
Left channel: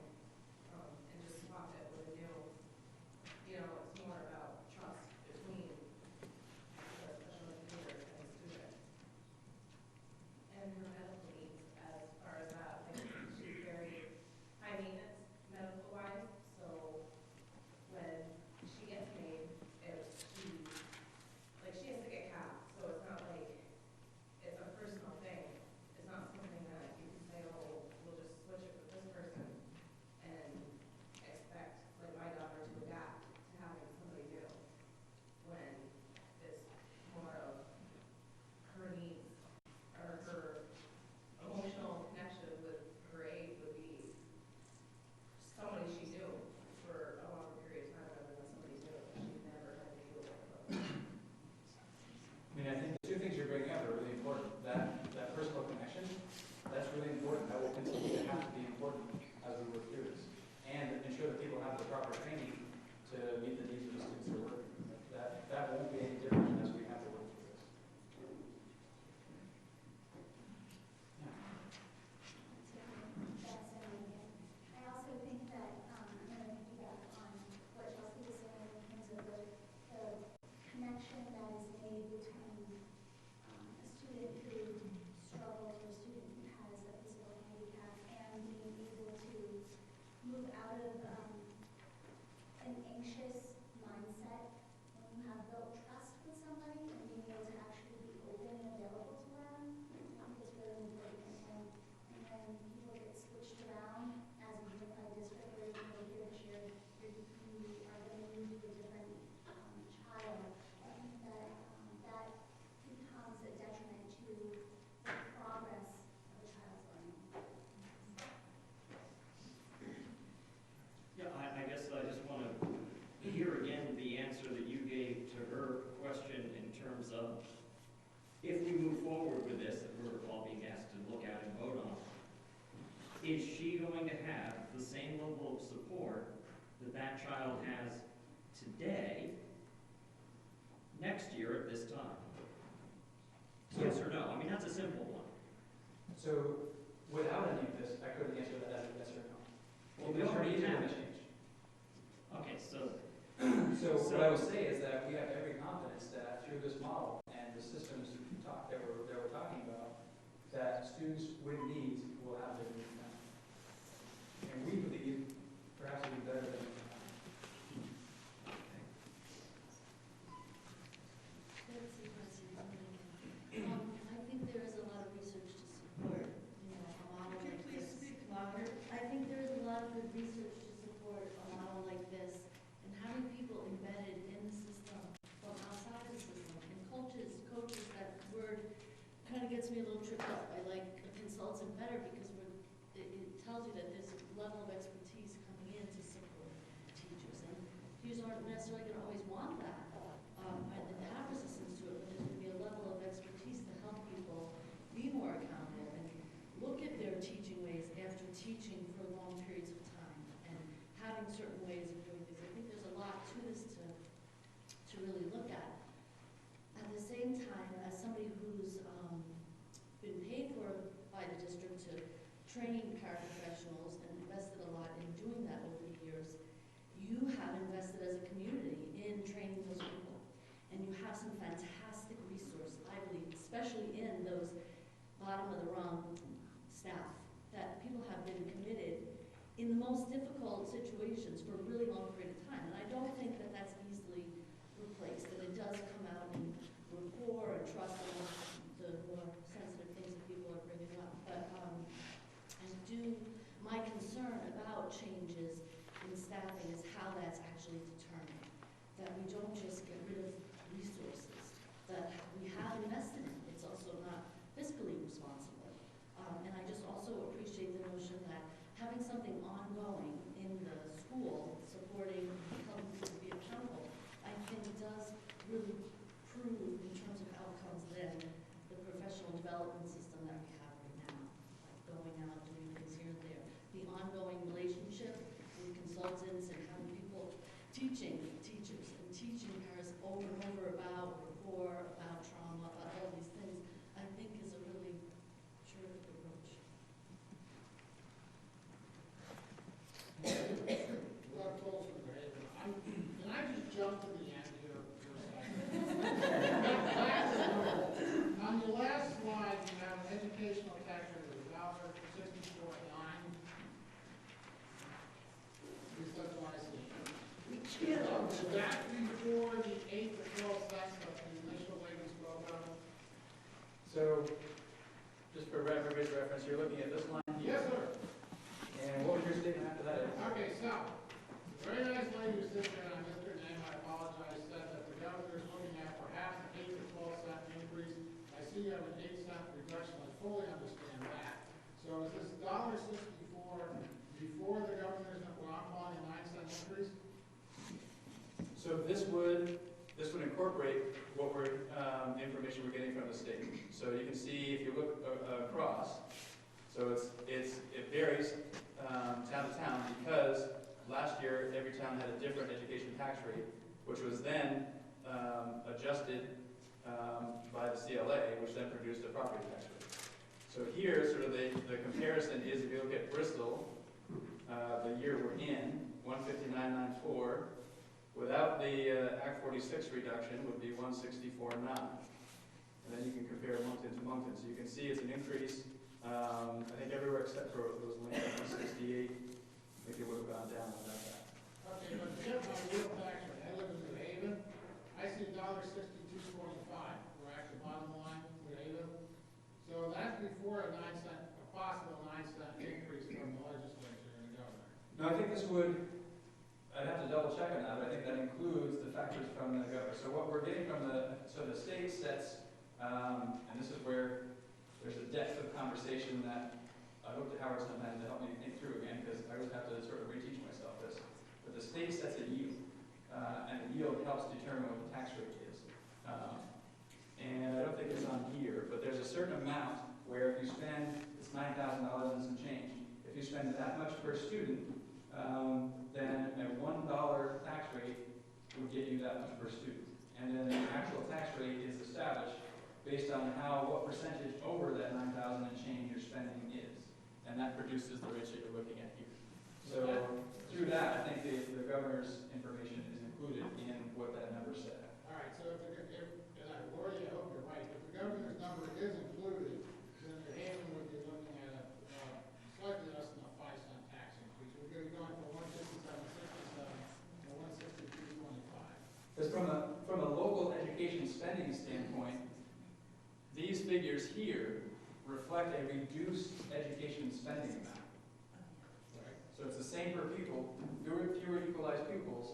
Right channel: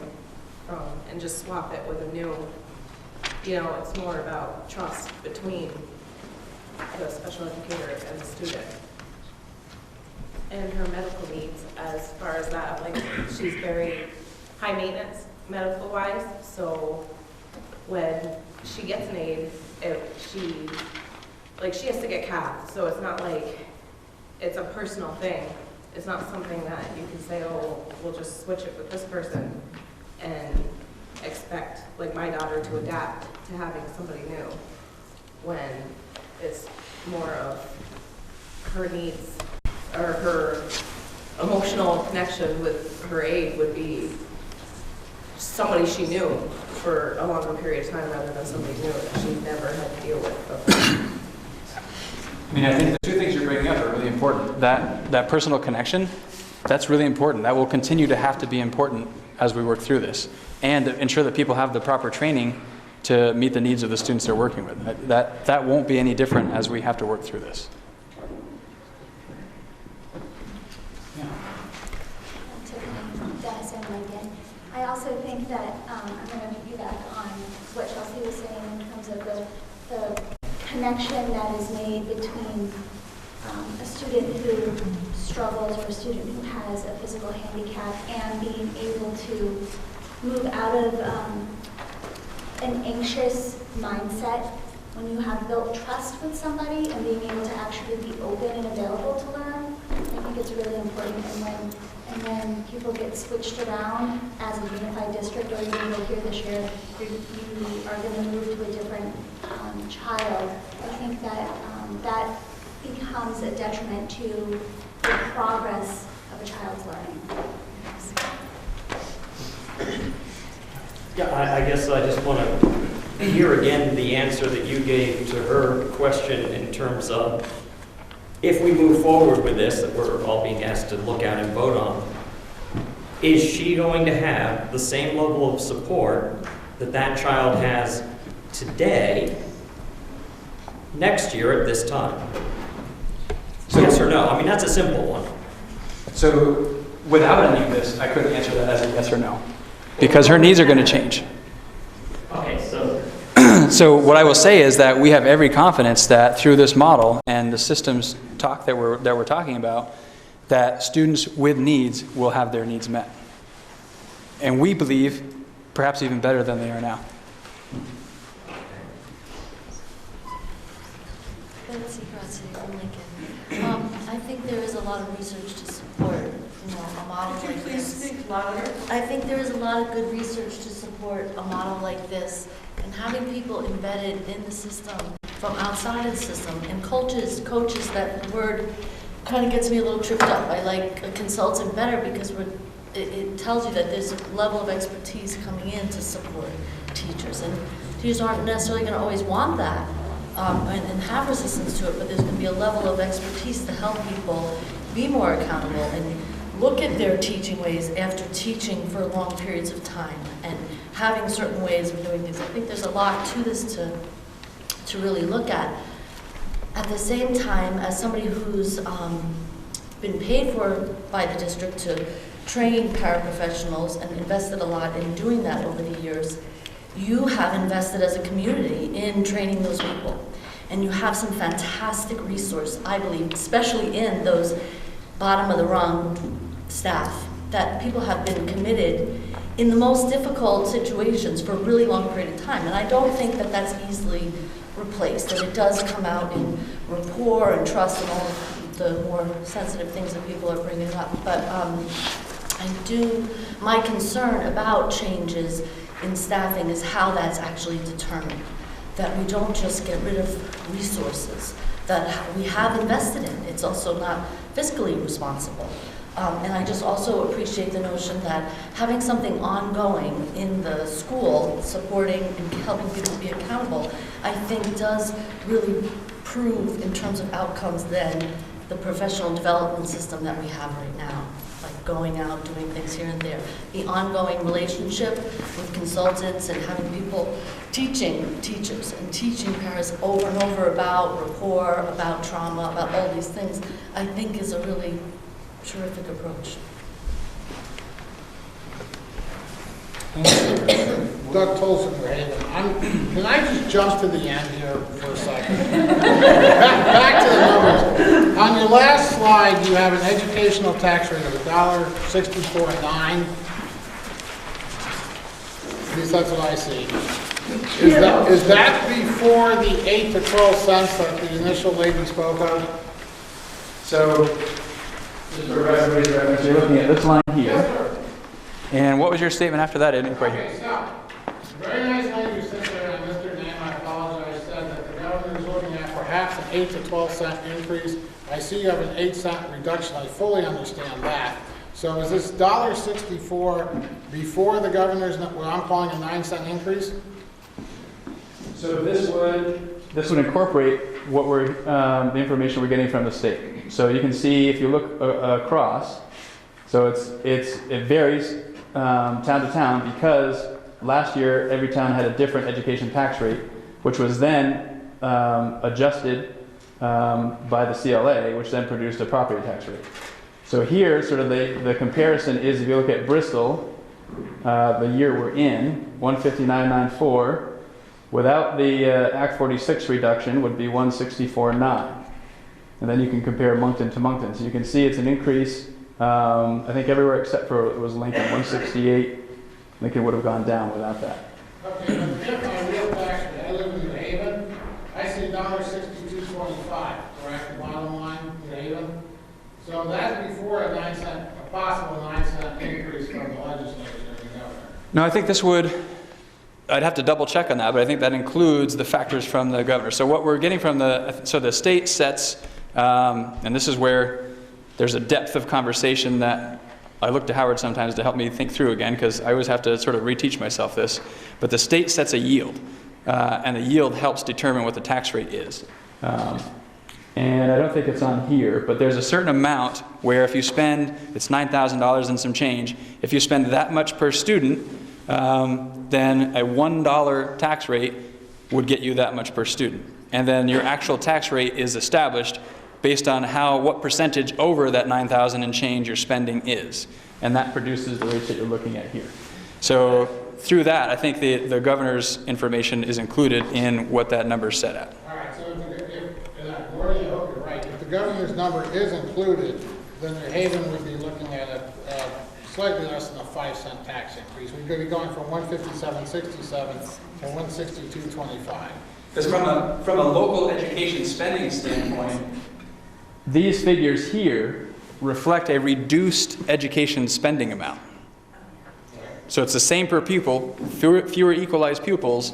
and just swap it with a new, it's more about trust between the special educator and the student. And her medical needs, as far as that, like, she's very high maintenance medical wise, so when she gets an aide, she has to get capped, so it's not like it's a personal thing. It's not something that you can say, oh, we'll just switch it with this person expect, like, my daughter to adapt to having somebody new when it's more of her needs or her emotional connection with her aide would be somebody she knew for a longer period of time rather than somebody new that she never had to deal with before. I mean, I think the two things you're bringing up are really important. That personal connection, that's really important. That will continue to have to be important as we work through this, and ensure that people have the proper training to meet the needs of the students they're working with. That won't be any different as we have to work through this. I also think that I'm going to piggyback on what Chelsea was saying in terms of the connection that is made between a student who struggles or a student who has a physical handicap and being able to move out of an anxious mindset when you have built trust with somebody and being able to actually be open and available to learn. I think it's really important. And when people get switched around as a unified district, or even though here this year you are going to move to a different child, I think that that becomes a detriment to the progress of a child's learning. Yeah, I guess I just want to hear again the answer that you gave to her question in terms of if we move forward with this, that we're all being asked to look at and vote on, is she going to have the same level of support that that child has today, next year at this time? So, yes or no? I mean, that's a simple one. So without any of this, I couldn't answer that as a yes or no, because her needs are going to change. Okay, so So what I will say is that we have every confidence that through this model and the systems talk that we're talking about, that students with needs will have their needs met. And we believe perhaps even better than they are now. I think there is a lot of research to support, a model Could you like please this. speak louder? I think there is a lot of good research to support a model like this, and having people embedded in the system from outside of the system, and coaches, that word kind of gets me a little tripped up. I like a consultant better because it tells you that there's a level of expertise coming in to support teachers, and teachers aren't necessarily going to always want that. And have resistance to it, but there's going to be a level of expertise to help people be more accountable and look at their teaching ways after teaching for long periods of time and having certain ways of doing things. I think there's a lot to this to really look at. At the same time, as somebody who's been paid for by the district to train paraprofessionals and invested a lot in doing that over the years, you have invested as a community in training those people. And you have some fantastic resource, I believe, especially in those bottom of the rung staff, that people have been committed in the most difficult situations for a really long period of time. And I don't think that that's easily replaced, and it does come out in rapport and trust and all of the more sensitive things that people are bringing up. But my concern about changes in staffing is how that's actually determined. That we don't just get rid of resources that we have invested in. It's also not fiscally responsible. And I just also appreciate the notion that having something ongoing in the school, supporting and helping people be accountable, I think does really prove in terms of outcomes than the professional development system that we have right now. Going out, doing things here and there. The ongoing relationship with consultants and having people teaching teachers and teaching parents over and over about rapport, about trauma, about all these things, I think is a really terrific approach. Doug Tolson, can I just jump to the end here for a second? Back to the numbers. On your last slide, you have an educational tax rate of $1.64.9. At least that's what I see. Is that before the 8 to 12 cents that the initial lady spoke of? So, just for everybody's reference, you're looking at this line here. And what was your statement after that? I didn't quite hear. Okay, so 8 to 12 cent increase. I see you have an 8 cent reduction. I fully understand that. So is this $1.64 before the governor's, what I'm calling a 9 cent increase? So this would incorporate what we're the information we're getting from the state. So you can see if you look across. So it varies town to town because last year every town had a different education tax rate, which was then adjusted by the CLA, which then produced a property tax rate. So here, sort of the comparison is if you look at Bristol, the year we're in, 159.94. Without the Act 46 reduction would be 164.9. And then you can compare Moncton to Moncton. So you can see it's an increase, I think everywhere except for it was Lincoln, 168. Lincoln would have gone down without that. Okay, but if my real tax rate, I live in New Haven, I see $1.6225, correct, the bottom line, New Haven? So that's before a 9 cent, a possible 9 cent increase from the legislature and the governor. No, I think this would, I'd have to double check on that, but I think that includes the factors from the governor. So what we're getting from the state sets, and this is where there's a depth of conversation that I look to Howard sometimes to help me think through again, because I always have to sort of reteach myself this. But the state sets a yield, and the yield helps determine what the tax rate is. And I don't think it's on here, but there's a certain amount where if you spend, it's $9,000 and some change, if you spend that much per student, then a $1 tax rate would get you that much per student. And then your actual tax rate is established based on what percentage over that 9,000 and change your spending is. And that produces the rates that you're looking at here. So through that, I think the governor's information is included in what that number is set at. All right, so Gordy, I hope you're right. If the governor's number is included, then New Haven would be looking at a slightly less than a 5 cent tax increase. We could be going from 157.67 to 162.25. Because from a local education spending standpoint, these figures here reflect a reduced education spending amount. So it's the same per pupil, fewer equalized pupils,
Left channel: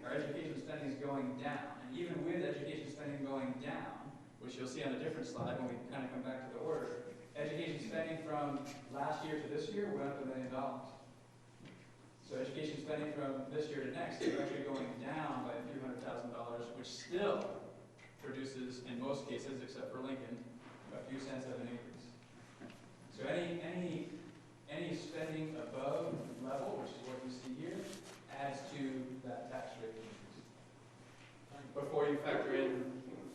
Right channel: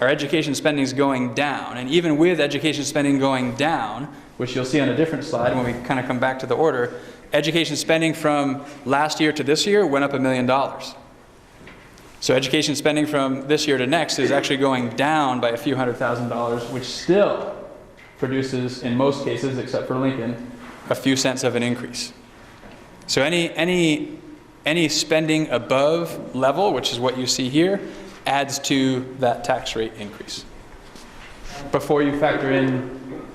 our education spending is going down. And even with education spending going down, which you'll see on a different slide when we kind of come back to the order, education spending from last year to this year went up $1 million. So education spending from this year to next is actually going down by a few $100,000, which still produces, in most cases, except for Lincoln, a few cents of an increase. So any spending above level, which is what you see here, adds to that tax rate increase before you factor in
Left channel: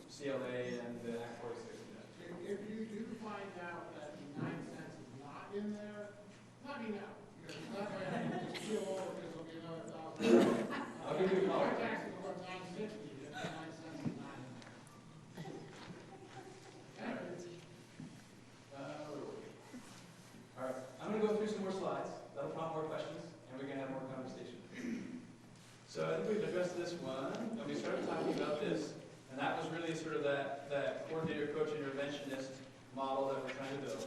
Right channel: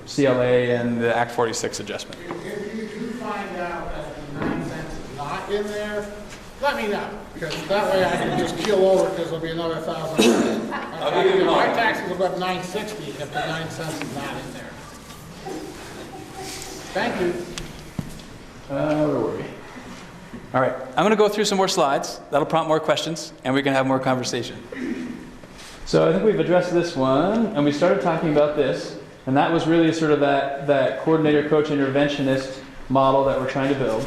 CLA and the Act 46 adjustment. If you do find out that the 9 cents is not in there, let me know, because that way I can just keel over because there'll be another $1,000. My taxes will go up $9.60 if the 9 cents is not in there. Thank you. Where were we? All right, I'm going to go through some more slides. That'll prompt more questions, and we can have more conversation. So I think we've addressed this one, and we started talking about this, and that was really sort of that coordinator, coach, interventionist model that we're trying to build.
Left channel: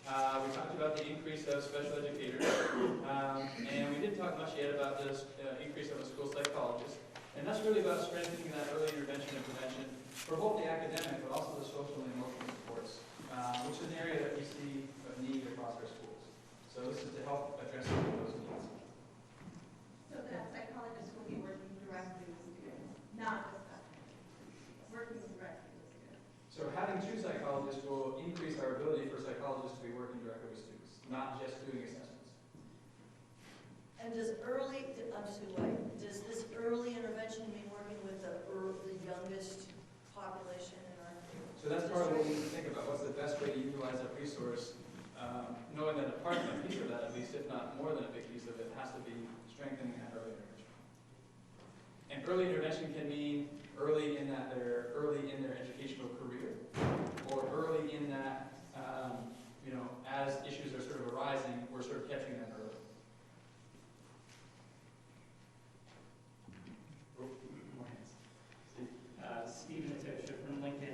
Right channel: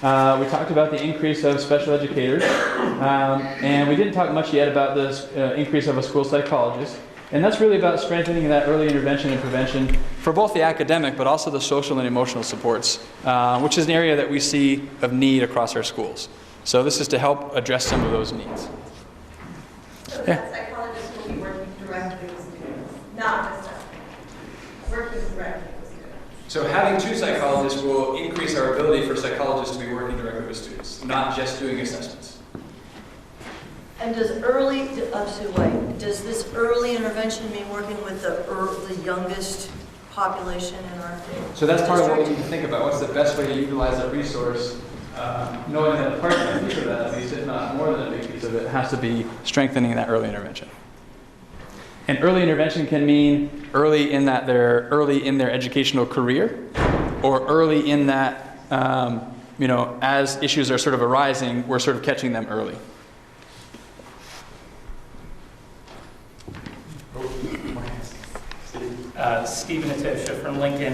We talked about the increase of special educators, and we didn't talk much yet about this increase of a school psychologist. And that's really about strengthening that early intervention and prevention for both the academic but also the social and emotional supports, which is an area that we see of need across our schools. So this is to help address some of those needs. So that psychologist will be working directly with students, not just working directly with students. So having 2 psychologists will increase our ability for psychologists to be working directly with students, not just doing assessments. And does this early intervention mean working with the youngest population in our district? So that's part of what we need to think about. What's the best way to utilize that resource? Knowing that a piece of that, at least if not more than a big piece of it, has to be strengthening that early intervention. And early intervention can mean early in their educational career, or early in that, as issues are sort of arising, we're sort of catching them early. Stephen Atosha from Lincoln.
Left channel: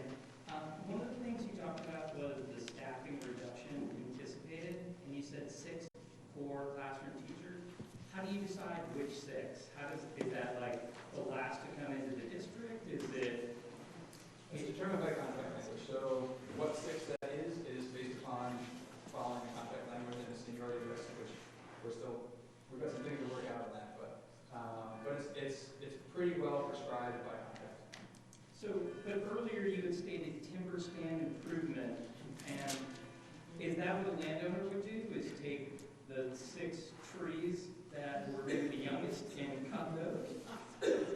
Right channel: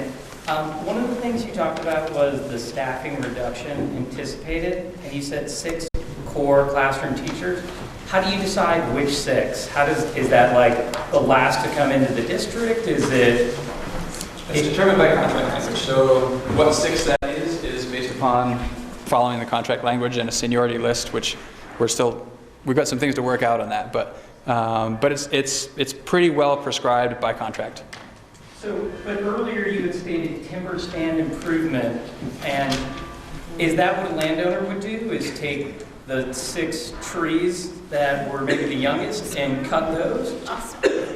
One of the things you talked about was the staffing reduction anticipated, and you said 6 core classroom teachers. How do you decide which 6? Is that like the last to come into the district? Is it It's determined by contract language. So what 6 that is based upon following the contract language and a seniority list, which we've got some things to work out on that, but it's pretty well prescribed by contract. So, but earlier you had stated timber stand improvement, and is that what a landowner would do, is take the 6 trees that were maybe the youngest and cut those?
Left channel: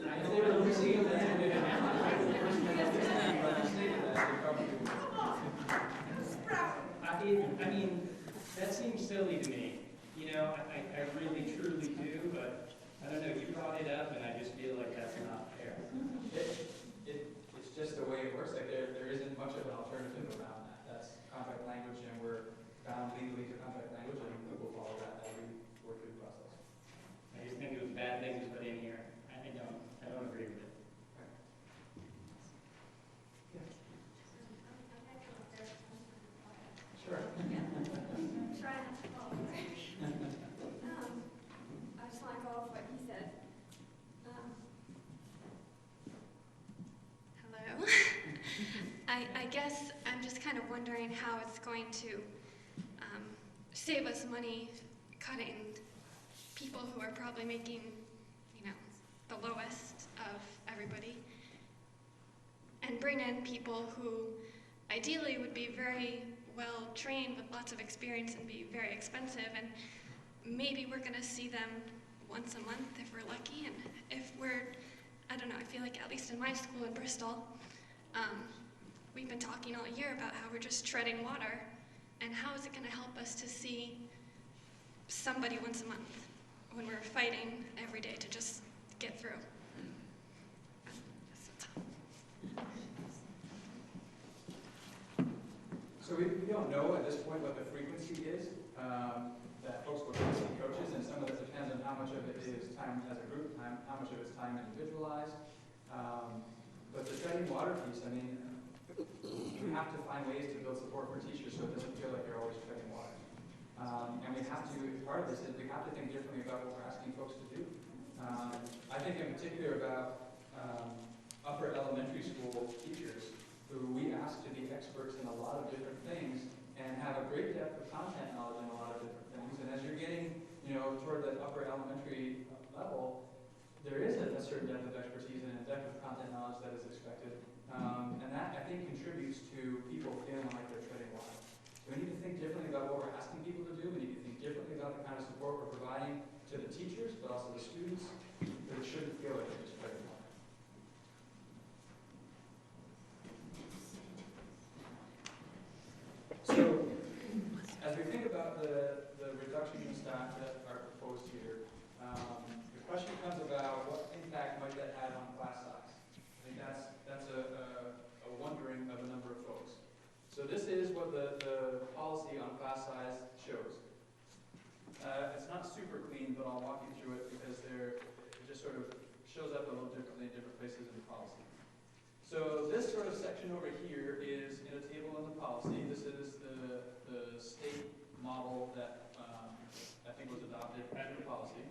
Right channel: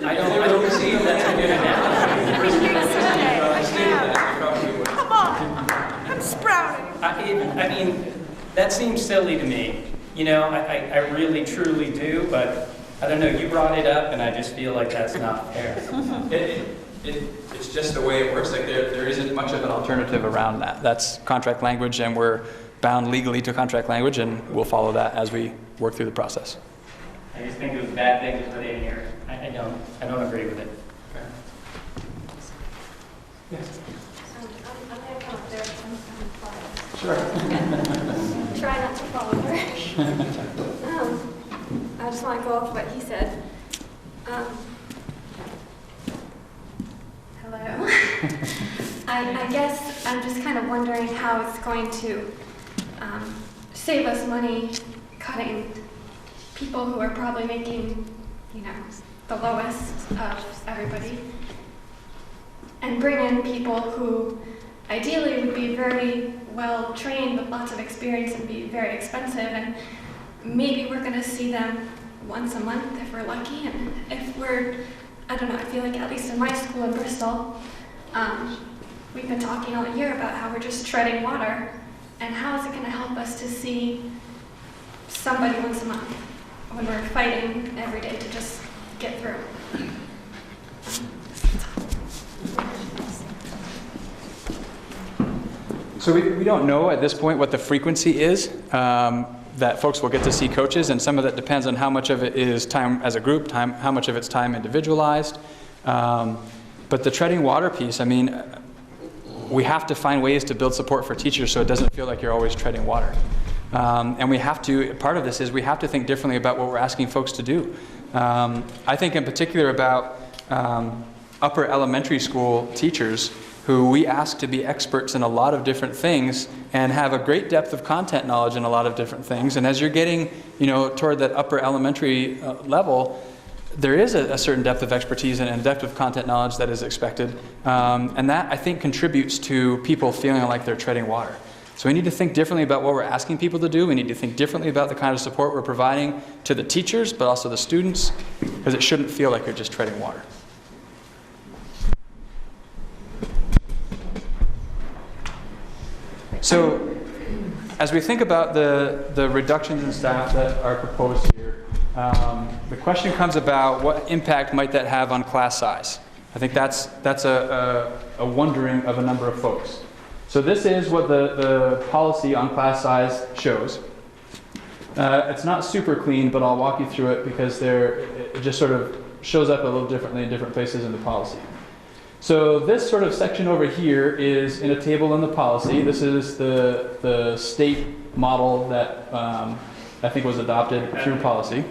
I don't see that's a good analogy. Come on, I'm sprouting. I mean, that seems silly to me. You know, I really, truly do, but I don't know, you brought it up, and I just feel like that's not fair. It's just the way it works. Like there isn't much of an alternative around that. That's contract language, and we're bound legally to contract language, and we'll follow that as we work through the process. I just think it was a bad thing to put in here. I don't agree with it. Yes. I'm going to come up there and Sure. try not to fall over. I just want to go off what he said. Hello. I guess I'm just kind of wondering how it's going to save us money cutting people who are probably making, the lowest of everybody, and bring in people who ideally would be very well trained with lots of experience and be very expensive, and maybe we're going to see them once a month if we're lucky, and if we're, I don't know, I feel like at least in my school in Bristol, we've been talking all year about how we're just treading water, and how is it going to help us to see somebody once a month when we're fighting every day to just get through? So we don't know at this point what the frequency is that folks will get to see coaches, and some of that depends on how much of it is time as a group, how much of it's time individualized. But the treading water piece, I mean, we have to find ways to build support for teachers so it doesn't feel like you're always treading water. And we have to, part of this is we have to think differently about what we're asking folks to do. I think in particular about upper elementary school teachers who we ask to be experts in a lot of different things and have a great depth of content knowledge in a lot of different things. And as you're getting, toward that upper elementary level, there is a certain depth of expertise and a depth of content knowledge that is expected. And that, I think, contributes to people feeling like they're treading water. So we need to think differently about what we're asking people to do. We need to think differently about the kind of support we're providing to the teachers, but also the students, because it shouldn't feel like you're just treading water. So as we think about the reductions in staff that are proposed here, the question comes about what impact might that have on class size? I think that's a wondering of a number of folks. So this is what the policy on class size shows. It's not super clean, but I'll walk you through it because it just sort of shows up a little differently in different places in the policy. So this sort of section over here is in a table in the policy. This is the state model that I think was adopted through policy.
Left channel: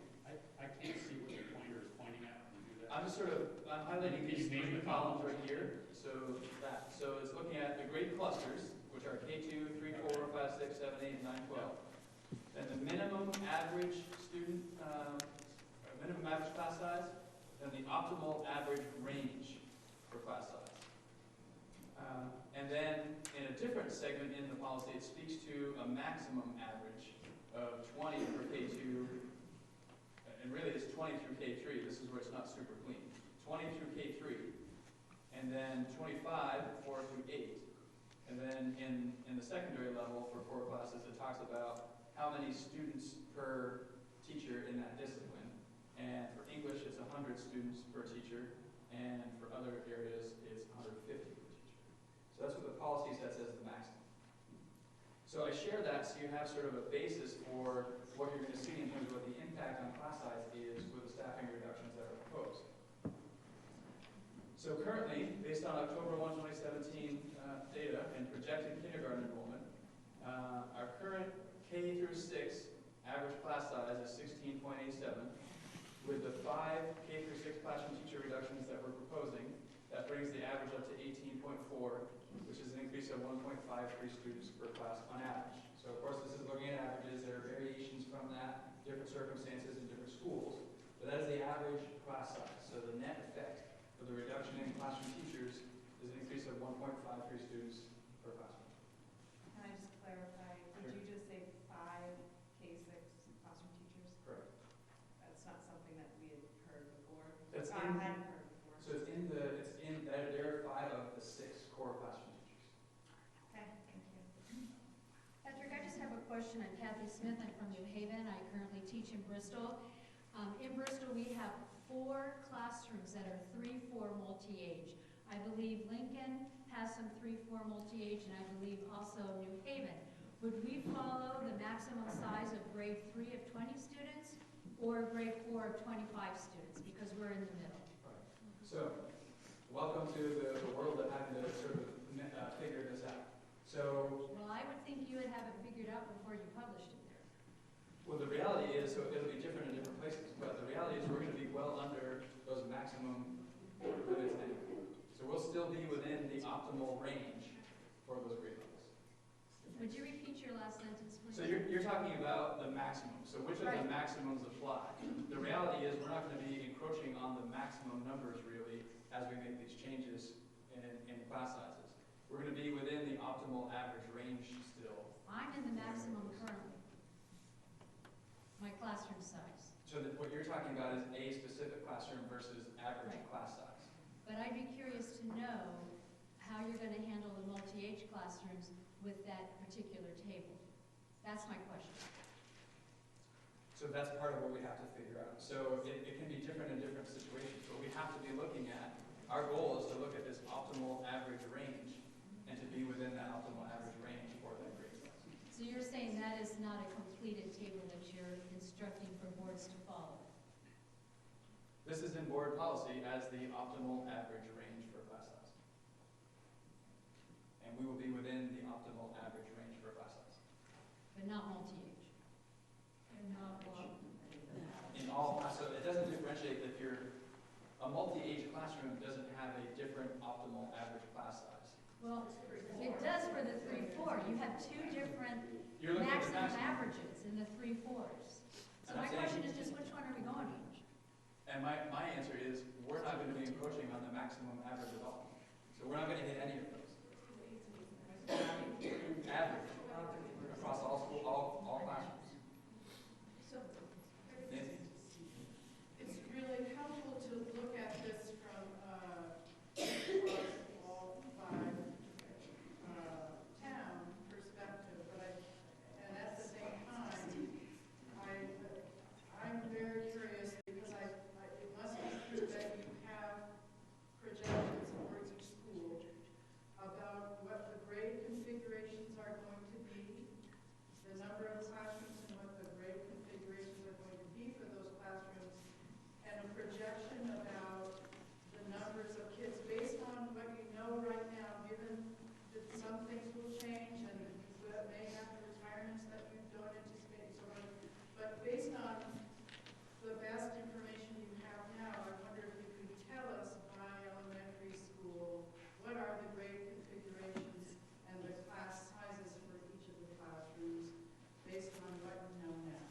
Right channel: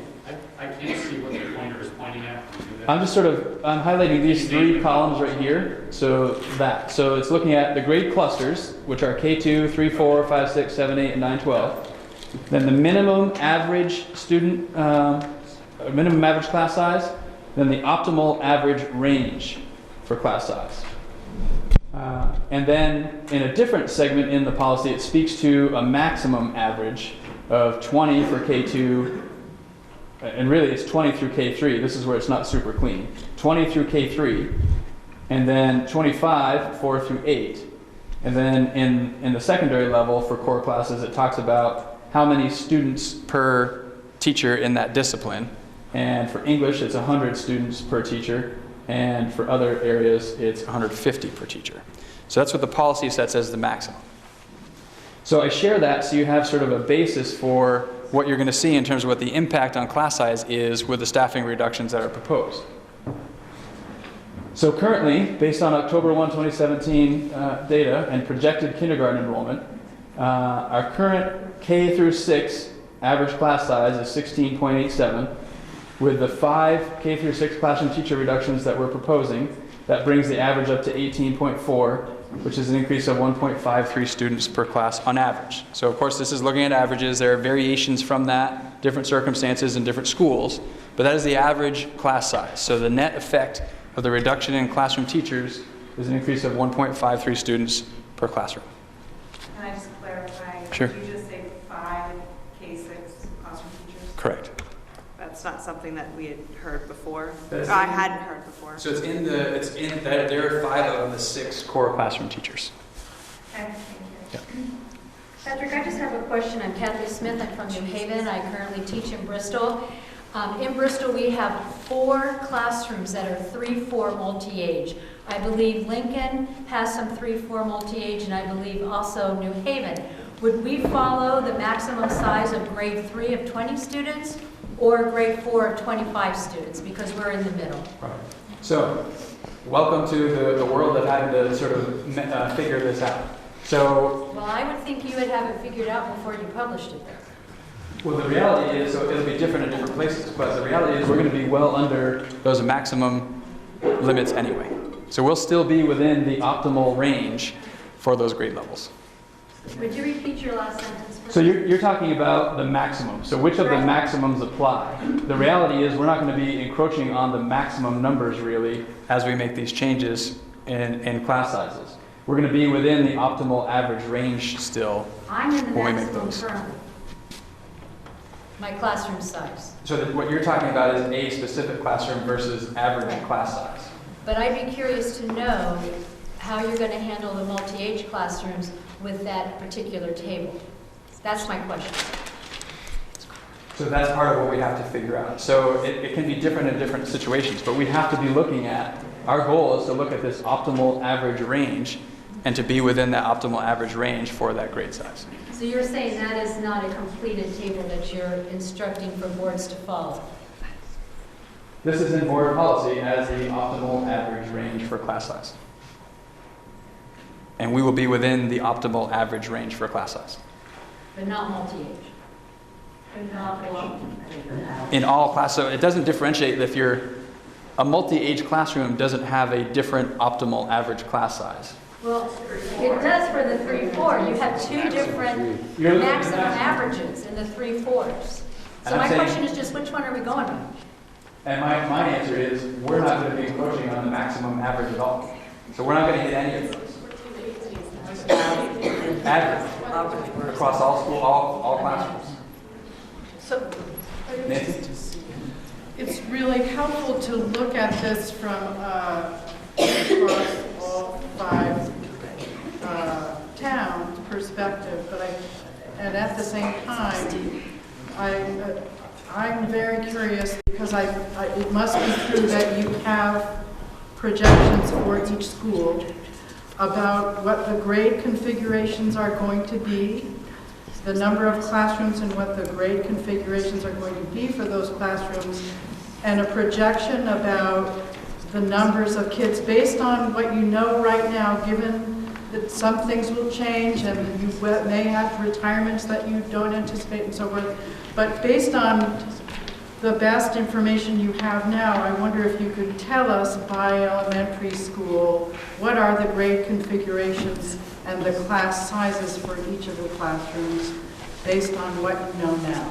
I can't see what the pointer is pointing at. I'm just I'm highlighting these 3 columns right here. So it's looking at the grade clusters, which are K2, 3, 4, 5, 6, 7, 8, and 9, 12. Then the minimum average student, minimum average class size, then the optimal average range for class size. And then in a different segment in the policy, it speaks to a maximum average of 20 for K2, and really it's 20 through K3. This is where it's not super clean. 20 through K3, and then 25, 4 through 8. And then in the secondary level for core classes, it talks about how many students per teacher in that discipline. And for English, it's 100 students per teacher. And for other areas, it's 150 per teacher. So that's what the policy sets as the maximum. So I share that so you have sort of a basis for what you're going to see in terms of what the impact on class size is with the staffing reductions that are proposed. So currently, based on October 1, 2017 data and projected kindergarten enrollment, our current K through 6 average class size is 16.87. With the 5 K through 6 classroom teacher reductions that we're proposing, That brings the average up to 18.4, which is an increase of 1.53 students per class on average. So of course this is looking at averages. There are variations from that, different circumstances in different schools, but that is the average class size. So the net effect of the reduction in classroom teachers is an increase of 1.53 students per classroom. Can I just clarify? Sure. Did you just say 5 K-6 classroom teachers? Correct. That's not something that we had heard before. That's I hadn't heard before. So it's in that there are 5 of the 6 core classroom teachers. Okay, thank you. Patrick, I just have a question. I'm Kathy Smith. I'm from New Haven. I currently teach in Bristol. In Bristol, we have 4 classrooms that are 3-4 multi-age. I believe Lincoln has some 3-4 multi-age, and I believe also New Haven. Would we follow the maximum size of grade 3 of 20 students or grade 4 of 25 students, because we're in the middle? Right. So, welcome to the world of having to sort of figure this out. So, Well, I would think you would have it figured out before you published it there. well, the reality is, so it'll be different in different places, but the reality is we're going to be well under those maximum limits anyway. So we'll still be within the optimal range for those grade levels. Would you repeat your last sentence, please? So you're talking about the maximum. So which of the maximums apply? The reality is we're not going to be encroaching on the maximum numbers really as we make these changes in class sizes. We're going to be within the optimal average range still I'm in the when we make maximum those. currently. My classroom size. So that what you're talking about is a specific classroom versus average class size. But I'd be curious to know how you're going to handle the multi-age classrooms with that particular table. That's my question. So that's part of what we have to figure out. So it can be different in different situations, but we have to be looking at, our goal is to look at this optimal average range and to be within that optimal average range for that grade size. So you're saying that is not a completed table that you're instructing for boards to follow? This is in board policy as the optimal average range for class size. And we will be within the optimal average range for class size. But not multi-age? In all class, so it doesn't differentiate if you're, a multi-age classroom doesn't have a different optimal average class size. Well, it does for the 3-4. You have 2 different maximum averages in the 3-4s. So my question is just, which one are we going with? And my answer is, we're not going to be encroaching on the maximum average at all. So we're not going to hit any of those. Average. Across all school, all classrooms. So, Nancy? it's really helpful to look at this from across all 5 towns' perspective, but and at the same time, I'm very curious because it must be true that you have projections for each school about what the grade configurations are going to be, the number of classrooms and what the grade configurations are going to be for those classrooms, and a projection about the numbers of kids based on what you know right now, given that some things will change and you may have retirements that you don't anticipate and so forth. But based on the best information you have now, I wonder if you could tell us by elementary school, what are the grade configurations and the class sizes for each of the classrooms based on what you know now?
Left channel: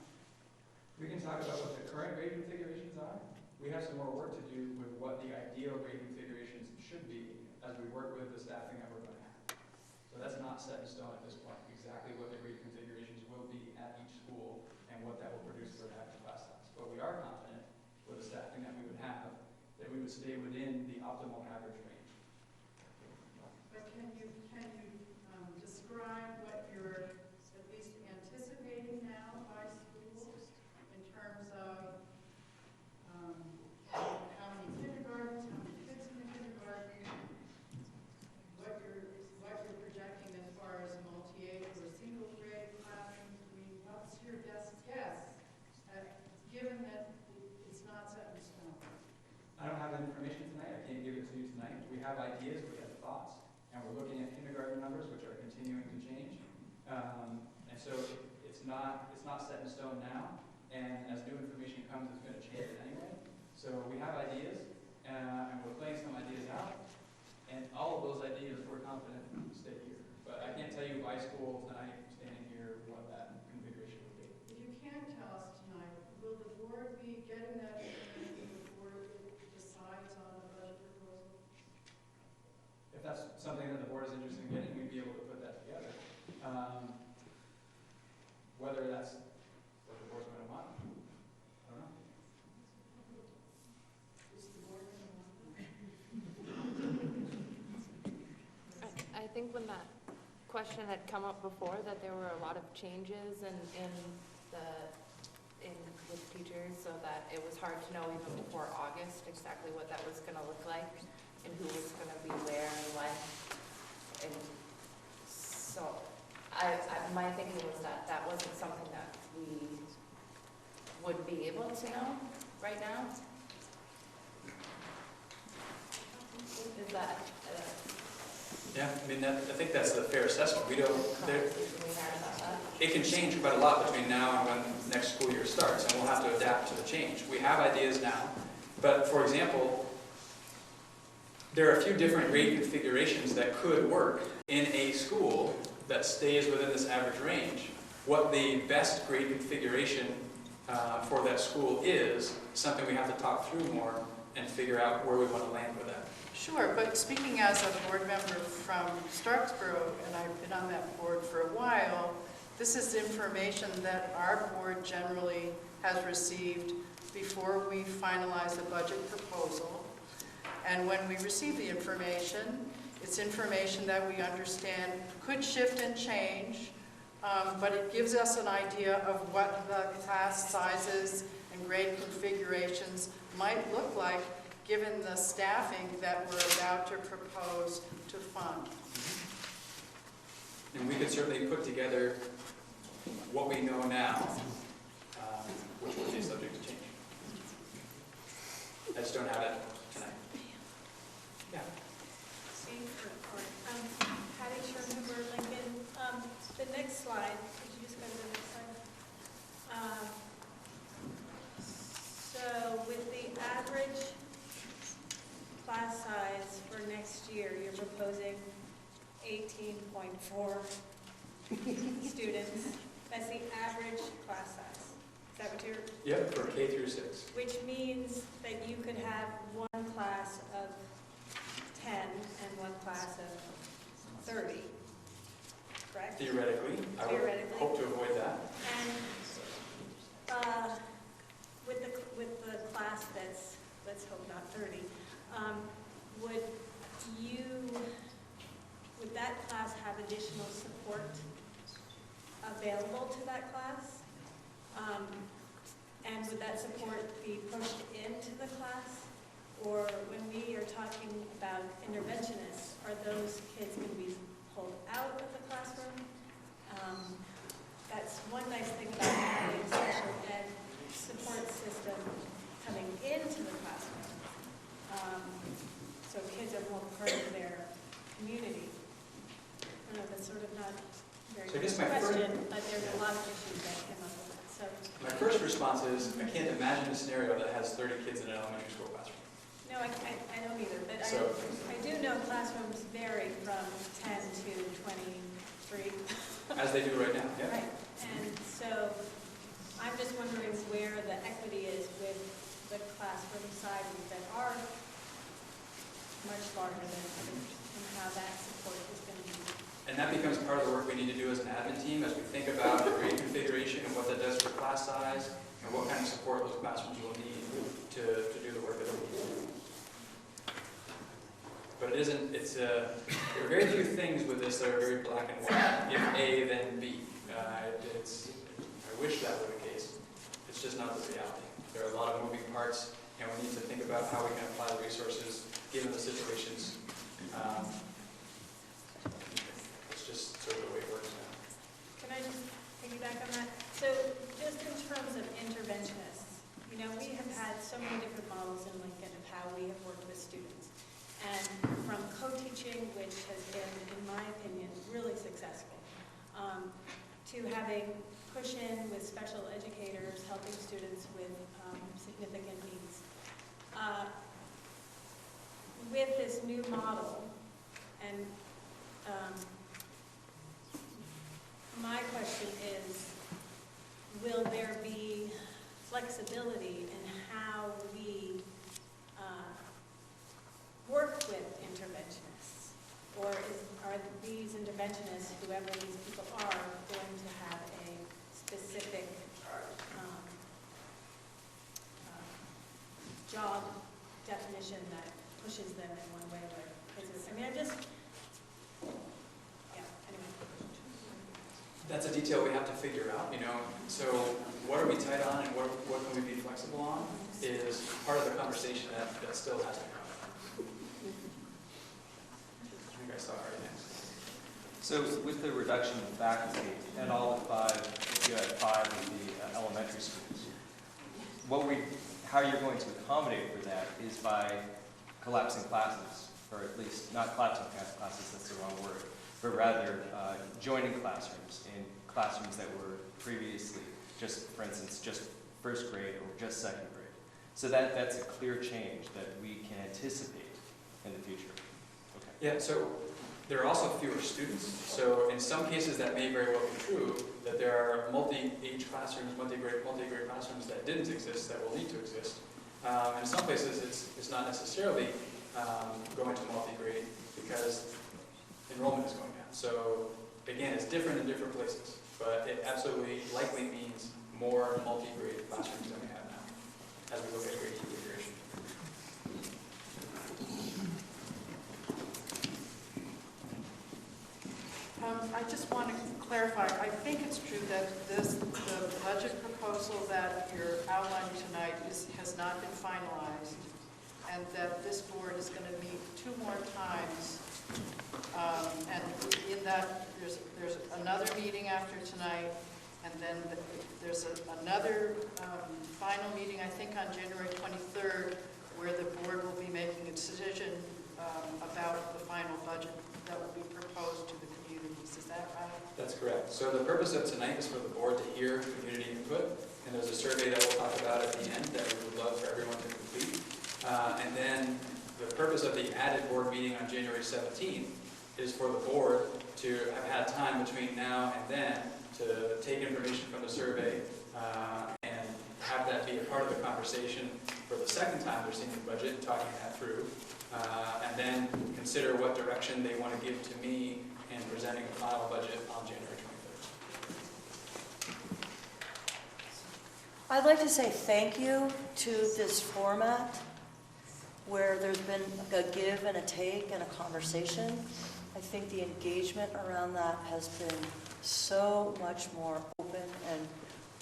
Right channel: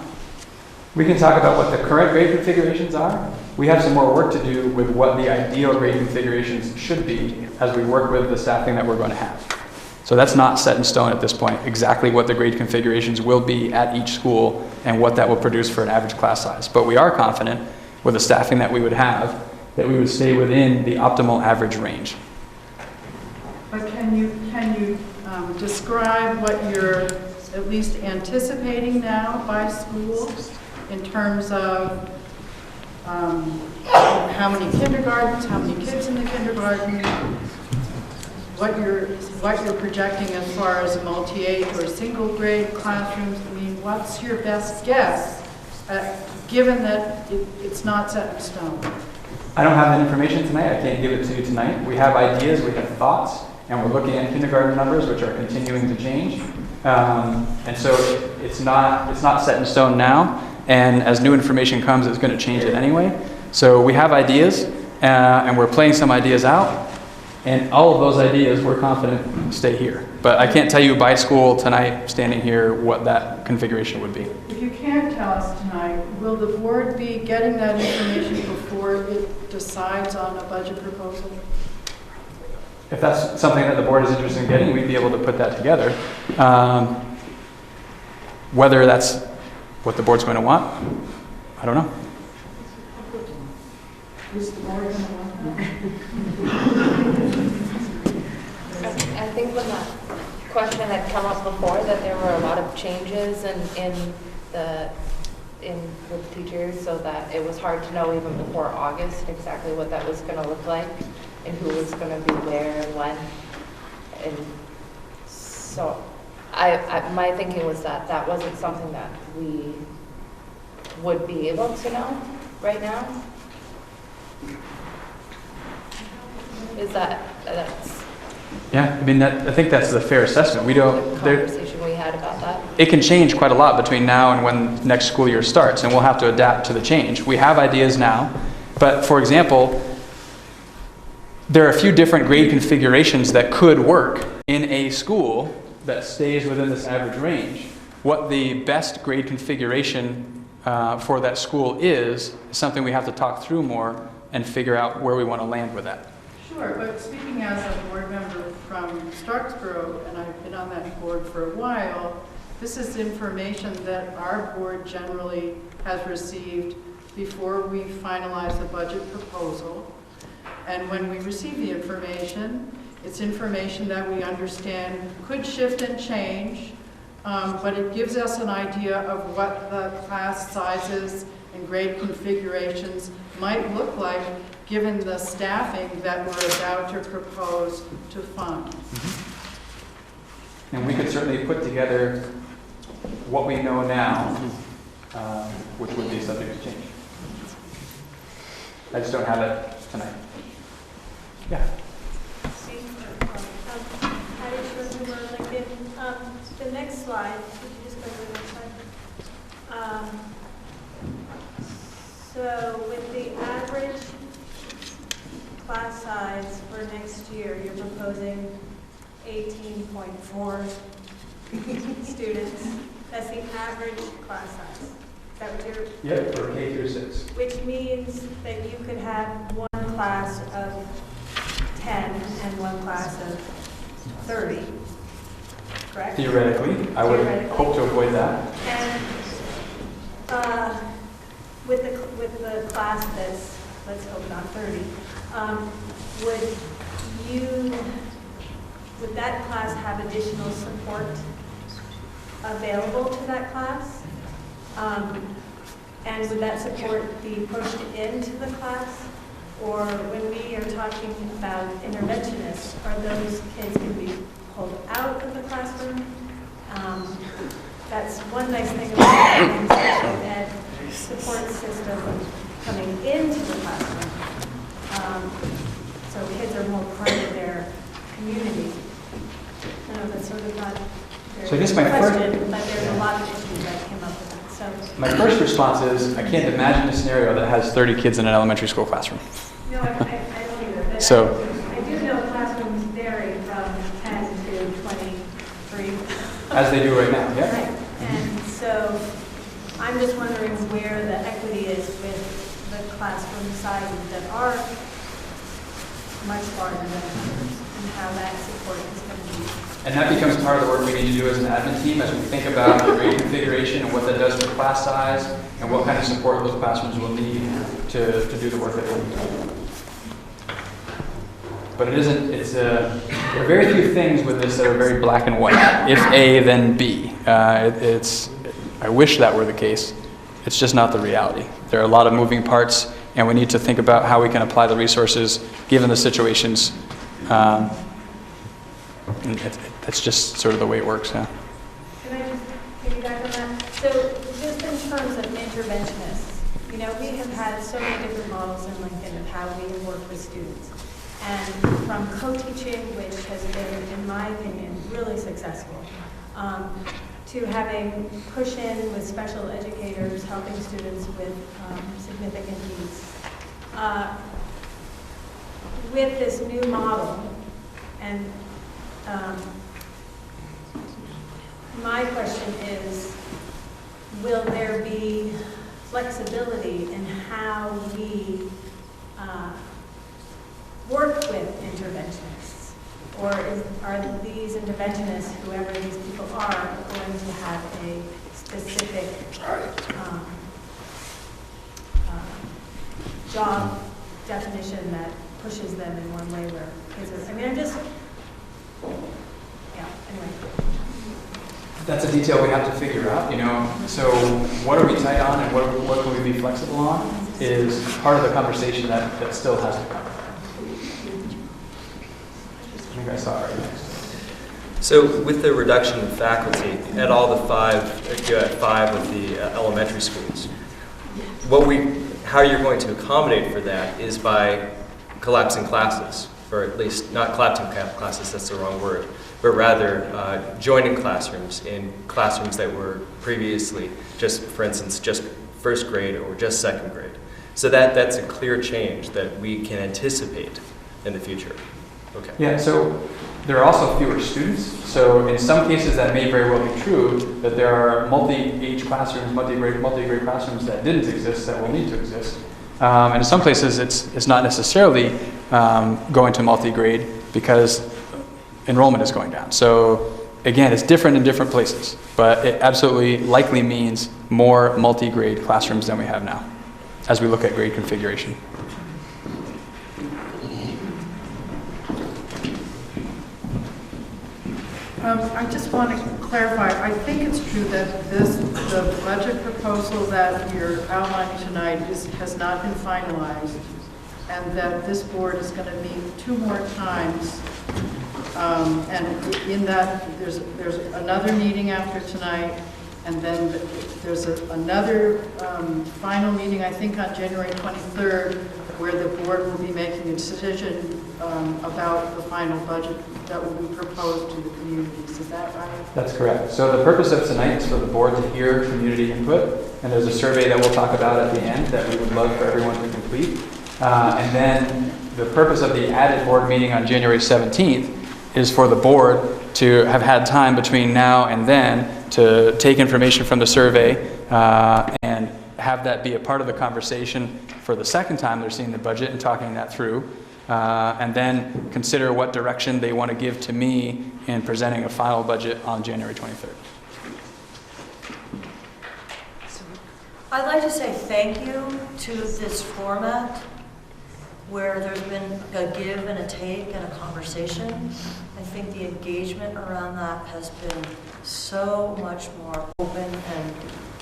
We can talk about what the current grade configurations are. We have some more work to do with what the ideal grade configurations should be as we work with the staffing that we're going to have. So that's not set in stone at this point, exactly what the grade configurations will be at each school and what that will produce for an average class size. But we are confident with the staffing that we would have that we would stay within the optimal average range. But can you describe what you're at least anticipating now by school in terms of how many kindergartens, how many kids in the kindergarten, what you're projecting as far as multi-age or single grade classrooms? I mean, what's your best guess, given that it's not set in stone? I don't have that information tonight. I can't give it to you tonight. We have ideas, we have thoughts, and we're looking at kindergarten numbers, which are continuing to change. And so it's not set in stone now. And as new information comes, it's going to change it anyway. So we have ideas, and we're playing some ideas out, and all of those ideas, we're confident, stay here. But I can't tell you by school tonight, standing here, what that configuration would be. If you can't tell us tonight, will the board be getting that information before it decides on a budget proposal? If that's something that the board is interested in getting, we'd be able to put that together. Whether that's what the board's going to want, I don't know. Is the board going to want that? I think when that question had come up before, that there were a lot of changes with teachers, so that it was hard to know even before August exactly what that was going to look like and who was going to be where and when. And so my thinking was that that wasn't something that we would be able to know right now. Is that's Yeah, I mean, I think that's the fair assessment. We don't. conversation we had about that? It can change quite a lot between now and when next school year starts, and we'll have to adapt to the change. We have ideas now, but for example, there are a few different grade configurations that could work in a school that stays within this average range. What the best grade configuration for that school is something we have to talk through more and figure out where we want to land with that. Sure, but speaking as a board member from Starksboro, and I've been on that board for a while, this is information that our board generally has received before we finalize the budget proposal. And when we receive the information, it's information that we understand could shift and change, but it gives us an idea of what the class sizes and grade configurations might look like given the staffing that we're about to propose to fund. And we could certainly put together what we know now, which would be subject to change. I just don't have it tonight. Yeah. The next slide, could you just go to the next slide? So with the average class size for next year, you're proposing 18.4 students. That's the average class size. Is that what you're? Yeah, for K through 6. Which means that you could have one class of 10 and one class of 30, correct? Theoretically, I would hope to avoid that. And with the class that's, let's hope not 30, would that class have additional support available to that class? And would that support be pushed into the class? Or when we are talking about interventionists, are those kids going to be pulled out of the classroom? That's one nice thing about the special ed support system coming into the classroom. So kids are more part of their community. I know that's sort of not very So I guess my question, but there's a lot of issues that came up with that. So My first response is, I can't imagine a scenario that has 30 kids in an elementary school classroom. no, I don't either. But So, I do know classrooms vary from 10 to 23. as they do right now, yeah. Right. And so I'm just wondering where the equity is with the classroom sizes that are much larger than others, and how that support is going to be. And that becomes part of the work we need to do as an admin team as we think about the grade configuration and what that does for class size and what kind of support those classrooms will need to do the work that they need. But it isn't, there are very few things with this that are very black and white. If A, then B. I wish that were the case. It's just not the reality. There are a lot of moving parts, and we need to think about how we can apply the resources given the situations. That's just sort of the way it works now. Can I just piggyback on that? So just in terms of interventionists, you know, we have had so many different models in Lincoln of how we work with students. And from co-teaching, which has been, in my opinion, really successful, to having push-in with special educators helping students with significant needs. with this new model, and my question is, will there be flexibility in how we work with interventionists? Or are these interventionists, whoever these people are, going to have a specific job definition that pushes them in one way where kids are, I mean, I'm just, yeah, anyway. That's a detail we have to figure out, you know. So what are we tight on and what can we be flexible on is part of the conversation that still has to come. I think I saw it right next. So with the reduction in faculty at all the five, if you had five of the elementary schools, how you're going to accommodate for that is by collapsing classes, or at least not collapsing classes, that's the wrong word, but rather joining classrooms in classrooms that were previously just, for instance, just first grade or just second grade. So that's a clear change that we can anticipate in the future. Okay. Yeah, so there are also fewer students. So in some cases that may very well be true, that there are multi-age classrooms, multi-grade classrooms that didn't exist that will need to exist. And in some places it's not necessarily going to multi-grade because enrollment is going down. So again, it's different in different places, but it absolutely likely means more multi-grade classrooms than we have now as we look at grade configuration. I just want to clarify, I think it's true that the budget proposal that you're outlining tonight has not been finalized, and that this board is going to meet 2 more times. And in that, there's another meeting after tonight, and then there's another final meeting, I think on January 23rd, where the board will be making a decision about the final budget that will be proposed to the communities. Is that right? That's correct. So the purpose of tonight is for the board to hear community input, and there's a survey that we'll talk about at the end that we would love for everyone to complete. And then the purpose of the added board meeting on January 17th is for the board to have had time between now and then to take information from the survey and have that be a part of the conversation for the second time they're seeing the budget and talking that through. And then consider what direction they want to give to me in presenting a final budget on January 23rd. I'd like to say thank you to this format where there's been a give and a take and a conversation. I think the engagement around that has been so much more open and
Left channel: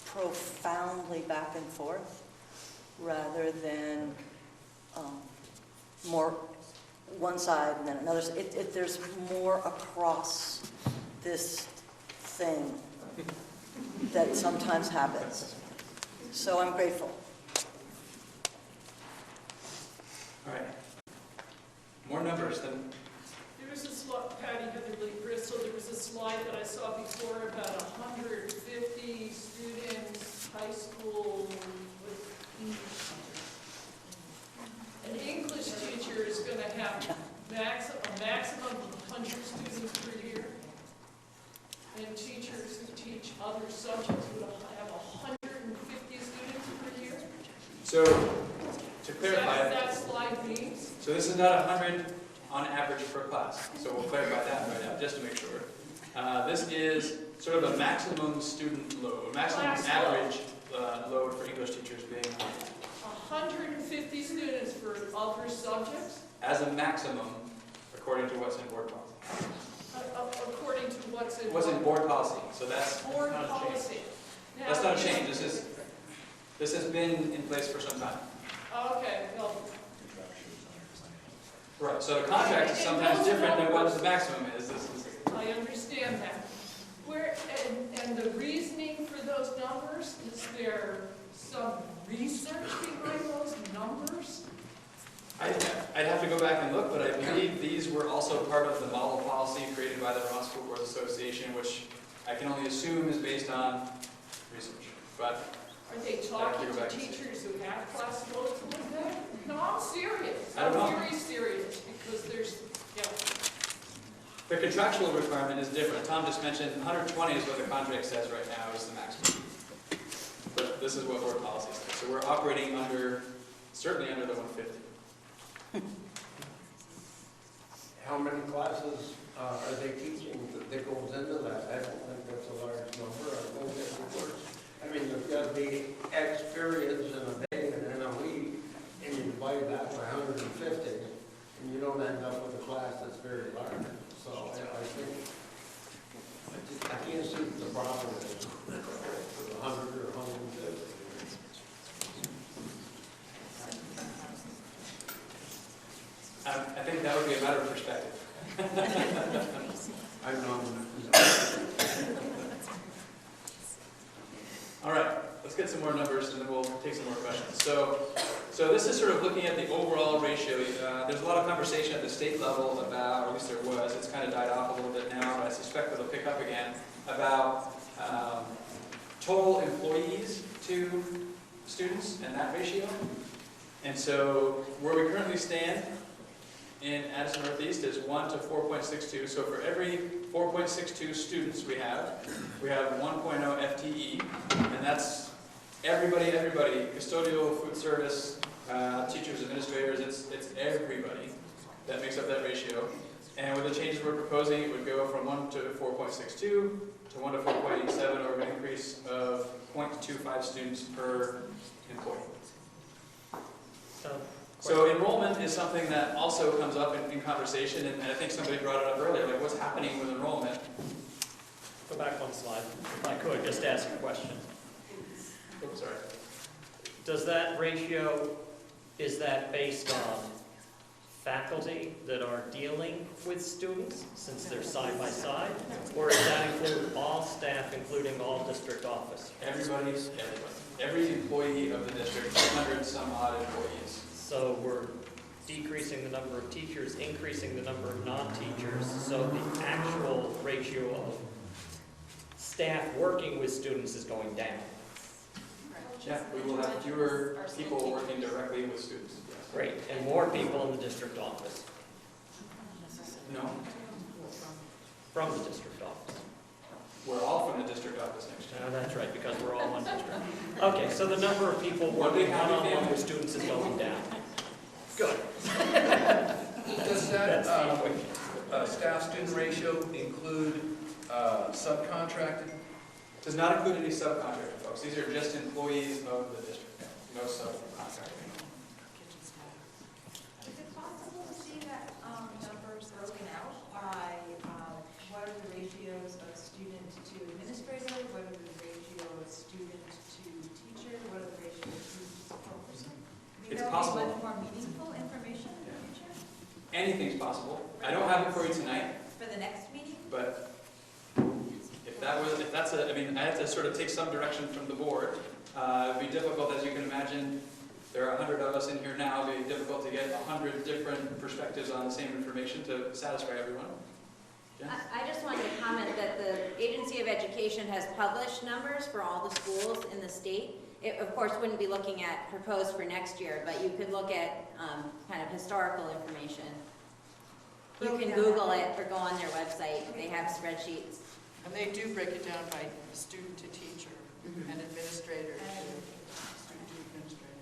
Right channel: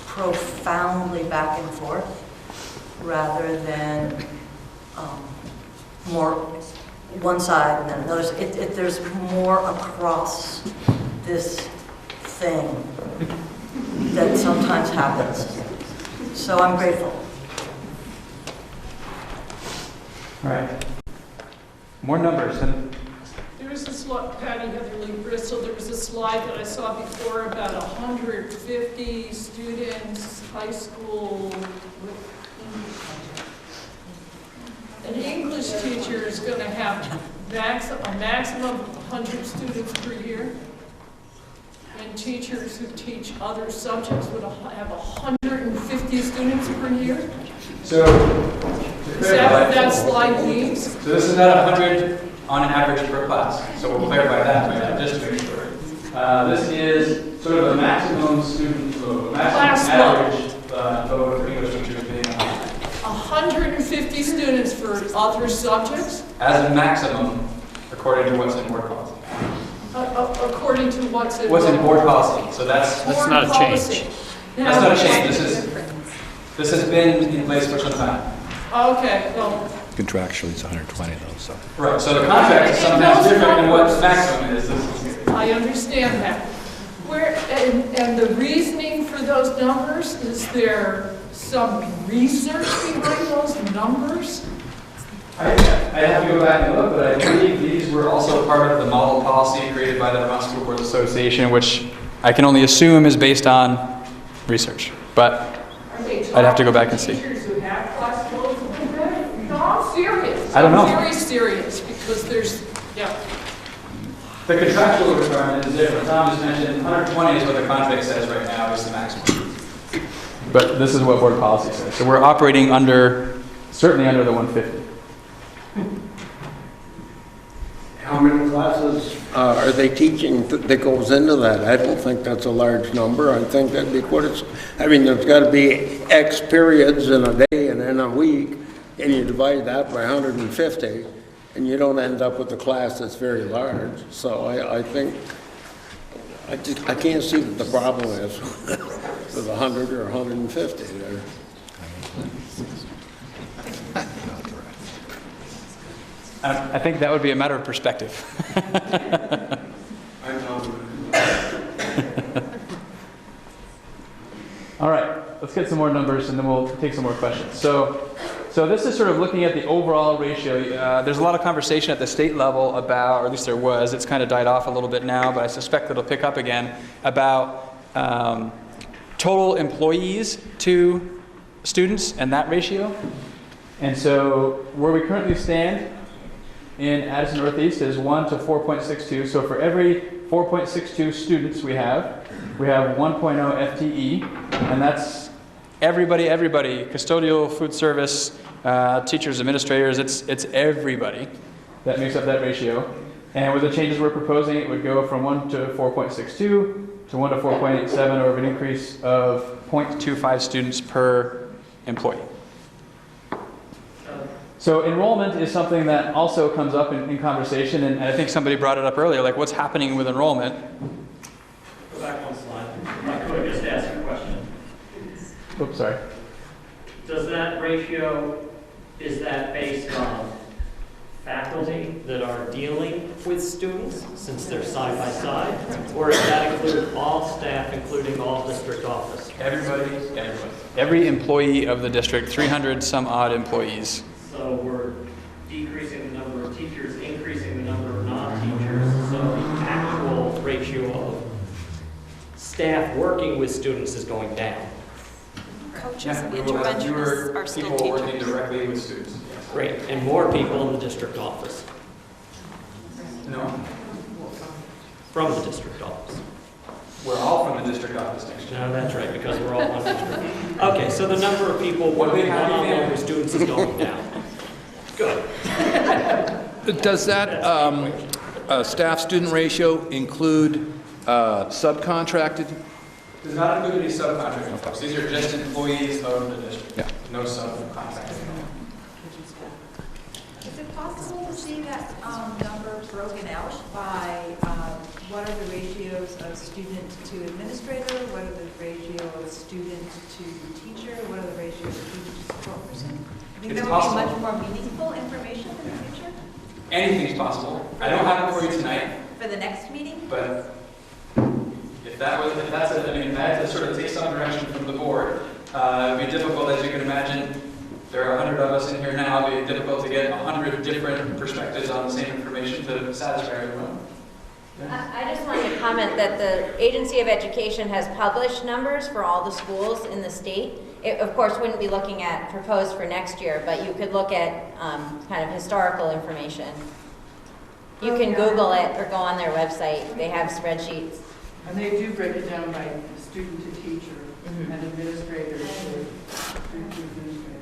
profoundly back and forth rather than more one side and then another. There's more across this thing that sometimes happens. So I'm grateful. All right. More numbers. There was a slide, Patty Heatherly Bristol, there was a slide that I saw before about 150 students, high school. An English teacher is going to have a maximum of 100 students per year. And teachers who teach other subjects would have 150 students per year. So, is that what that slide means? So this is about 100 on average per class. So we'll clarify that just to make sure. This is sort of a maximum student load, maximum average load for English teachers being 150 students for other subjects? As a maximum, according to what's in board policy. According to what's in board policy. So that's not a change. That's not a change. This has been in place for some time. Okay, well. Contractually, it's 120 though, so. Right, so the contract is sometimes different than what the maximum is. I understand that. And the reasoning for those numbers, is there some research behind those numbers? I have to go back and look, but I believe these were also part of the model policy created by the Vermont School Boards Association, which I can only assume is based on research. But I'd have to go back and see. Teachers who have class loads, no, I'm serious. I don't know. Very serious, because there's, yeah. The contractual requirement is different. Tom just mentioned 120 is what the contract says right now is the maximum. But this is what board policy says. So we're operating under, certainly under the 150. How many classes are they teaching that goes into that? I don't think that's a large number. I think that'd be what it's, I mean, there's got to be X periods in a day and in a week, and you divide that by 150, and you don't end up with a class that's very large. So I think, I can't see what the problem is with 100 or 150 there. I think that would be a matter of perspective. All right, let's get some more numbers and then we'll take some more questions. So this is sort of looking at the overall ratio. There's a lot of conversation at the state level about, or at least there was, it's kind of died off a little bit now, but I suspect it'll pick up again, about total employees to students and that ratio. And so where we currently stand in Addison Northeast is 1 to 4.62. So for every 4.62 students we have 1.0 FTE, and that's everybody, custodial, food service, teachers, administrators, it's everybody that makes up that ratio. And with the changes we're proposing, it would go from 1 to 4.62 to 1 to 4.87, or an increase of 0.25 students per employee. So enrollment is something that also comes up in conversation, and I think somebody brought it up earlier, like what's happening with enrollment. Go back one slide. I could just ask a question. Oops, sorry. Does that ratio, is that based on faculty that are dealing with students, since they're side by side? Or does that include all staff, including all district office? Everybody. Every employee of the district, 300 some odd employees. So we're decreasing the number of teachers, increasing the number of non-teachers, so the actual ratio of staff working with students is going down. Coaches and interventionists are still people teaching. working directly with students. Yes. Great, and more people in the district office. No, From the district office. we're all from the district office next year. No, that's right, because we're all one district. Okay, so the number of people working one-on-one with students is going down. Good. Does that staff-student ratio include subcontracted? Does not include any subcontracting folks. These are just employees of the district. Yeah. No subcontracting. Is it possible to see that number broken out by what are the ratios of student to administrator, what are the ratio of student to teacher, what are the ratios of teacher to support person? I think It's that would possible. be much more meaningful information in the future Anything's possible. I don't have it for you tonight, for the next meeting. but if that's a, I mean, I have to sort of take some direction from the board. It'd be difficult, as you can imagine. There are 100 of us in here now. It'd be difficult to get 100 different perspectives on the same information to satisfy everyone. I just wanted to comment that the Agency of Education has published numbers for all the schools in the state. It, of course, wouldn't be looking at proposed for next year, but you could look at kind of historical information. You can Google it or go on their website. They have spreadsheets. And they do break it down by student to teacher and administrator to student to administrator.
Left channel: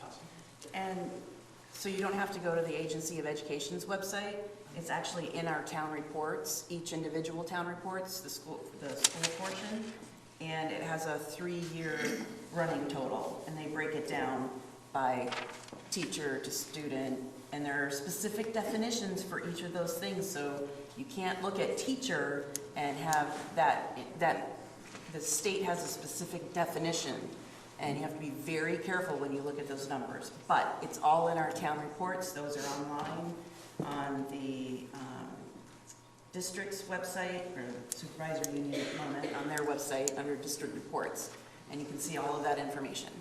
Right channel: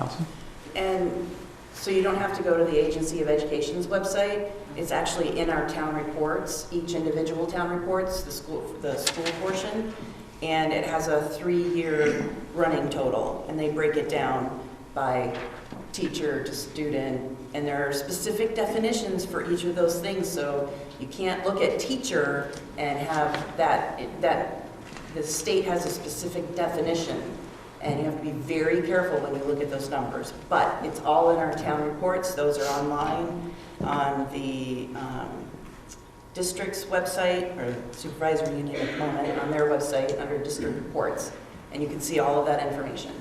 Allison? And so you don't have to go to the Agency of Education's website. It's actually in our town reports, each individual town reports, the school portion, and it has a 3-year running total, and they break it down by teacher to student, and there are specific definitions for each of those things, so you can't look at teacher and have that the state has a specific definition, and you have to be very careful when you look at those numbers. But it's all in our town reports. Those are online on the district's website, or supervisor union Enrollment on their website under district reports, and you can see all of that information.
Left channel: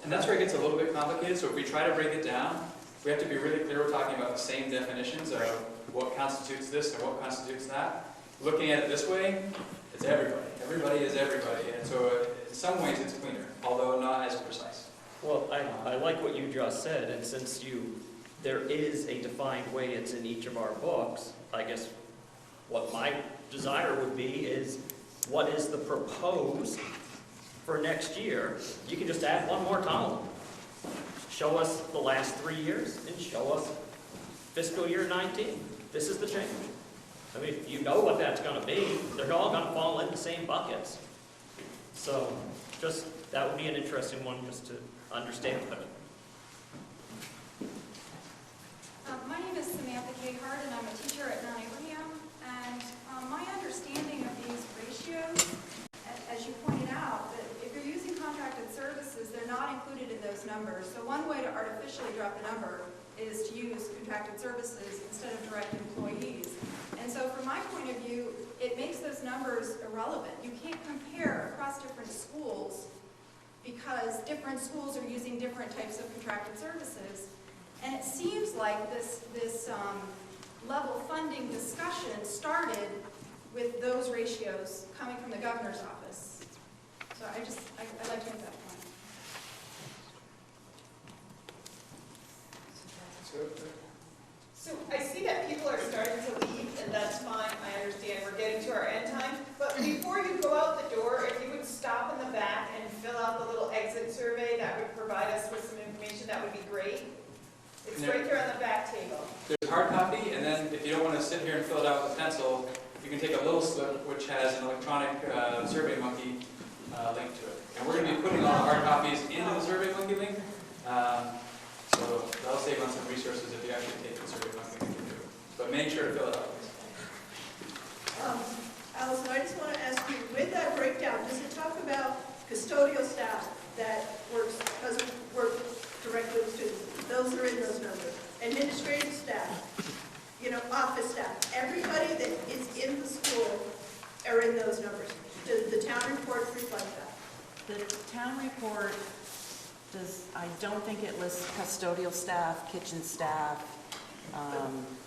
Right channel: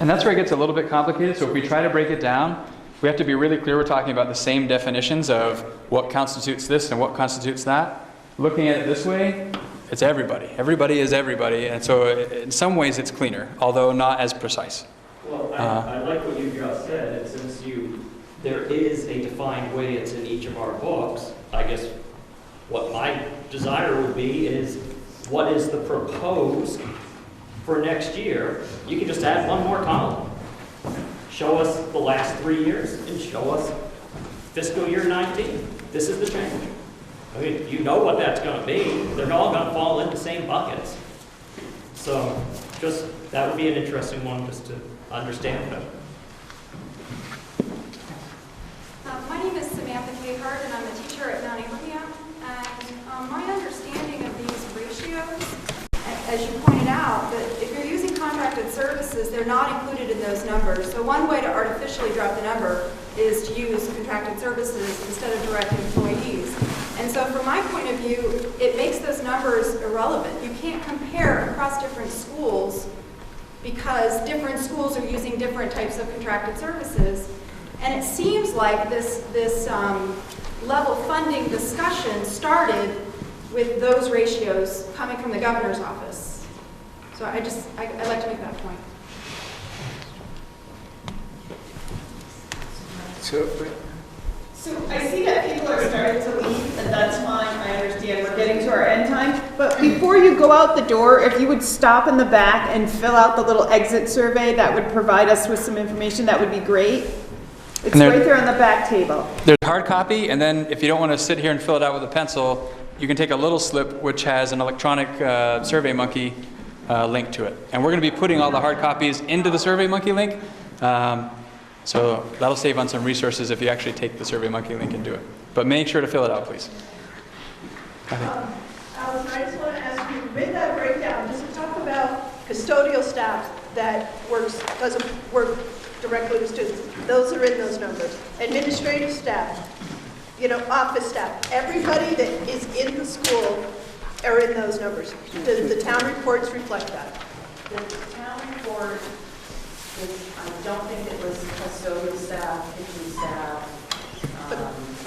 And that's where it gets a little bit complicated. So if we try to break it down, we have to be really clear we're talking about the same definitions of what constitutes this and what constitutes that. Looking at it this way, it's everybody. Everybody is everybody. And so in some ways it's cleaner, although not as precise. Well, I like what you just said, and since there is a defined way it's in each of our books, I guess what my desire would be is, what is the proposed for next year? You can just add one more column. Show us the last 3 years and show us fiscal year 19. This is the change. I mean, you know what that's going to be. They're all going to fall in the same buckets. So just, that would be an interesting one just to understand better. My name is Samantha Cahart, and I'm a teacher at Mount Abraham. And my understanding of these ratios, as you pointed out, that if you're using contracted services, they're not included in those numbers. So one way to artificially drop the number is to use contracted services instead of direct employees. And so from my point of view, it makes those numbers irrelevant. You can't compare across different schools because different schools are using different types of contracted services. And it seems like this level funding discussion started with those ratios coming from the governor's office. So I'd like to make that point. So I see that people are starting to leave, and that's fine. I understand we're getting to our end time. But before you go out the door, if you would stop in the back and fill out the little exit survey that would provide us with some information, that would be great. It's right there on the back table. There's a hard copy, and then if you don't want to sit here and fill it out with a pencil, you can take a little slip which has an electronic SurveyMonkey link to it. And we're going to be putting all the hard copies into the SurveyMonkey link. So that'll save on some resources if you actually take the SurveyMonkey link and do it. But make sure to fill it out, please. Allison, I just want to ask you, with that breakdown, does it talk about custodial staff that doesn't work directly with students? Those are in those numbers. Administrative staff, office staff, everybody that is in the school are in those numbers. The town reports reflect that. The town report I don't think it was custodial staff, kitchen staff,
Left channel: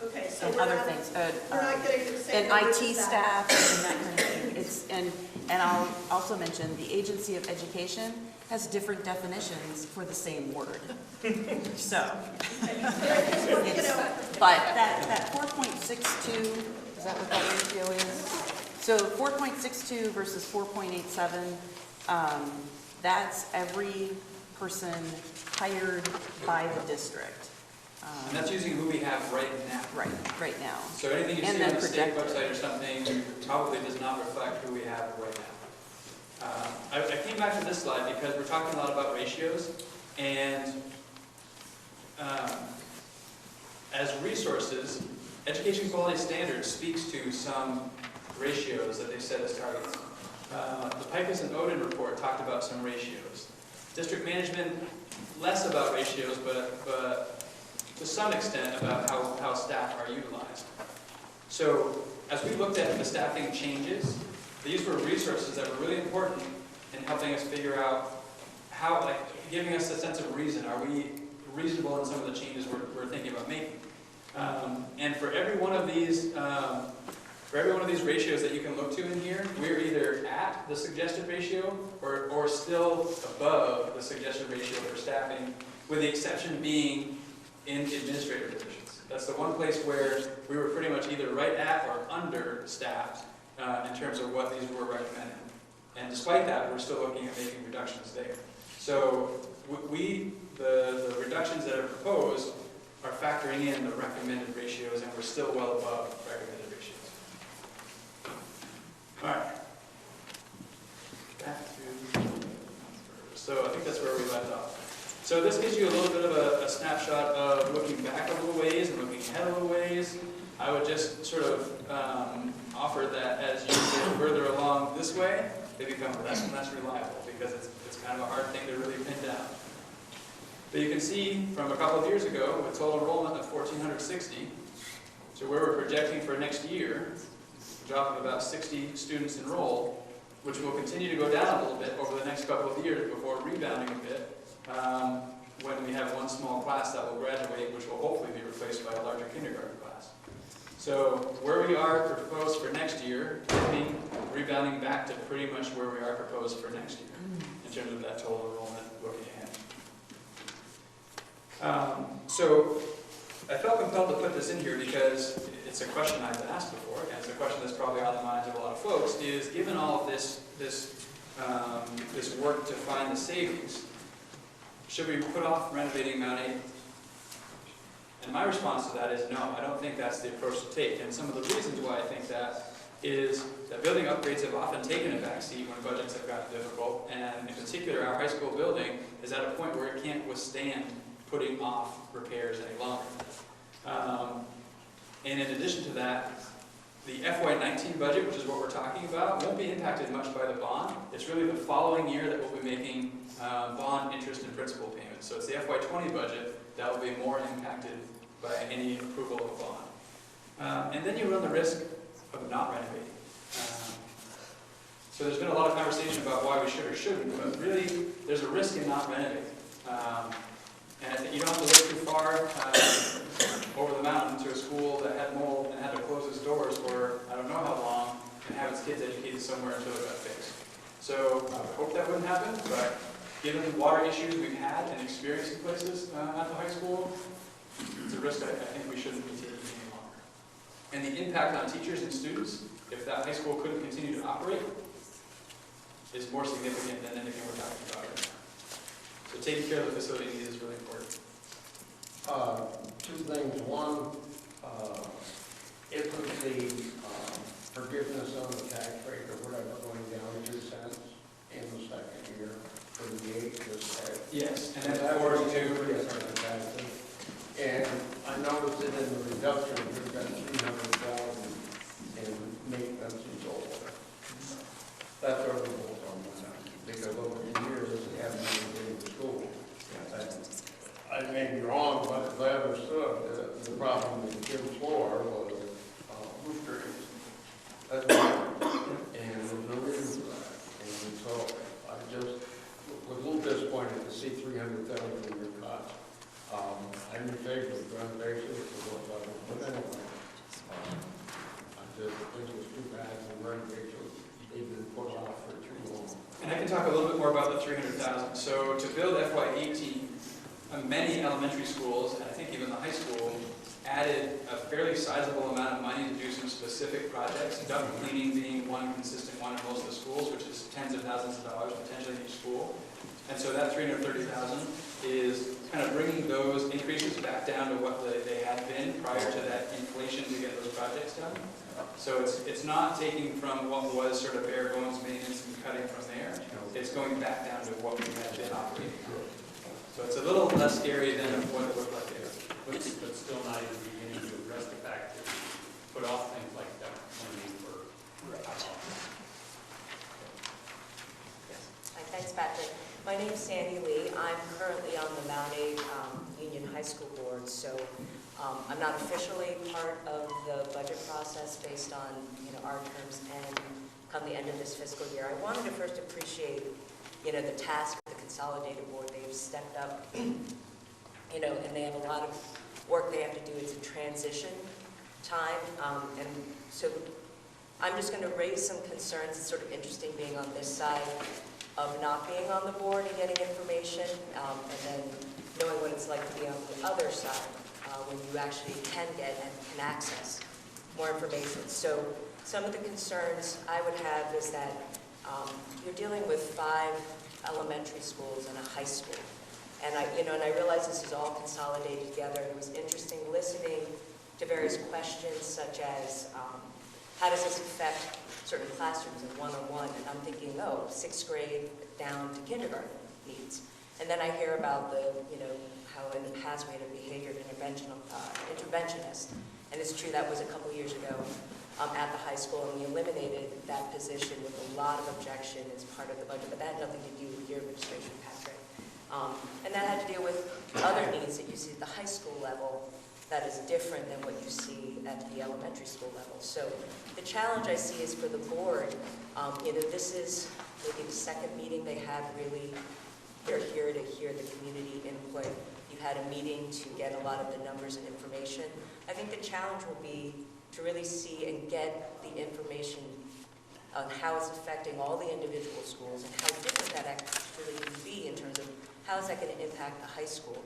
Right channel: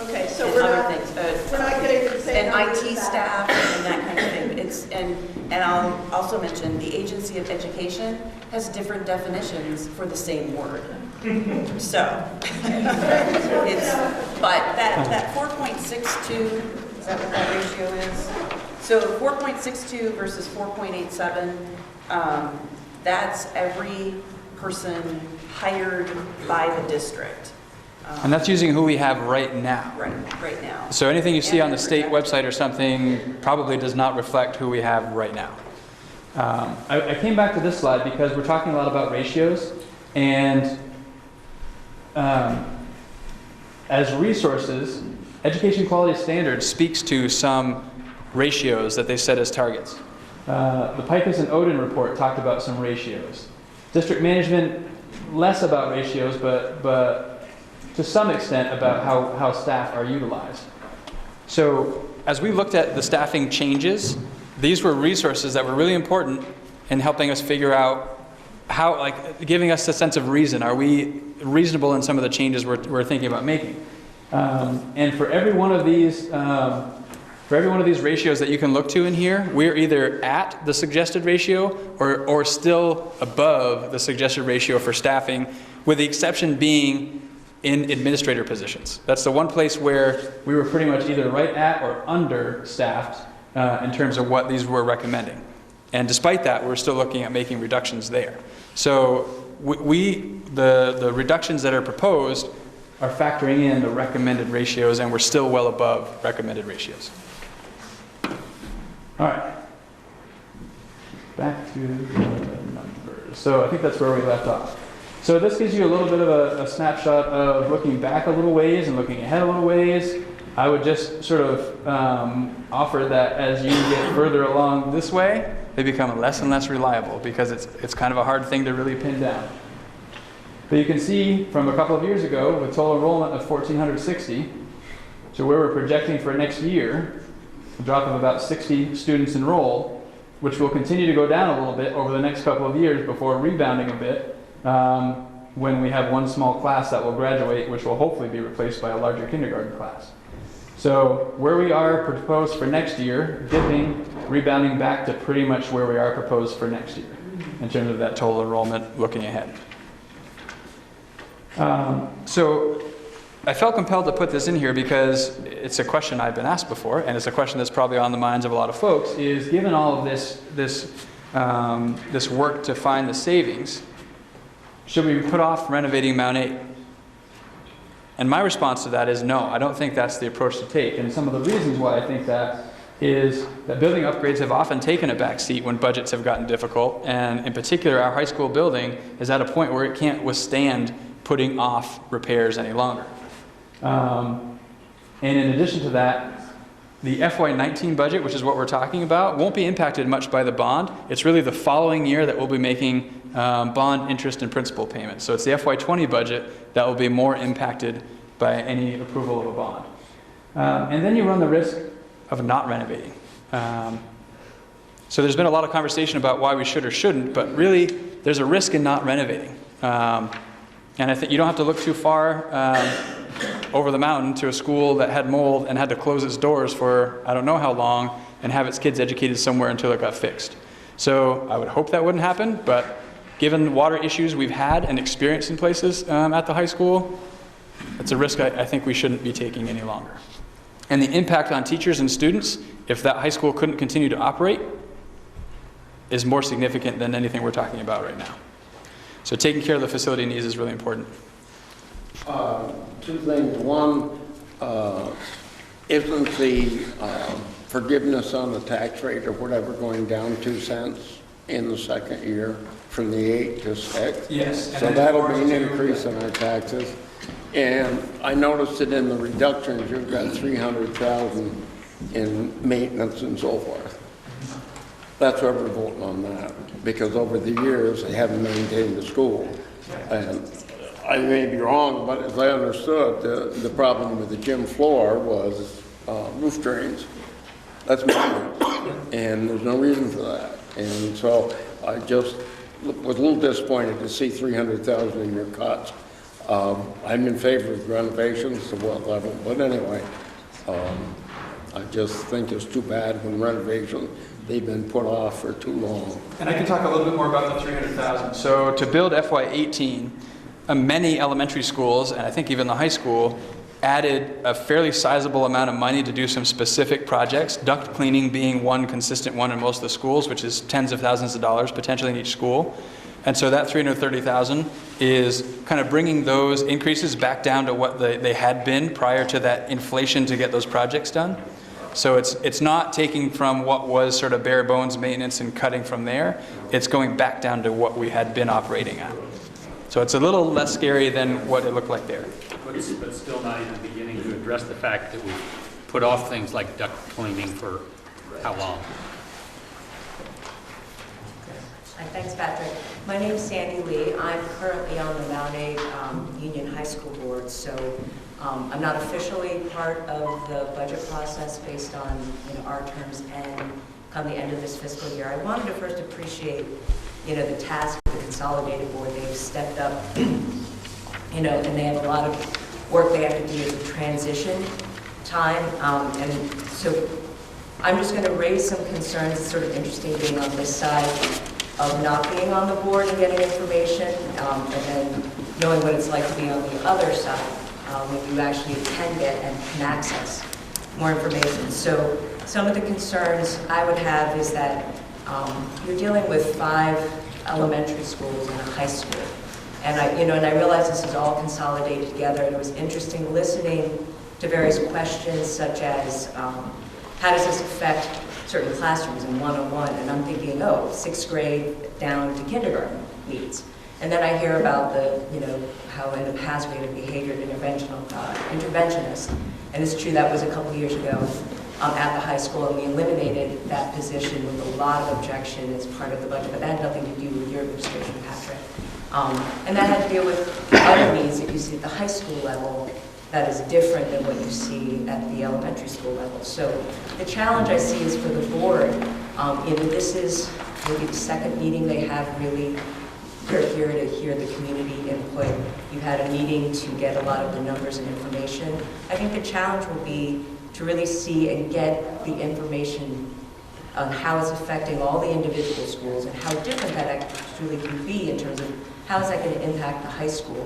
okay, so and we're other not, things. we're not getting the same And numbers IT as staff that. and that kind of thing. And I'll also mention the Agency of Education has different definitions for the same word. So, but that 4.62, is that what that ratio is? So 4.62 versus 4.87, that's every person hired by the district. And that's using who we have right now. Right now. So anything you see And on the then state website or something probably does not reflect who we have right now. I came back to this slide because we're talking a lot about ratios, and as resources, Education Quality Standards speaks to some ratios that they set as targets. The Pikus and Odin report talked about some ratios. District management, less about ratios, but to some extent about how staff are utilized. So as we looked at the staffing changes, these were resources that were really important in helping us figure out how, giving us a sense of reason. Are we reasonable in some of the changes we're thinking about making? And for every one of these, ratios that you can look to in here, we're either at the suggested ratio or still above the suggested ratio for staffing, with the exception being in administrator positions. That's the one place where we were pretty much either right at or understaffed in terms of what these were recommending. And despite that, we're still looking at making reductions there. So the reductions that are proposed are factoring in the recommended ratios, and we're still well above recommended ratios. All right. Back to the numbers. So I think that's where we left off. So this gives you a little bit of a snapshot of looking back a little ways and looking ahead a little ways. I would just sort of offer that as you get further along this way, they become less and less reliable because it's kind of a hard thing to really pin down. But you can see from a couple of years ago with total enrollment of 1,460 to where we're projecting for next year, a drop of about 60 students enrolled, which will continue to go down a little bit over the next couple of years before rebounding a bit when we have one small class that will graduate, which will hopefully be replaced by a larger kindergarten class. So where we are proposed for next year, dipping, rebounding back to pretty much where we are proposed for next year in terms of that total enrollment looking ahead. So I felt compelled to put this in here because it's a question I've been asked before, and it's a question that's probably on the minds of a lot of folks, is given all of this work to find the savings, should we put off renovating Mount 8? And my response to that is no, I don't think that's the approach to take. And some of the reasons why I think that is that building upgrades have often taken a back seat when budgets have gotten difficult. And in particular, our high school building is at a point where it can't withstand putting off repairs any longer. And in addition to that, the FY19 budget, which is what we're talking about, won't be impacted much by the bond. It's really the following year that we'll be making bond interest and principal payments. So it's the FY20 budget that will be more impacted by any approval of a bond. And then you run the risk of not renovating. So there's been a lot of conversation about why we should or shouldn't, but really there's a risk in not renovating. And I think you don't have to look too far over the mountain to a school that had mold and had to close its doors for I don't know how long and have its kids educated somewhere until it got fixed. So I would hope that wouldn't happen, but given the water issues we've had and experienced in places at the high school, it's a risk I think we shouldn't be taking any longer. And the impact on teachers and students, if that high school couldn't continue to operate, is more significant than anything we're talking about right now. So taking care of the facility needs is really important. Two things. One, isn't the forgiveness on the tax rate or whatever going down 2 cents in the second year from the 8 to 6? Yes. So that'll be an increase in our taxes. And I noticed that in the reductions, you've got $300,000 in maintenance and so forth. That's why we're voting on that, because over the years, they haven't maintained the school. And I may be wrong, but as I understood, the problem with the gym floor was roof drains. That's maintenance, and there's no reason for that. And so I just was a little disappointed to see $300,000 in your cuts. I'm in favor of renovations to what level, but anyway, I just think it's too bad when renovations, they've been put off for too long. And I can talk a little bit more about the $300,000. So to build FY18, many elementary schools, and I think even the high school, added a fairly sizable amount of money to do some specific projects, duct cleaning being one consistent one in most of the schools, which is tens of thousands of dollars potentially in each school. And so that $330,000 is kind of bringing those increases back down to what they had been prior to that inflation to get those projects done. So it's not taking from what was sort of bare bones maintenance and cutting from there. It's going back down to what we had been operating at. So it's a little less scary than what it looked like there. But still not even beginning to address the fact that we put off things like duct cleaning for how long? Hi, thanks, Patrick. My name is Sandy Lee. I'm currently on the Mount 8 Union High School Board, so I'm not officially part of the budget process based on our terms end come the end of this fiscal year. I wanted to first appreciate the task of the Consolidated Board. They've stepped up, and they have a lot of work they have to do as a transition time, and so I'm just going to raise some concerns. It's sort of interesting being on this side of not being on the board and getting information, and then knowing what it's like to be on the other side when you actually can get and can access more information. So some of the concerns I would have is that you're dealing with 5 elementary schools and a high school. And I realize this is all consolidated together, and it was interesting listening to various questions such as how does this affect certain classrooms in one-on-one? And I'm thinking, oh, 6th grade down to kindergarten needs. And then I hear about the, how in the past we had a behavior interventionist. And it's true, that was a couple years ago at the high school, and we eliminated that position with a lot of objection as part of the budget, but that had nothing to do with your administration, Patrick. And that had to do with other needs that you see at the high school level that is different than what you see at the elementary school level. So the challenge I see is for the board, this is maybe the second meeting they have really. They're here to hear the community input. You've had a meeting to get a lot of the numbers and information. I think the challenge will be to really see and get the information on how it's affecting all the individual schools and how different that actually can be in terms of how is that going to impact the high school.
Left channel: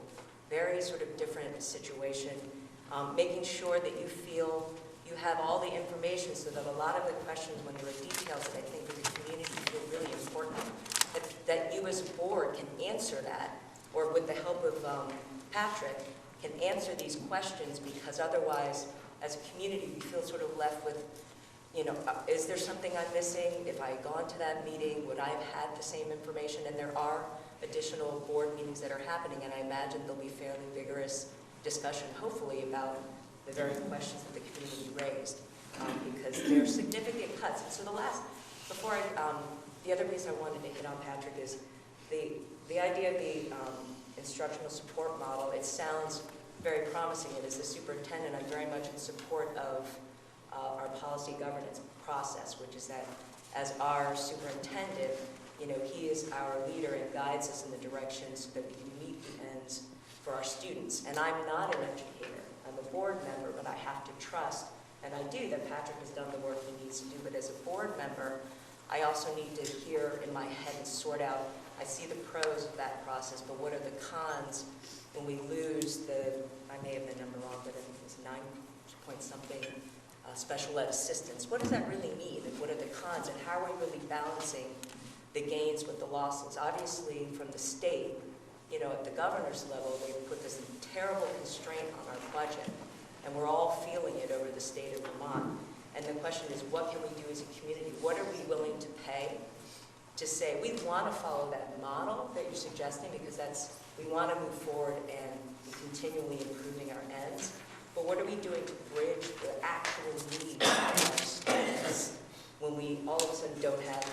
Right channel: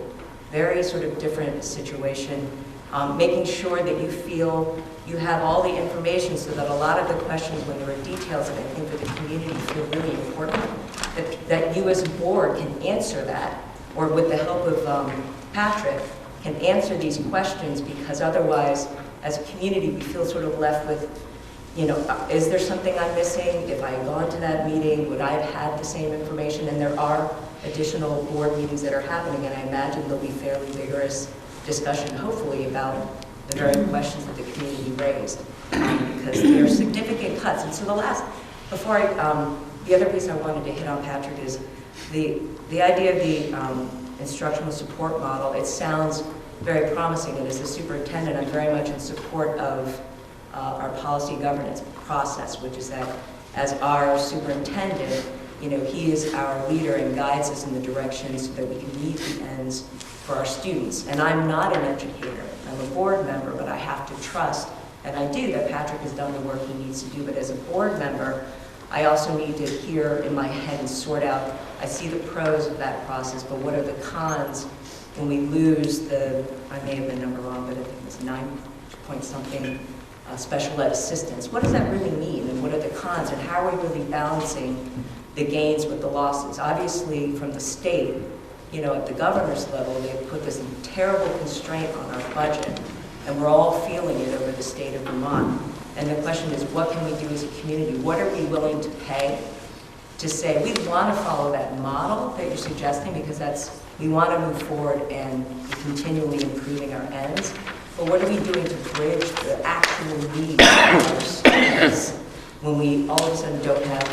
very sort of different situation. Making sure that you feel you have all the information so that a lot of the questions when there are details that I think that the community feel really important, that you as a board can answer that, or with the help of Patrick, can answer these questions, because otherwise, as a community, we feel sort of left with, you know, is there something I'm missing? If I had gone to that meeting, would I have had the same information? And there are additional board meetings that are happening, and I imagine there'll be fairly vigorous discussion, hopefully, about the very questions that the community raised, because there are significant cuts. And so the other piece I wanted to hit on, Patrick, is the idea of the instructional support model. It sounds very promising, and as the superintendent, I'm very much in support of our policy governance process, which is that as our superintendent, you know, he is our leader and guides us in the direction so that we can meet the ends for our students. And I'm not an educator, I'm a board member, but I have to trust, and I do, that Patrick has done the work he needs to do, but as a board member, I also need to hear in my head and sort out, I see the pros of that process, but what are the cons when we lose the, I may have been number wrong, but I think it was 9 point something special ed assistants. What does that really mean, and what are the cons, and how are we really balancing the gains with the losses? Obviously, from the state, you know, at the governor's level, they've put this terrible constraint on our budget, and we're all feeling it over the state of Vermont. And the question is, what can we do as a community? What are we willing to pay to say, we want to follow that model that you're suggesting, because we want to move forward and continually improving our ends. But what are we doing to bridge the actual needs of our students when we all of a sudden don't have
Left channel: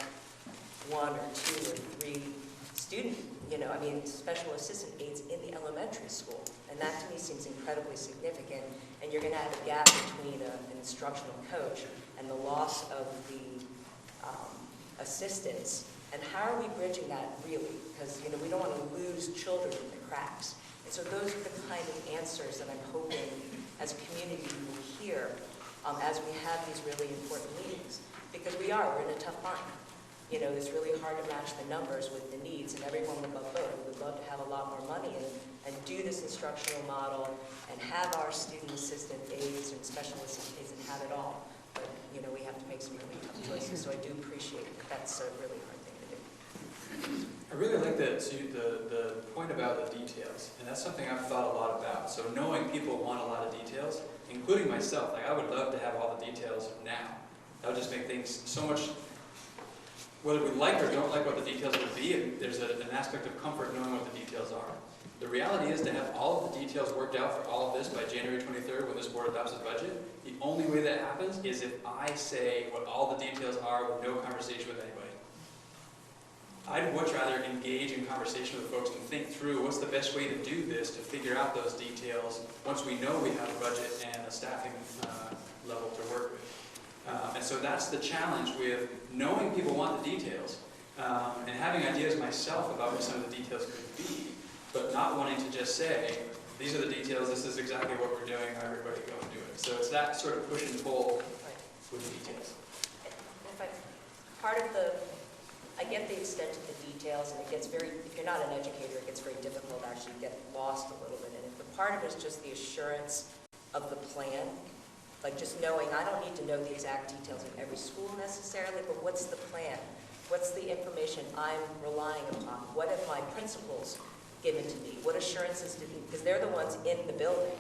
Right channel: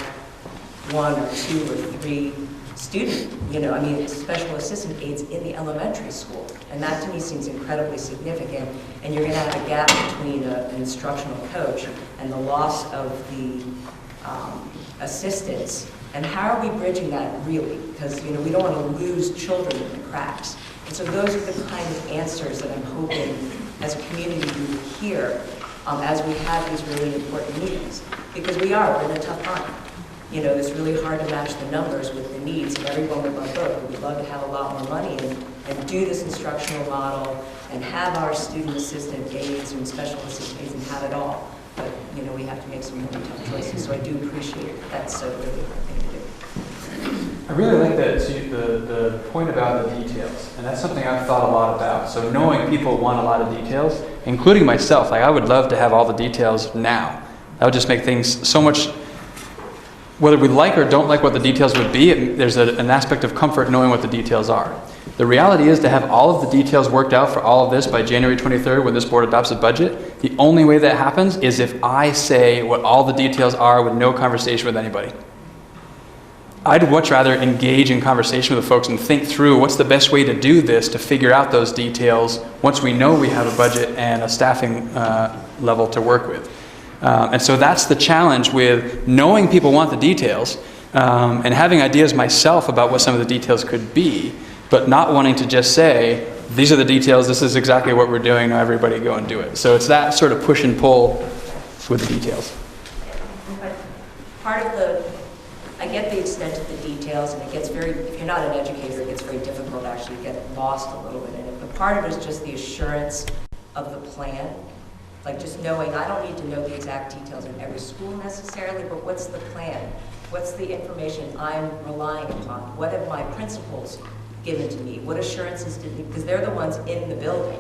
1 or 2 or 3 student, you know, I mean, special assistant aides in the elementary school. And that to me seems incredibly significant. And you're going to have a gap between an instructional coach and the loss of the assistants. And how are we bridging that really? Because, you know, we don't want to lose children in the cracks. And so those are the kind of answers that I'm hoping as a community we will hear as we have these really important meetings. Because we're in a tough time. You know, it's really hard to match the numbers with the needs, and everyone would love both. We'd love to have a lot more money and do this instructional model and have our student assistant aides and special assistant aides and have it all. But, you know, we have to make some really tough choices, so I do appreciate that's a really hard thing to do. I really like the point about the details, and that's something I've thought a lot about. So knowing people want a lot of details, including myself, like I would love to have all the details now. That would just make things so much, whether we like or don't like what the details would be, there's an aspect of comfort knowing what the details are. The reality is to have all of the details worked out for all of this by January 23rd when this board adopts a budget, the only way that happens is if I say what all the details are with no conversation with anybody. I'd much rather engage in conversation with the folks and think through what's the best way to do this to figure out those details once we know we have a budget and a staffing level to work with. And so that's the challenge with knowing people want the details and having ideas myself about what some of the details could be, but not wanting to just say, these are the details, this is exactly what we're doing, now everybody go and do it. So it's that sort of push and pull with the details. Part of I get the extent of the details, and it gets if you're not an educator, it gets very difficult to actually get lost a little bit in it. But part of it is just the assurance of the plan. Like just knowing, I don't need to know the exact details of every school necessarily, but what's the plan? What's the information I'm relying upon? What have my principals given to me? What assurances did me? Because they're the ones in the building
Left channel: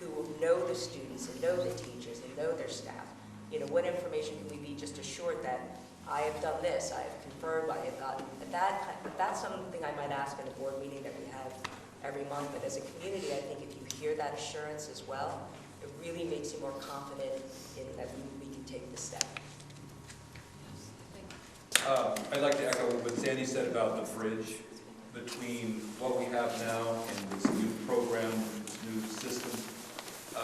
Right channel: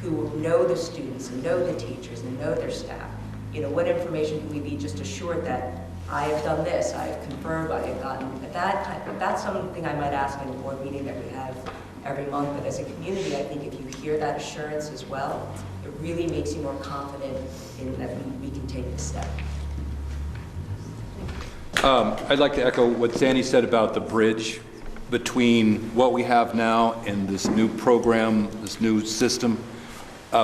who know the students and know the teachers and know their staff. You know, what information can we be just assured that I have done this, I have confirmed, I have gotten that's something I might ask in a board meeting that we have every month. But as a community, I think if you hear that assurance as well, it really makes you more confident in that we can take the step. I'd like to echo what Sandy said about the bridge between what we have now and this new program, this new system,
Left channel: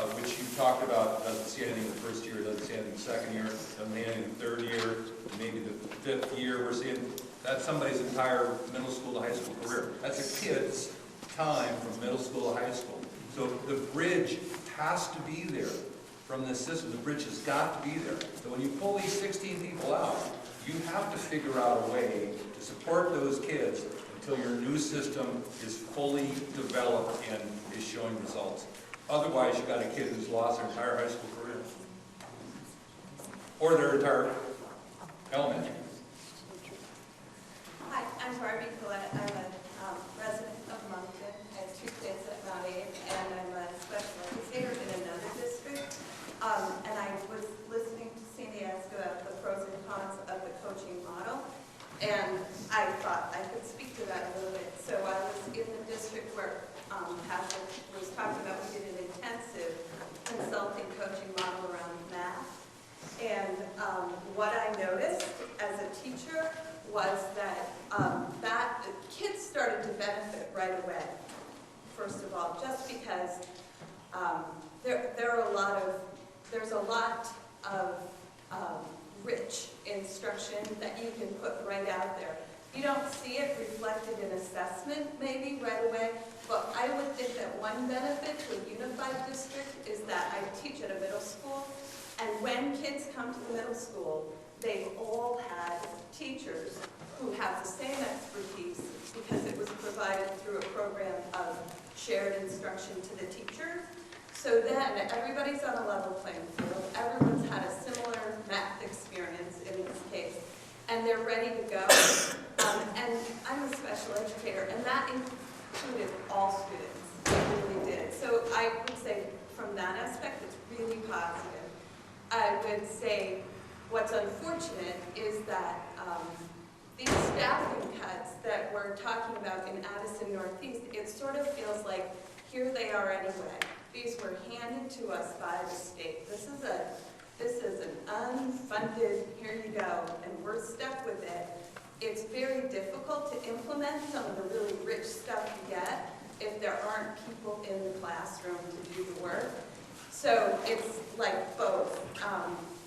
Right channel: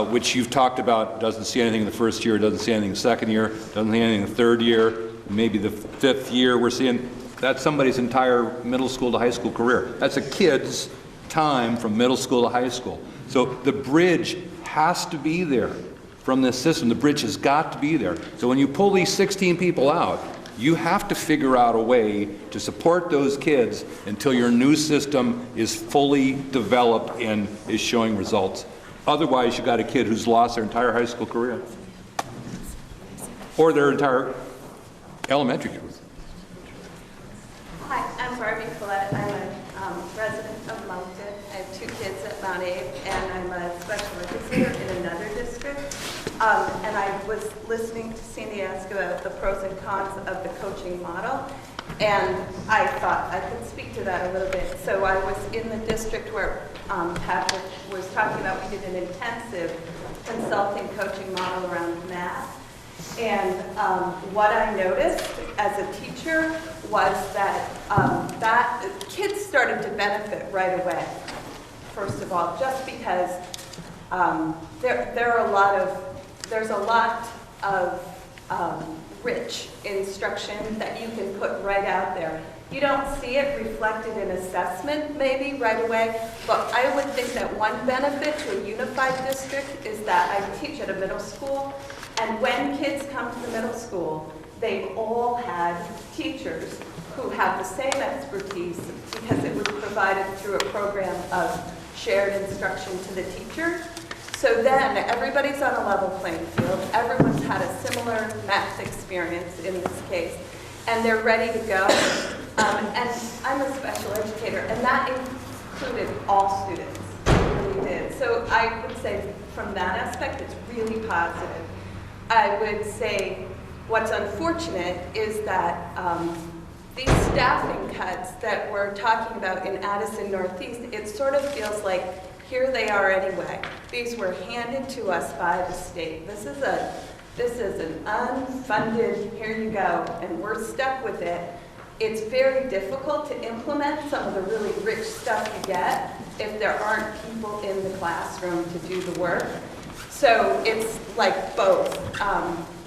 which you've talked about. Doesn't see anything in the first year, doesn't see anything in the second year, doesn't see anything in the third year, maybe the 5th year. We're seeing that's somebody's entire middle school to high school career. That's a kid's time from middle school to high school. So the bridge has to be there from this system. The bridge has got to be there. So when you pull these 16 people out, You have to figure out a way to support those kids until your new system is fully developed and is showing results. Otherwise, you got a kid who's lost their entire high school career or their entire elementary career. Hi, I'm Barbie Collette. I'm a resident of Moncton. I have 2 kids at Mount Abe, and I'm a special educator in another district. And I was listening to Sandy ask about the pros and cons of the coaching model, and I thought I could speak to that a little bit. So I was in the district where Patrick was talking about. We did an intensive consulting coaching model around math. And what I noticed as a teacher was that that kids started to benefit right away. First of all, just because there's a lot of rich instruction that you can put right out there. You don't see it reflected in assessment maybe right away, but I would think that one benefit to a unified district is that I teach at a middle school, and when kids come to the middle school, they've all had teachers who have the same expertise because it was provided through a program of shared instruction to the teacher. So then everybody's on a level playing field. Everyone's had a similar math experience in this case, and they're ready to go. And I'm a special educator, and that included all students. It really did. So I would say from that aspect, it's really positive. I would say what's unfortunate is that these staffing cuts that we're talking about in Addison Northeast, it sort of feels like here they are anyway. These were handed to us by the state. This is an unfunded, here you go, and we're stuck with it. It's very difficult to implement some of the really rich stuff you get if there aren't people in the classroom to do the work. So it's like both.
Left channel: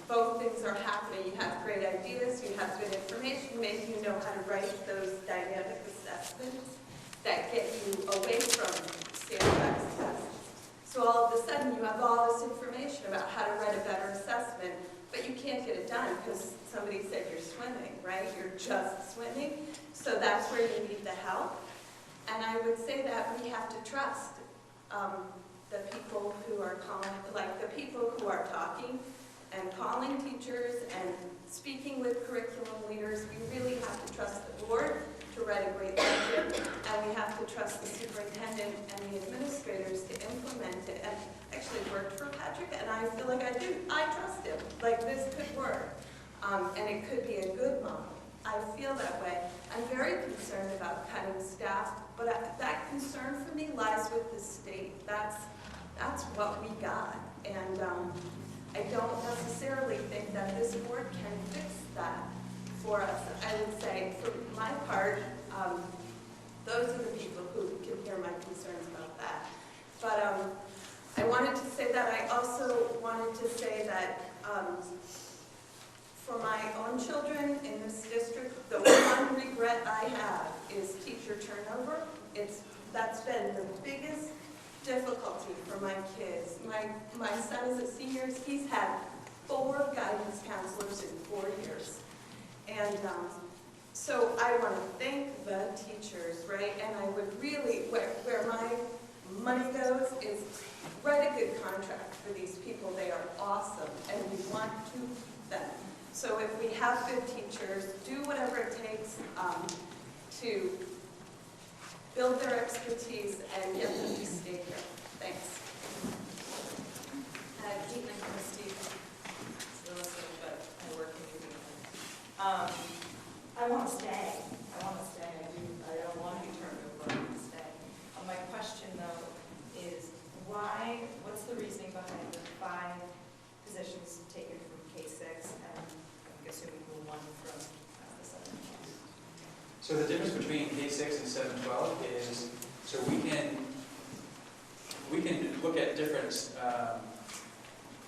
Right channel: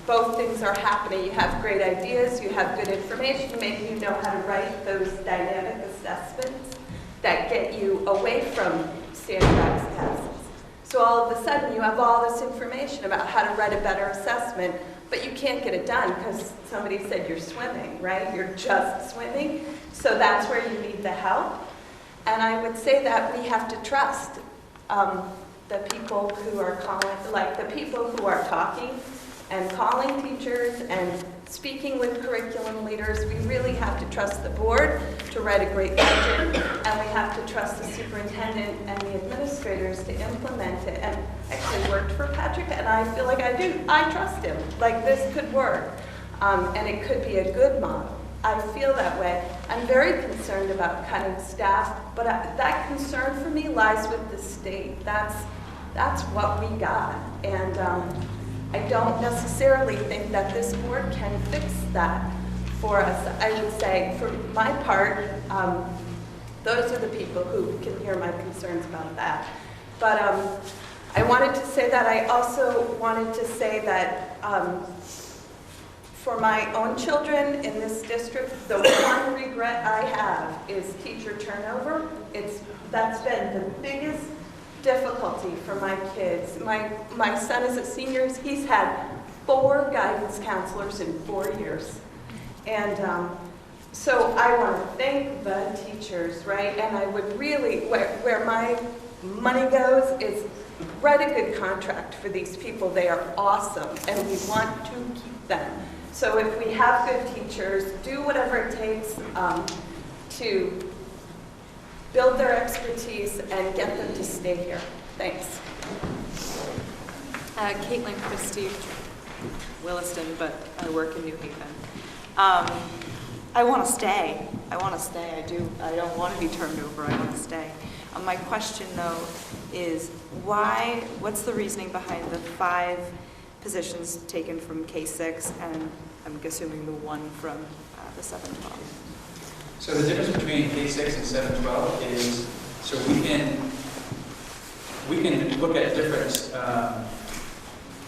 Both things are happening. You have great ideas, you have good information, maybe you know how to write those dynamic assessments that get you away from standardized tests. So all of a sudden you have all this information about how to write a better assessment, but you can't get it done because somebody said you're swimming, right? You're just swimming. So that's where you need the help. And I would say that we have to trust the people who are calling, like the people who are talking and calling teachers and speaking with curriculum leaders. We really have to trust the board to write a great budget, and we have to trust the superintendent and the administrators to implement it. And I actually worked for Patrick, and I feel like I trust him. Like this could work, and it could be a good model. I feel that way. I'm very concerned about cutting staff, but that concern for me lies with the state. That's what we got, and I don't necessarily think that this board can fix that for us. I would say, for my part, those are the people who can hear my concerns about that. But I wanted to say that. I also wanted to say that for my own children in this district, the one regret I have is teacher turnover. That's been the biggest difficulty for my kids. My son is a senior. He's had 4 guidance counselors in 4 years. And so I want to thank the teachers, right? And I would really, where my money goes is write a good contract for these people. They are awesome, and we want to keep them. So if we have good teachers, do whatever it takes to build their expertise and get them to stay here. Thanks. Caitlin Christie, Williston, but I work in New Haven. I want to stay. I do. I don't want to be turned over. I want to stay. My question, though, is what's the reasoning behind the 5 positions taken from K-6 and I'm assuming the 1 from the 7-12? So the difference between K-6 and 7-12 is, so we can look at different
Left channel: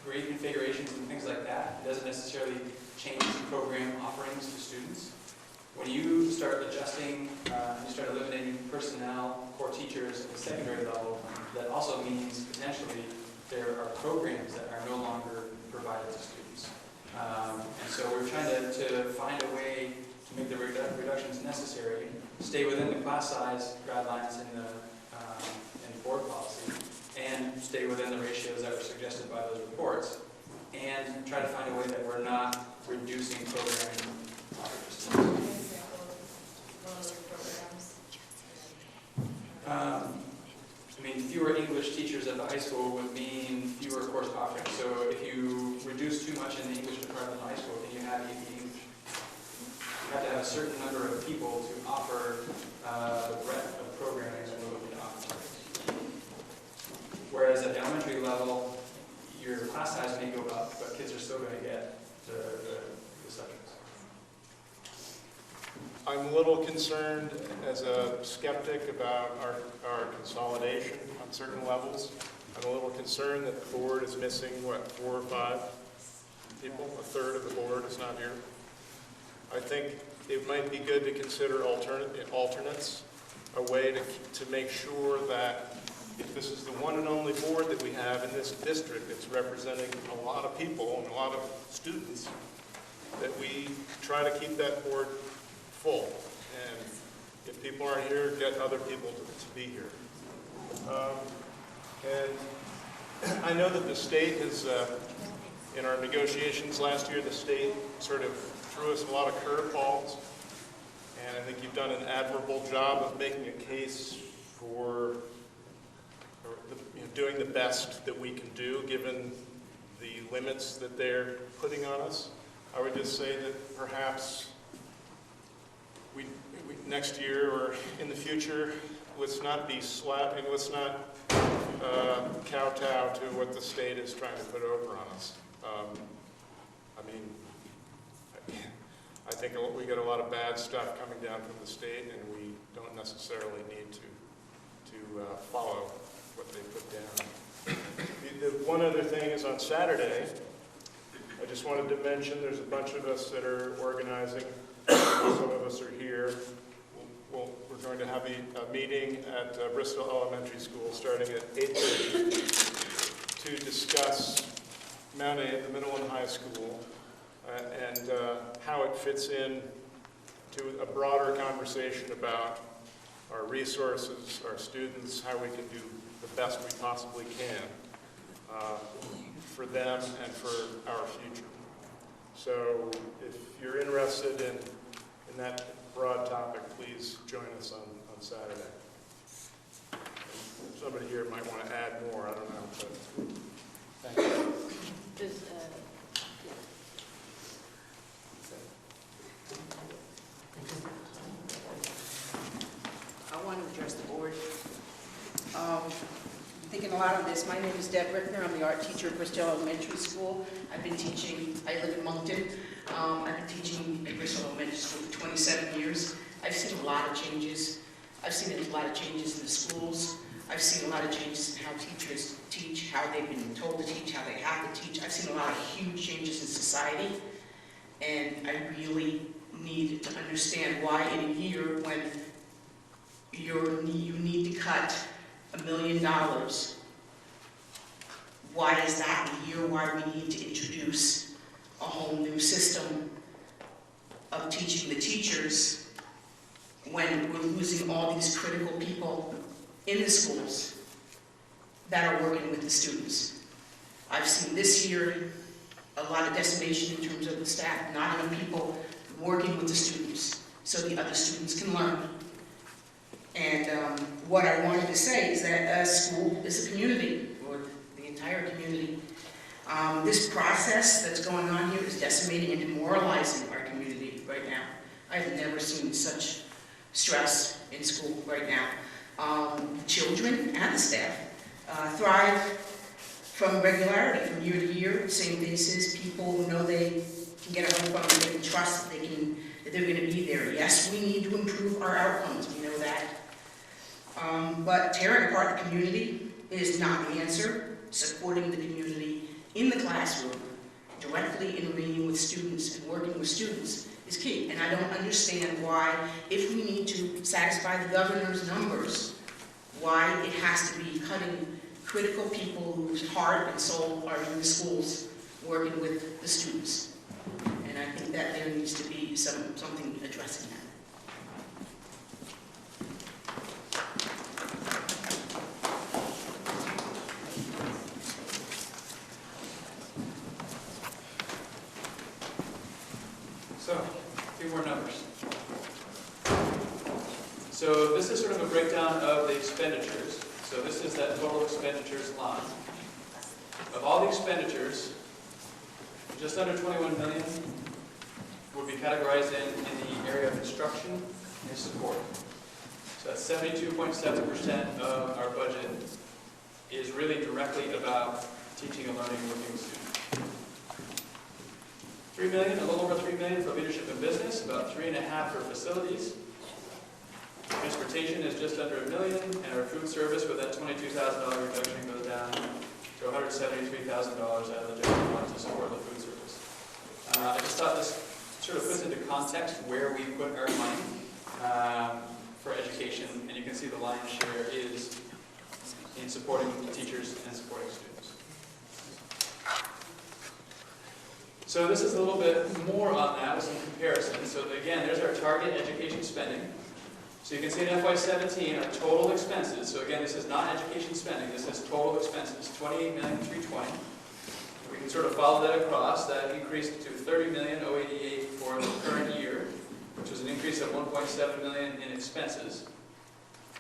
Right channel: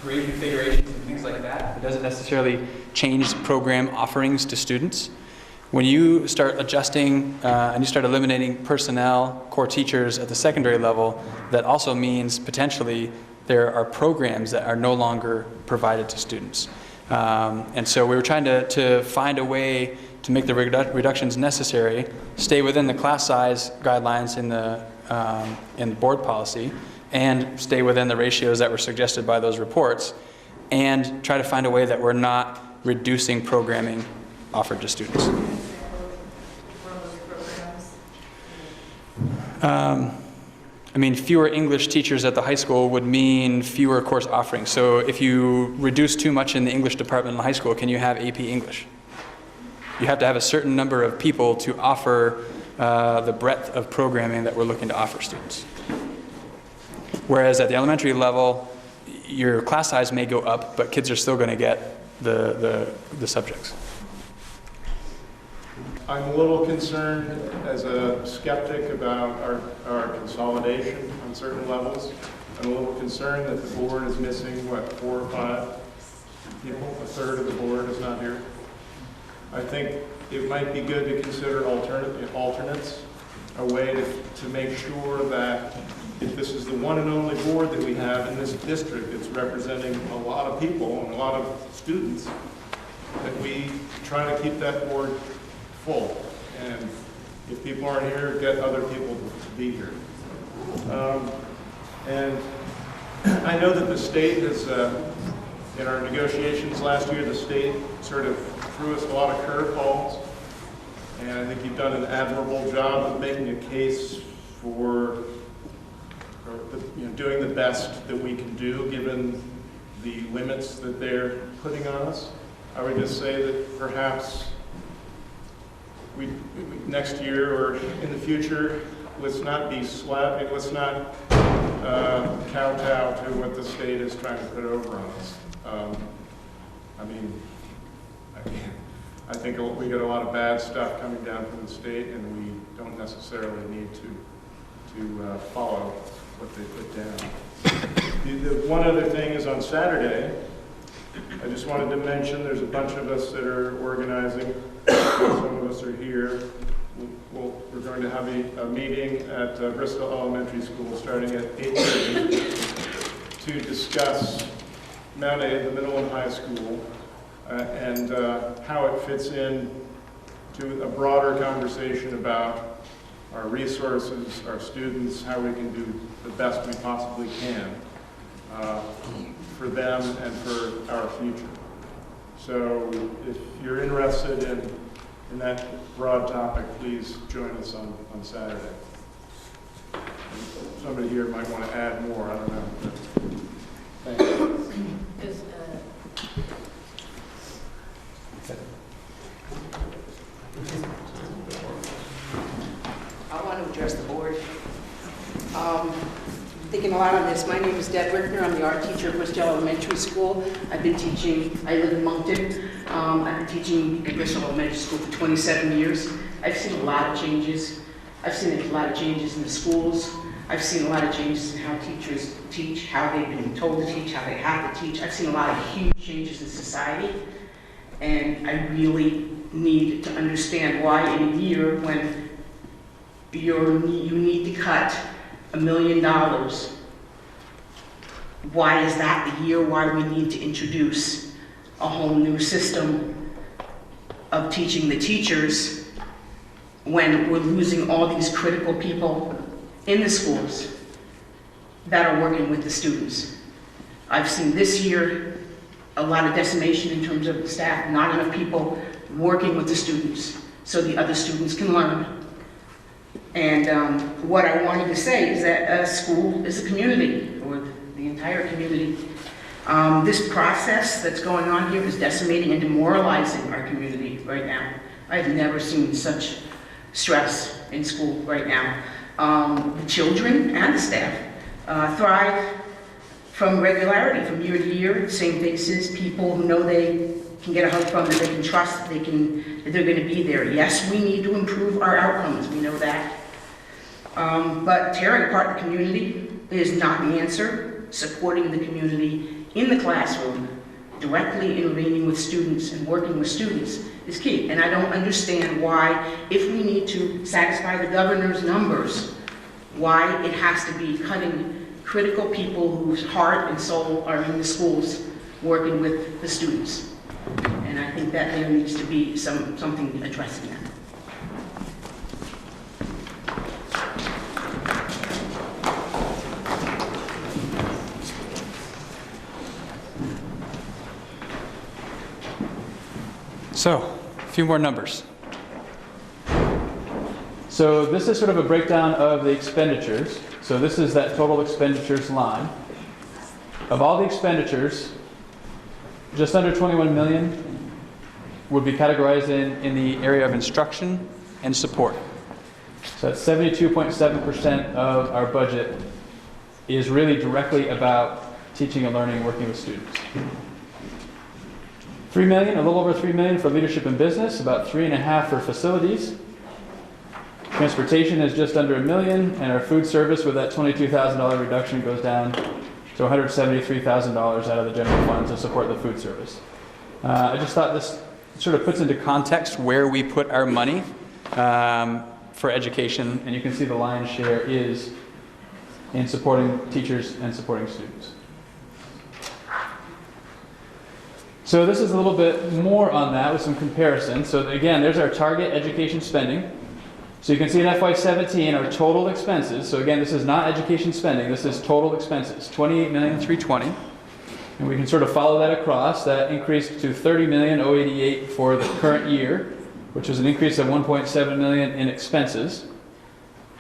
grade configurations and things like that. It doesn't necessarily change program offerings to students. When you start adjusting and you start eliminating personnel, core teachers at the secondary level, that also means potentially there are programs that are no longer provided to students. And so we were trying to find a way to make the reductions necessary, stay within the class size guidelines in the board policy, and stay within the ratios that were suggested by those reports, and try to find a way that we're not reducing programming offered to students. I mean, fewer English teachers at the high school would mean fewer course offerings. So if you reduce too much in the English department in the high school, can you have AP English? You have to have a certain number of people to offer the breadth of programming that we're looking to offer students. Whereas at the elementary level, your class size may go up, but kids are still going to get the subjects. I'm a little concerned as a skeptic about our consolidation on certain levels. I'm a little concerned that the board is missing, what, 4 or 5 people? A third of the board is not here. I think it might be good to consider alternates, a way to make sure that if this is the one and only board that we have in this district, it's representing a lot of people and a lot of students, that we try to keep that board full. And if people aren't here, get other people to be here. And I know that the state is, in our negotiations last year, the state sort of threw us a lot of curveballs. And I think you've done an admirable job of making a case for doing the best that we can do given the limits that they're putting on us. I would just say that perhaps next year or in the future, let's not be slapping, let's not kowtow to what the state is trying to put over on us. I mean, I think we get a lot of bad stuff coming down from the state, and we don't necessarily need to follow what they put down. One other thing is on Saturday, I just wanted to mention there's a bunch of us that are organizing. Some of us are here. We're going to have a meeting at Bristol Elementary School starting at 8:30 to discuss Mount A, the middle and high school, and how it fits in to a broader conversation about our resources, our students, how we can do the best we possibly can for them and for our future. So if you're interested in that broad topic, please join us on Saturday. Somebody here might want to add more, I don't know. But thank you. I want to address the board. Thinking a lot on this. My name is Deb Rickner. I'm the art teacher at Bristol Elementary School. I've been teaching, I live in Moncton. I've been teaching at Bristol Elementary School for 27 years. I've seen a lot of changes. I've seen a lot of changes in the schools. I've seen a lot of changes in how teachers teach, how they've been told to teach, how they have to teach. I've seen a lot of huge changes in society. And I really need to understand why in a year when you need to cut $1 million, why is that the year why we need to introduce a whole new system of teaching the teachers when we're losing all these critical people in the schools that are working with the students. I've seen this year a lot of decimation in terms of the staff, not enough people working with the students so the other students can learn. And what I wanted to say is that a school is a community, or the entire community. This process that's going on here is decimating and demoralizing our community right now. I've never seen such stress in school right now. The children and the staff thrive from regularity, from year to year, same faces, people who know they can get a hug from, that they can trust, that they're going to be there. Yes, we need to improve our outcomes, we know that. But tearing apart the community is not the answer. Supporting the community in the classroom, directly intervening with students and working with students is key. And I don't understand why, if we need to satisfy the governor's numbers, why it has to be cutting critical people whose heart and soul are in the schools working with the students. And I think that there needs to be something addressing that. So, a few more numbers. So this is sort of a breakdown of the expenditures. So this is that total expenditures line. Of all the expenditures, just under 21 million would be categorized in the area of instruction and support. So that's 72.7% of our budget is really directly about teaching and learning, working with students. 3 million, a little over 3 million for leadership and business, about 3.5 for facilities. Transportation is just under $1 million, and our food service with that $22,000 reduction goes down to $173,000 out of the general fund to support the food service. I just thought this sort of puts into context where we put our money for education, and you can see the lion's share is in supporting teachers and supporting students. So this is a little bit more on that with some comparisons. So again, there's our target education spending. So you can see in FY17 our total expenses. So again, this is not education spending, this is total expenses, $28,320,000. And we can sort of follow that across. That increased to $30,088,000 for the current year, which was an increase of $1.7 million in expenses.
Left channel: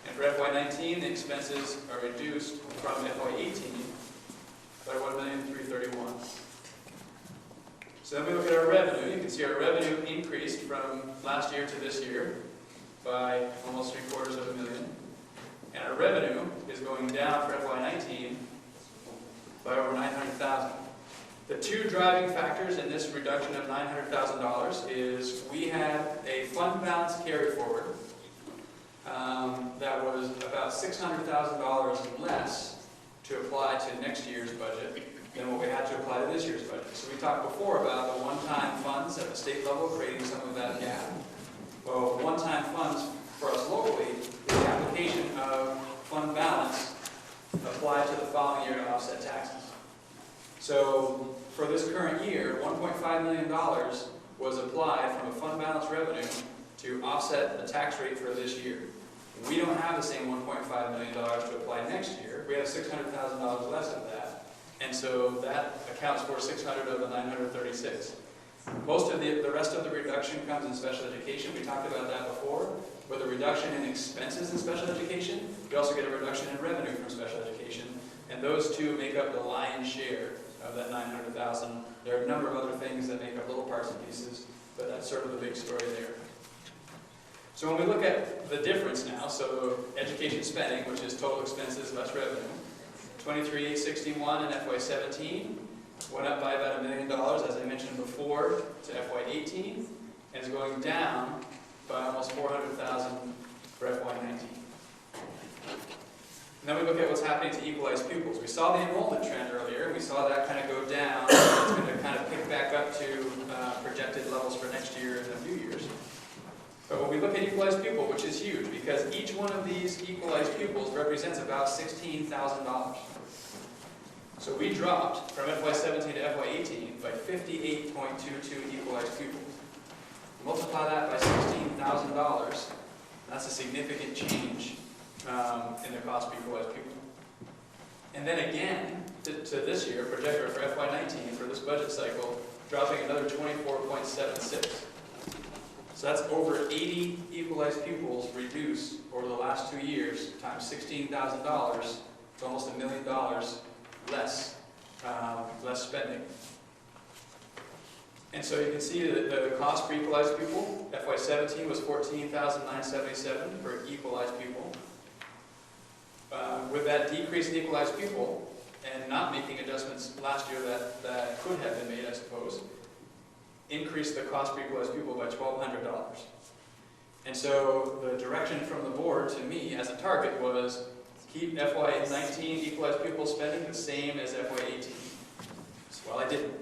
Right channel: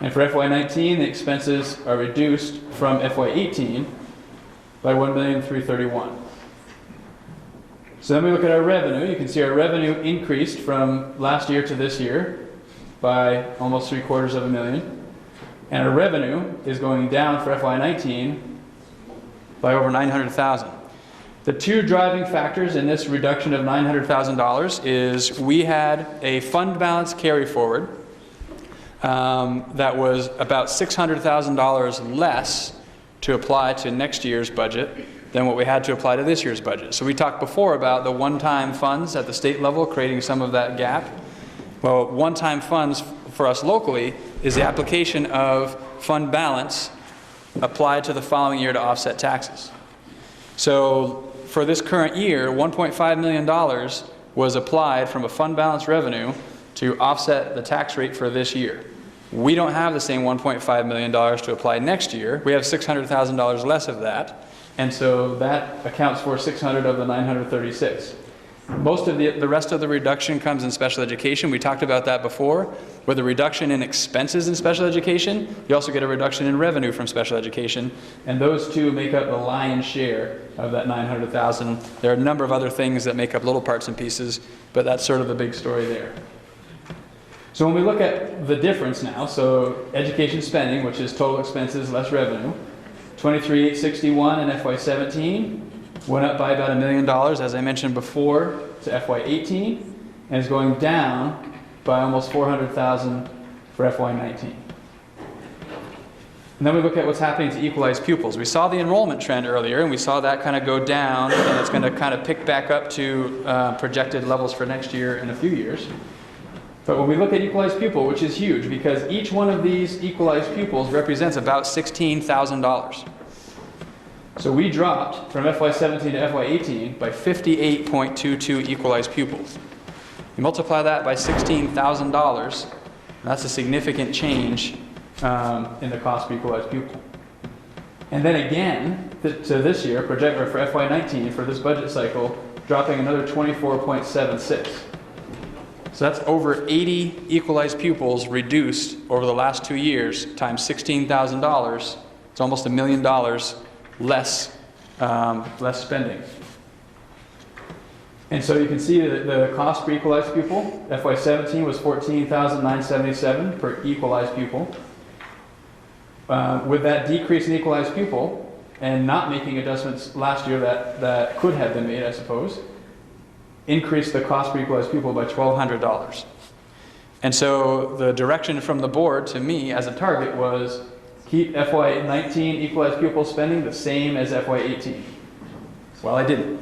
And for FY19, the expenses are reduced from FY18 by $1,331,000. So then we look at our revenue. You can see our revenue increased from last year to this year by almost $750,000. And our revenue is going down for FY19 by over $900,000. The two driving factors in this reduction of $900,000 is we had a fund balance carry forward that was about $600,000 less to apply to next year's budget than what we had to apply to this year's budget. So we talked before about the one-time funds at the state level creating some of that gap. Well, one-time funds for us locally is the application of fund balance applied to the following year to offset taxes. So for this current year, $1.5 million was applied from a fund balance revenue to offset the tax rate for this year. We don't have the same $1.5 million to apply next year. We have $600,000 less of that. And so that accounts for 600 of the 936. Most of the rest of the reduction comes in special education. We talked about that before. With a reduction in expenses in special education, you also get a reduction in revenue from special education. And those two make up the lion's share of that 900,000. There are a number of other things that make up little parts and pieces, but that's sort of the big story there. So when we look at the difference now, so education spending, which is total expenses less revenue, $23,861 in FY17, went up by about $1 million, as I mentioned before, to FY18, and is going down by almost $400,000 for FY19. And then we look at what's happening to equalized pupils. We saw the enrollment trend earlier, and we saw that kind of go down, and it's going to kind of pick back up to projected levels for next year in a few years. But when we look at equalized pupil, which is huge, because each one of these equalized pupils represents about $16,000. So we dropped from FY17 to FY18 by 58.22 equalized pupils. You multiply that by $16,000, that's a significant change in the cost per equalized pupil. And then again, to this year, projected for FY19, for this budget cycle, dropping another 24.76. So that's over 80 equalized pupils reduced over the last 2 years times $16,000. It's almost $1 million less spending. And so you can see that the cost per equalized pupil, FY17 was $14,977 per equalized pupil. With that decrease in equalized pupil and not making adjustments last year that could have been made, I suppose, increased the cost per equalized pupil by $1,200. And so the direction from the board to me as a target was keep FY19 equalized pupil spending the same as FY18. Well, I didn't.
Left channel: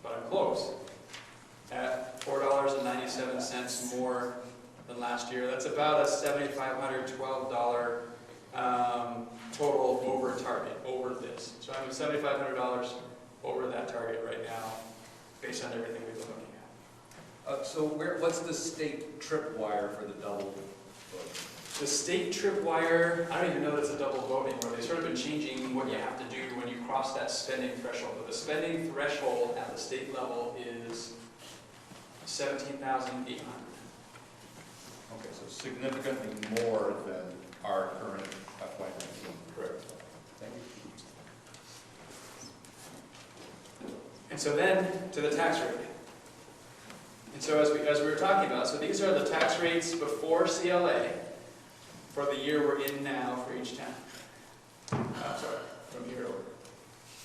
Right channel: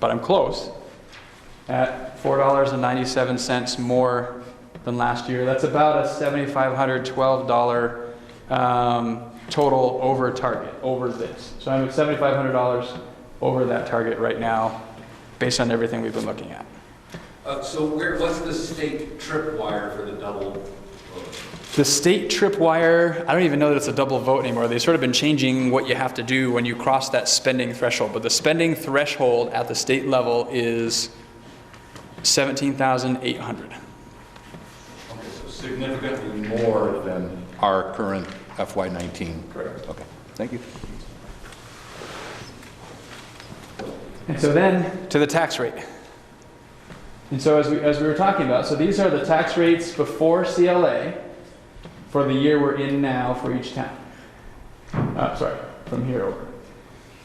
But I'm close at $4.97 more than last year. That's about a $7,512 total over target, over this. So I'm at $7,500 over that target right now based on everything we've been looking at. So what's the state tripwire for the double vote? The state tripwire, I don't even know that it's a double vote anymore. They've sort of been changing what you have to do when you cross that spending threshold. But the spending threshold at the state level is $17,800. Okay, so significantly more than our current FY19. Correct. Okay, thank you. And so then to the tax rate. And so as we were talking about, so these are the tax rates before CLA for the year we're in now for each town. Sorry, from here over.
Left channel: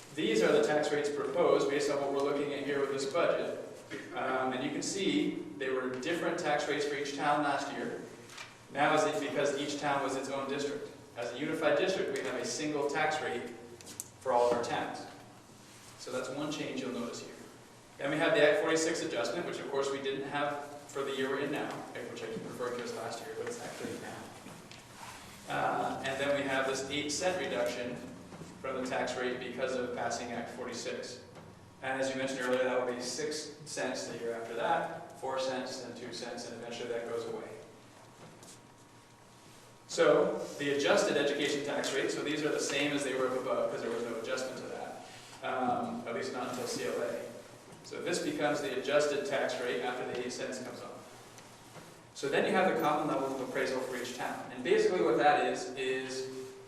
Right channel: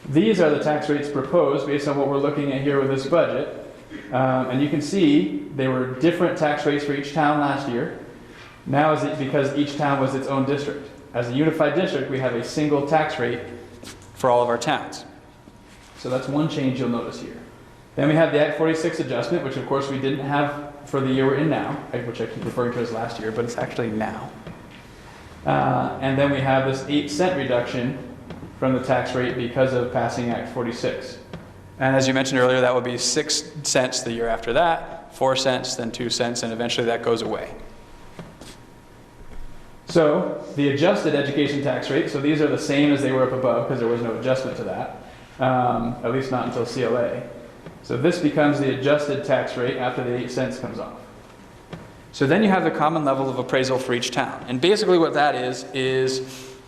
These are the tax rates proposed based on what we're looking at here with this budget. And you can see they were different tax rates for each town last year. Now is it because each town was its own district. As a unified district, we have a single tax rate for all of our towns. So that's one change you'll notice here. Then we have the Act 46 adjustment, which of course we didn't have for the year we're in now, which I keep referring to as last year, but it's actually now. And then we have this 8-cent reduction from the tax rate because of passing Act 46. And as you mentioned earlier, that would be 6 cents the year after that, 4 cents, then 2 cents, and eventually that goes away. So the adjusted education tax rate, so these are the same as they were up above because there was no adjustment to that, at least not until CLA. So this becomes the adjusted tax rate after the 8 cents comes off. So then you have the common level of appraisal for each town. And basically what that is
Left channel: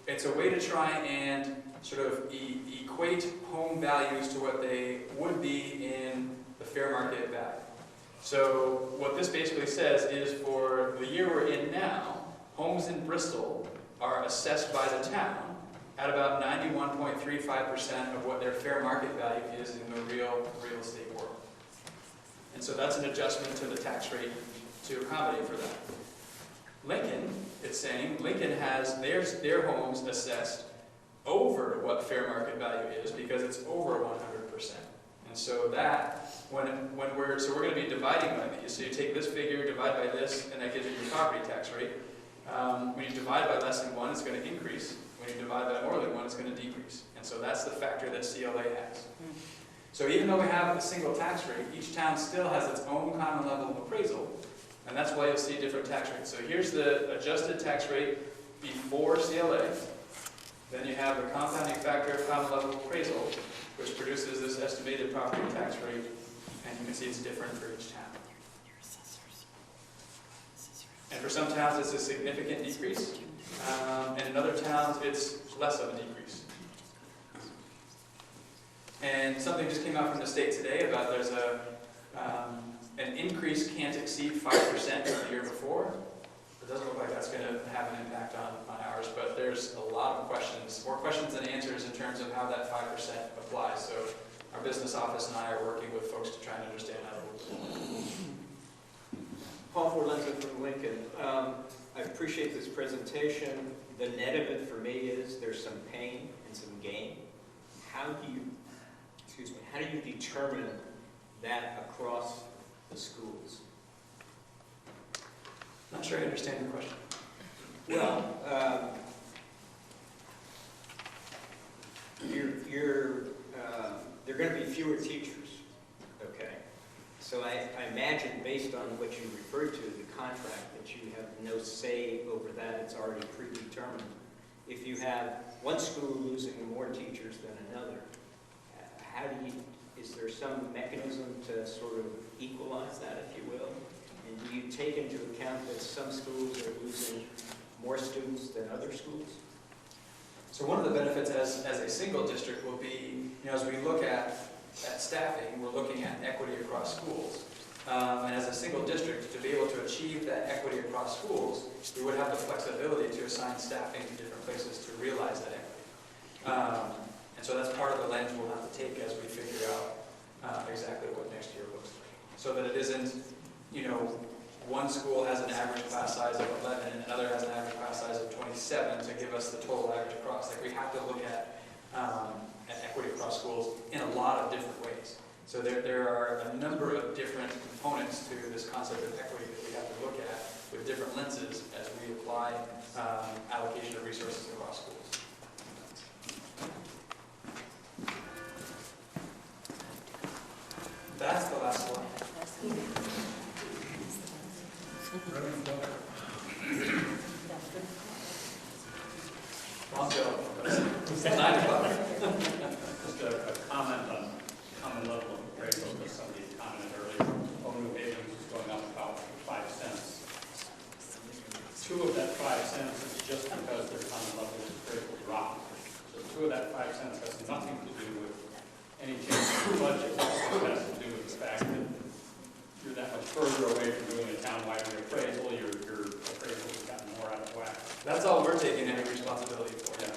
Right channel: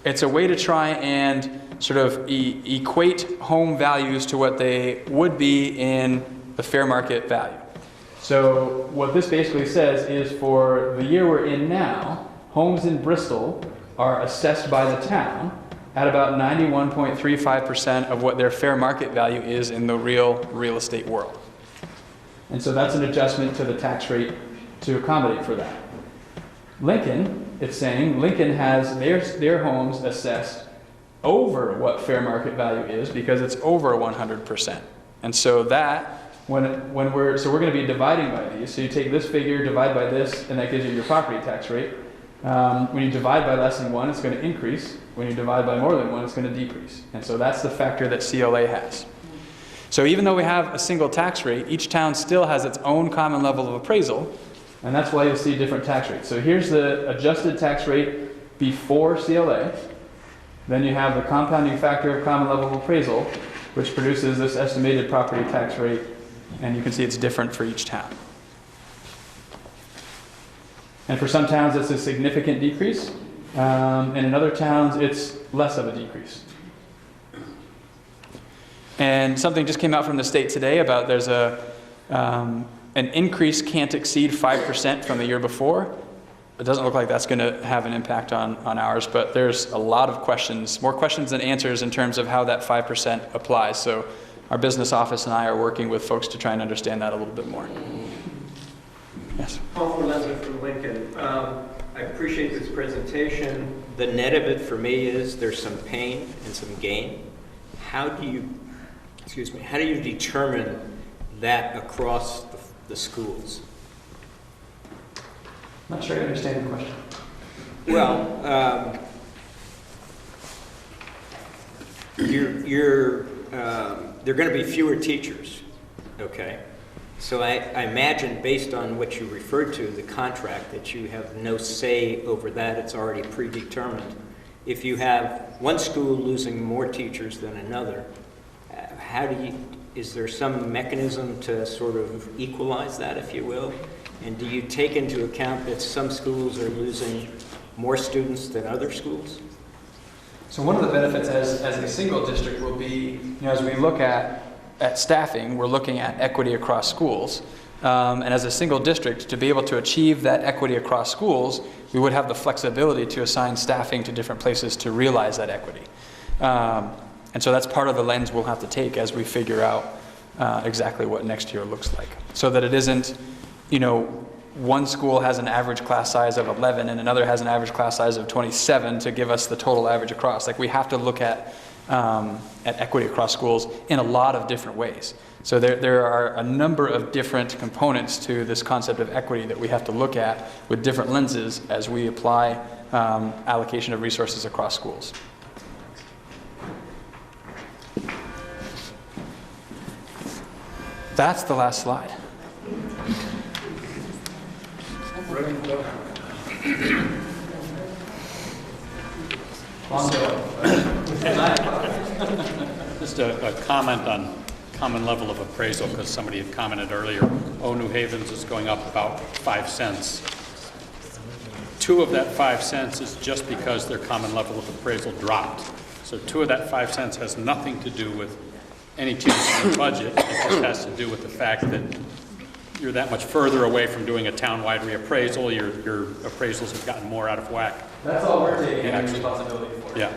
it's a way to try and sort of equate home values to what they would be in the fair market value. So what this basically says is for the year we're in now, homes in Bristol are assessed by the town at about 91.35% of what their fair market value is in the real estate world. And so that's an adjustment to the tax rate to accommodate for that. Lincoln, it's saying, Lincoln has their homes assessed over what fair market value is because it's over 100%. And so that, we're going to be dividing by these. So you take this figure, divide by this, and that gives you your property tax rate. When you divide by less than 1, it's going to increase. When you divide by more than 1, it's going to decrease. And so that's the factor that CLA has. So even though we have a single tax rate, each town still has its own common level of appraisal, and that's why you'll see different tax rates. So here's the adjusted tax rate before CLA. Then you have the compounding factor of common level of appraisal, which produces this estimated property tax rate, and you can see it's different for each town. And for some towns, it's a significant decrease, and in other towns, it's less of a decrease. And something just came out from the state today about there's an increase can't exceed 5% from the year before. It doesn't look like that's going to have an impact on ours, but there's a lot of questions, more questions than answers in terms of how that 5% applies. So our business office and I are working with folks to try and understand that a little bit more. Yes. Paul Forlenza from Lincoln. I appreciate this presentation. The net of it for me is there's some pain and some gain. How do you determine that across the schools? Not sure I understand the question. Well, there are going to be fewer teachers, okay? So I imagine, based on what you referred to, the contract, that you have no say over that. It's already predetermined. If you have one school losing more teachers than another, is there some mechanism to sort of equalize that, if you will? And do you take into account that some schools are losing more students than other schools? So one of the benefits as a single district will be, as we look at staffing, we're looking at equity across schools. And as a single district, to be able to achieve that equity across schools, we would have the flexibility to assign staffing to different places to realize that equity. And so that's part of the lens we'll have to take as we figure out exactly what next year looks like. So that it isn't, one school has an average class size of 11 and another has an average class size of 27 to give us the total average across. Like, we have to look at equity across schools in a lot of different ways. So there are a number of different components to this concept of equity that we have to look at with different lenses as we apply allocation of resources across schools. That's the last slide. Just a comment on common level of appraisal, because somebody had commented earlier, New Haven's is going up about 5 cents. 2 of that 5 cents is just because their common level of appraisal dropped. So 2 of that 5 cents has nothing to do with any change in the budget. It just has to do with the fact that you're that much further away from doing a town-wide reappraisal. Your appraisals have gotten more out of whack. That's all we're taking responsibility for. Yeah.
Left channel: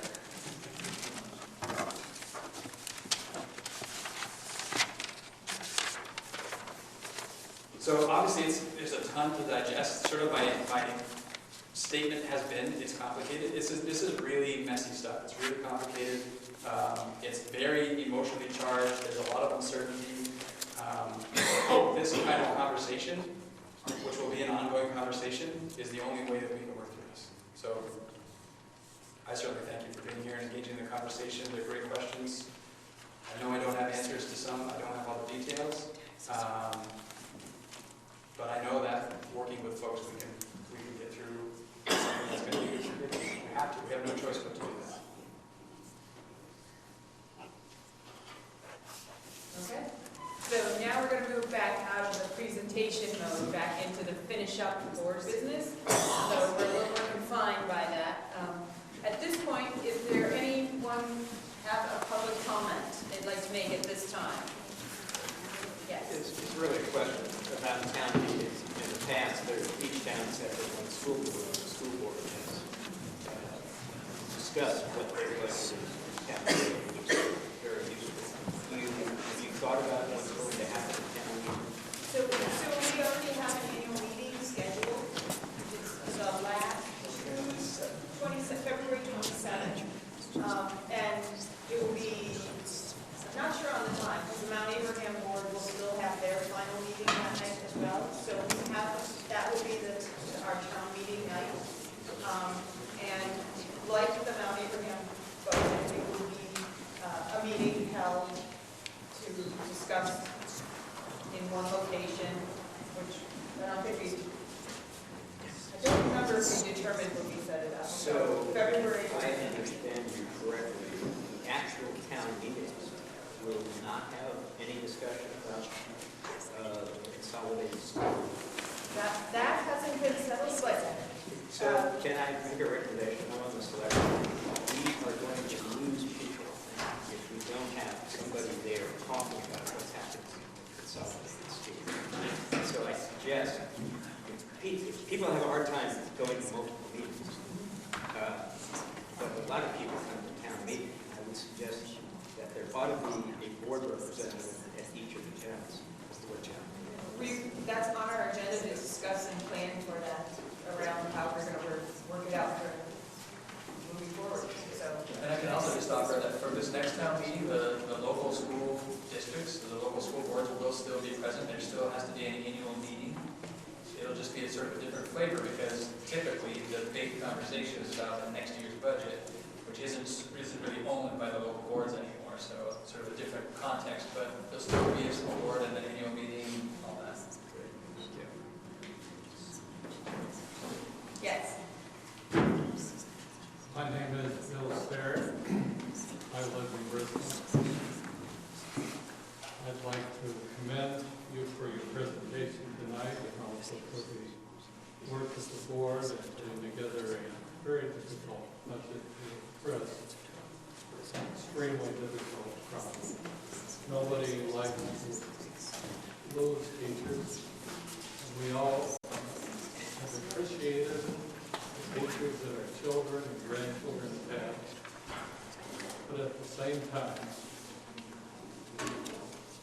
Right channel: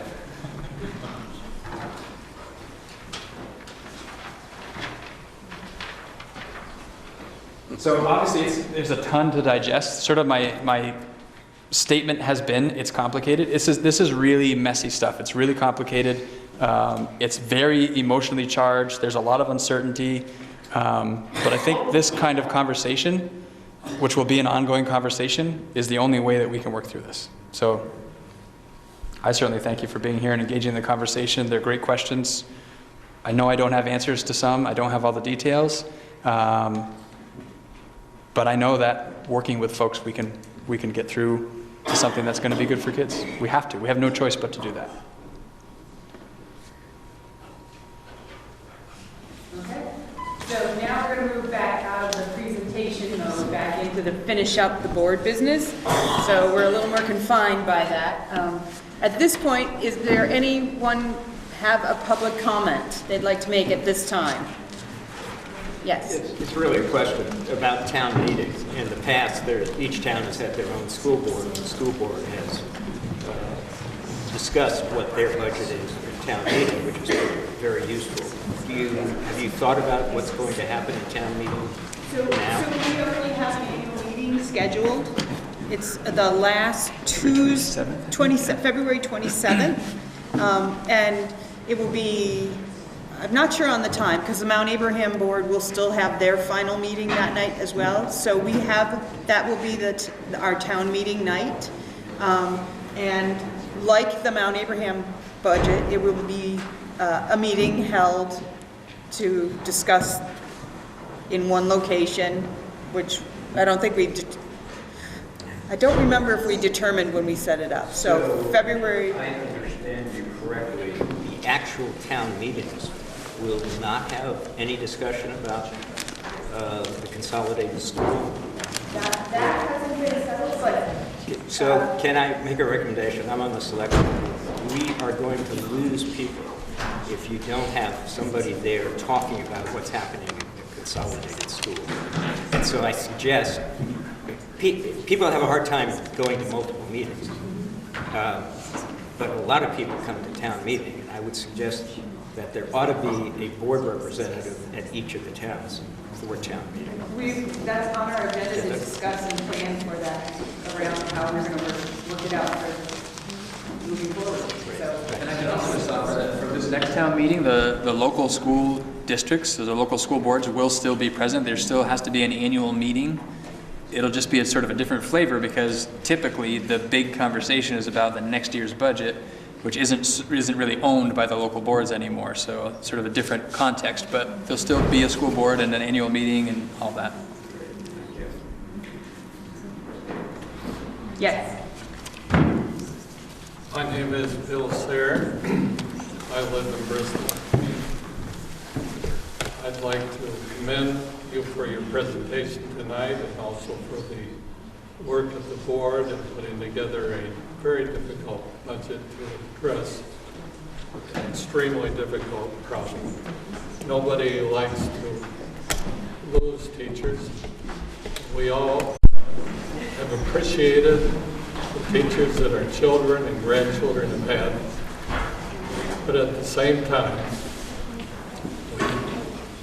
So obviously there's a ton to digest. Sort of my statement has been, it's complicated. This is really messy stuff. It's really complicated. It's very emotionally charged. There's a lot of uncertainty. But I think this kind of conversation, which will be an ongoing conversation, is the only way that we can work through this. So I certainly thank you for being here and engaging in the conversation. They're great questions. I know I don't have answers to some. I don't have all the details. But I know that working with folks, we can get through to something that's going to be good for kids. We have to. We have no choice but to do that. Okay. So now we're going to move back out of the presentation mode back into the finish up the board business. So we're a little more confined by that. At this point, is there anyone have a public comment they'd like to make at this time? Yes. It's really a question about town meetings. In the past, each town has had their own school board, and the school board has discussed what their budget is in town meeting, which is very useful. Have you thought about what's going to happen in town meeting now? So we already have the annual meeting scheduled. It's the last Tuesday, February 27th, and it will be, I'm not sure on the time, because the Mount Abraham board will still have their final meeting that night as well. So we have, that will be our town meeting night. And like the Mount Abraham budget, it will be a meeting held to discuss in one location, which I don't think I don't remember if we determined when we set it up. So February. If I understand you correctly, the actual town meetings will not have any discussion about the consolidated school. That hasn't been settled, but. So can I make a recommendation? I'm on the select board. We are going to lose people if you don't have somebody there talking about what's happening in the consolidated school. And so I suggest, people have a hard time going to multiple meetings, but a lot of people come to town meeting, and I would suggest that there ought to be a board representative at each of the towns for town meeting. That's on our agenda to discuss and plan for that, around how we're going to work it out for moving forward. So. And I can also just offer that for this next town meeting, the local school districts, so the local school boards will still be present. There still has to be an annual meeting. It'll just be a sort of a different flavor because typically the big conversation is about the next year's budget, which isn't really owned by the local boards anymore. So sort of a different context, but there'll still be a school board and an annual meeting and all that. Yes. My name is Bill Sayre. I live in Bristol. I'd like to commend you for your presentation tonight and also for the work of the board in putting together a very difficult budget to address an extremely difficult problem. Nobody likes to lose teachers. We all have appreciated the teachers that our children and grandchildren have had, but at the same time, we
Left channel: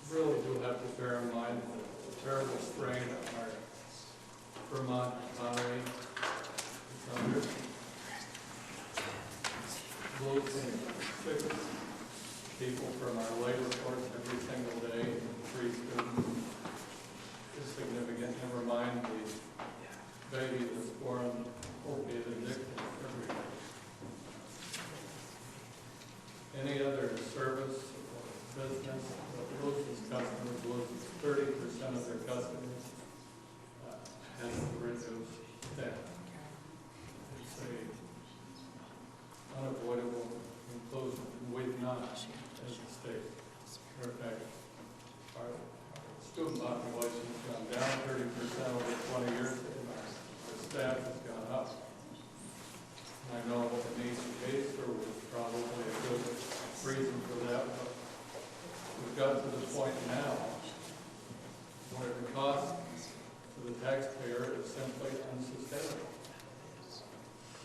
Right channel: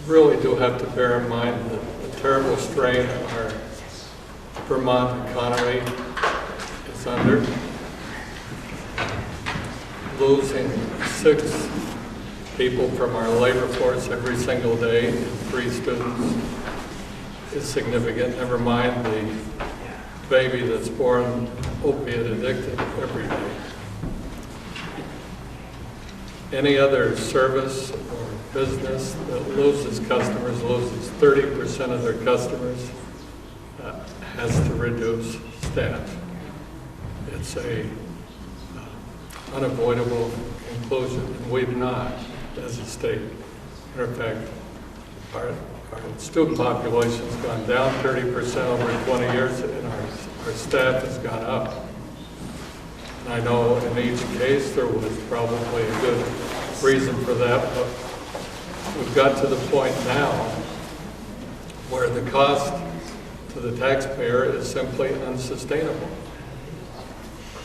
really do have to bear in mind the terrible strain our Vermont economy is under. Losing 6 people from our labor force every single day, and 3 students, is significant. Never mind the baby that's born opiate addicted every day. any other service or business that loses customers, loses 30% of their customers, has to reduce staff. It's a unavoidable conclusion, and we've not, as a state. Matter of fact, our student population's gone down 30% over 20 years, and our staff has gone up. And I know in each case there was probably a good reason for that, but we've got to the point now where the cost to the taxpayer is simply unsustainable.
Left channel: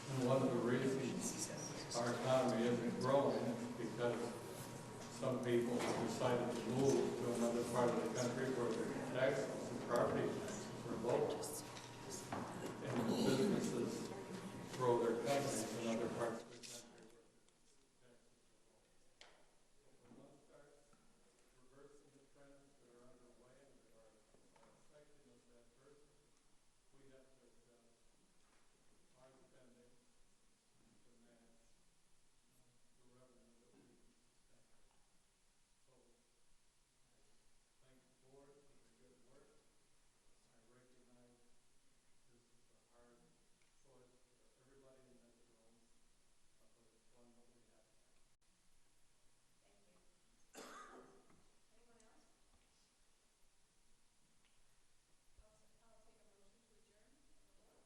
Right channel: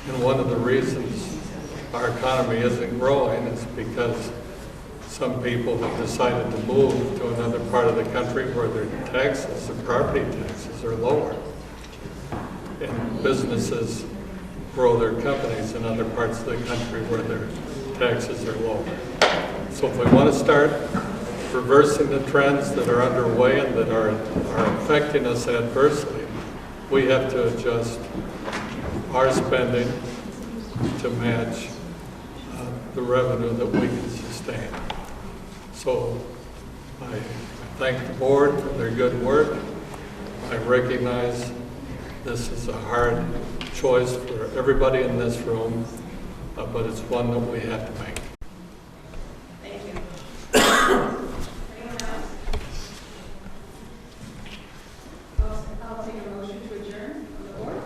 And one of the reasons our economy isn't growing is because some people have decided to move to another part of the country where their taxes, their property taxes, are lower. And businesses grow their companies in other parts of the country where their taxes are lower. So if we want to start reversing the trends that are underway and that are affecting us adversely, we have to adjust our spending to match the revenue that we can sustain. So I thank the board for their good work. I recognize this is a hard choice for everybody in this room, but it's one that we have to make. Thank you. Anyone else? I'll take a motion to adjourn from the board.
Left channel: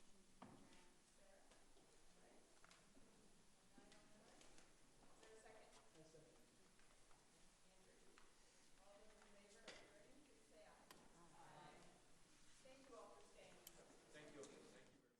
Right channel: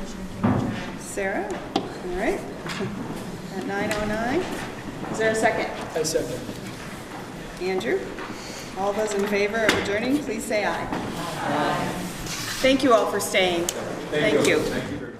Motion to adjourn. Sarah, all right. At 9:09. Is there a second? I second. Andrew? All those in favor of adjourning, please say aye. Aye. Thank you all for staying. Thank you. Thank you very much.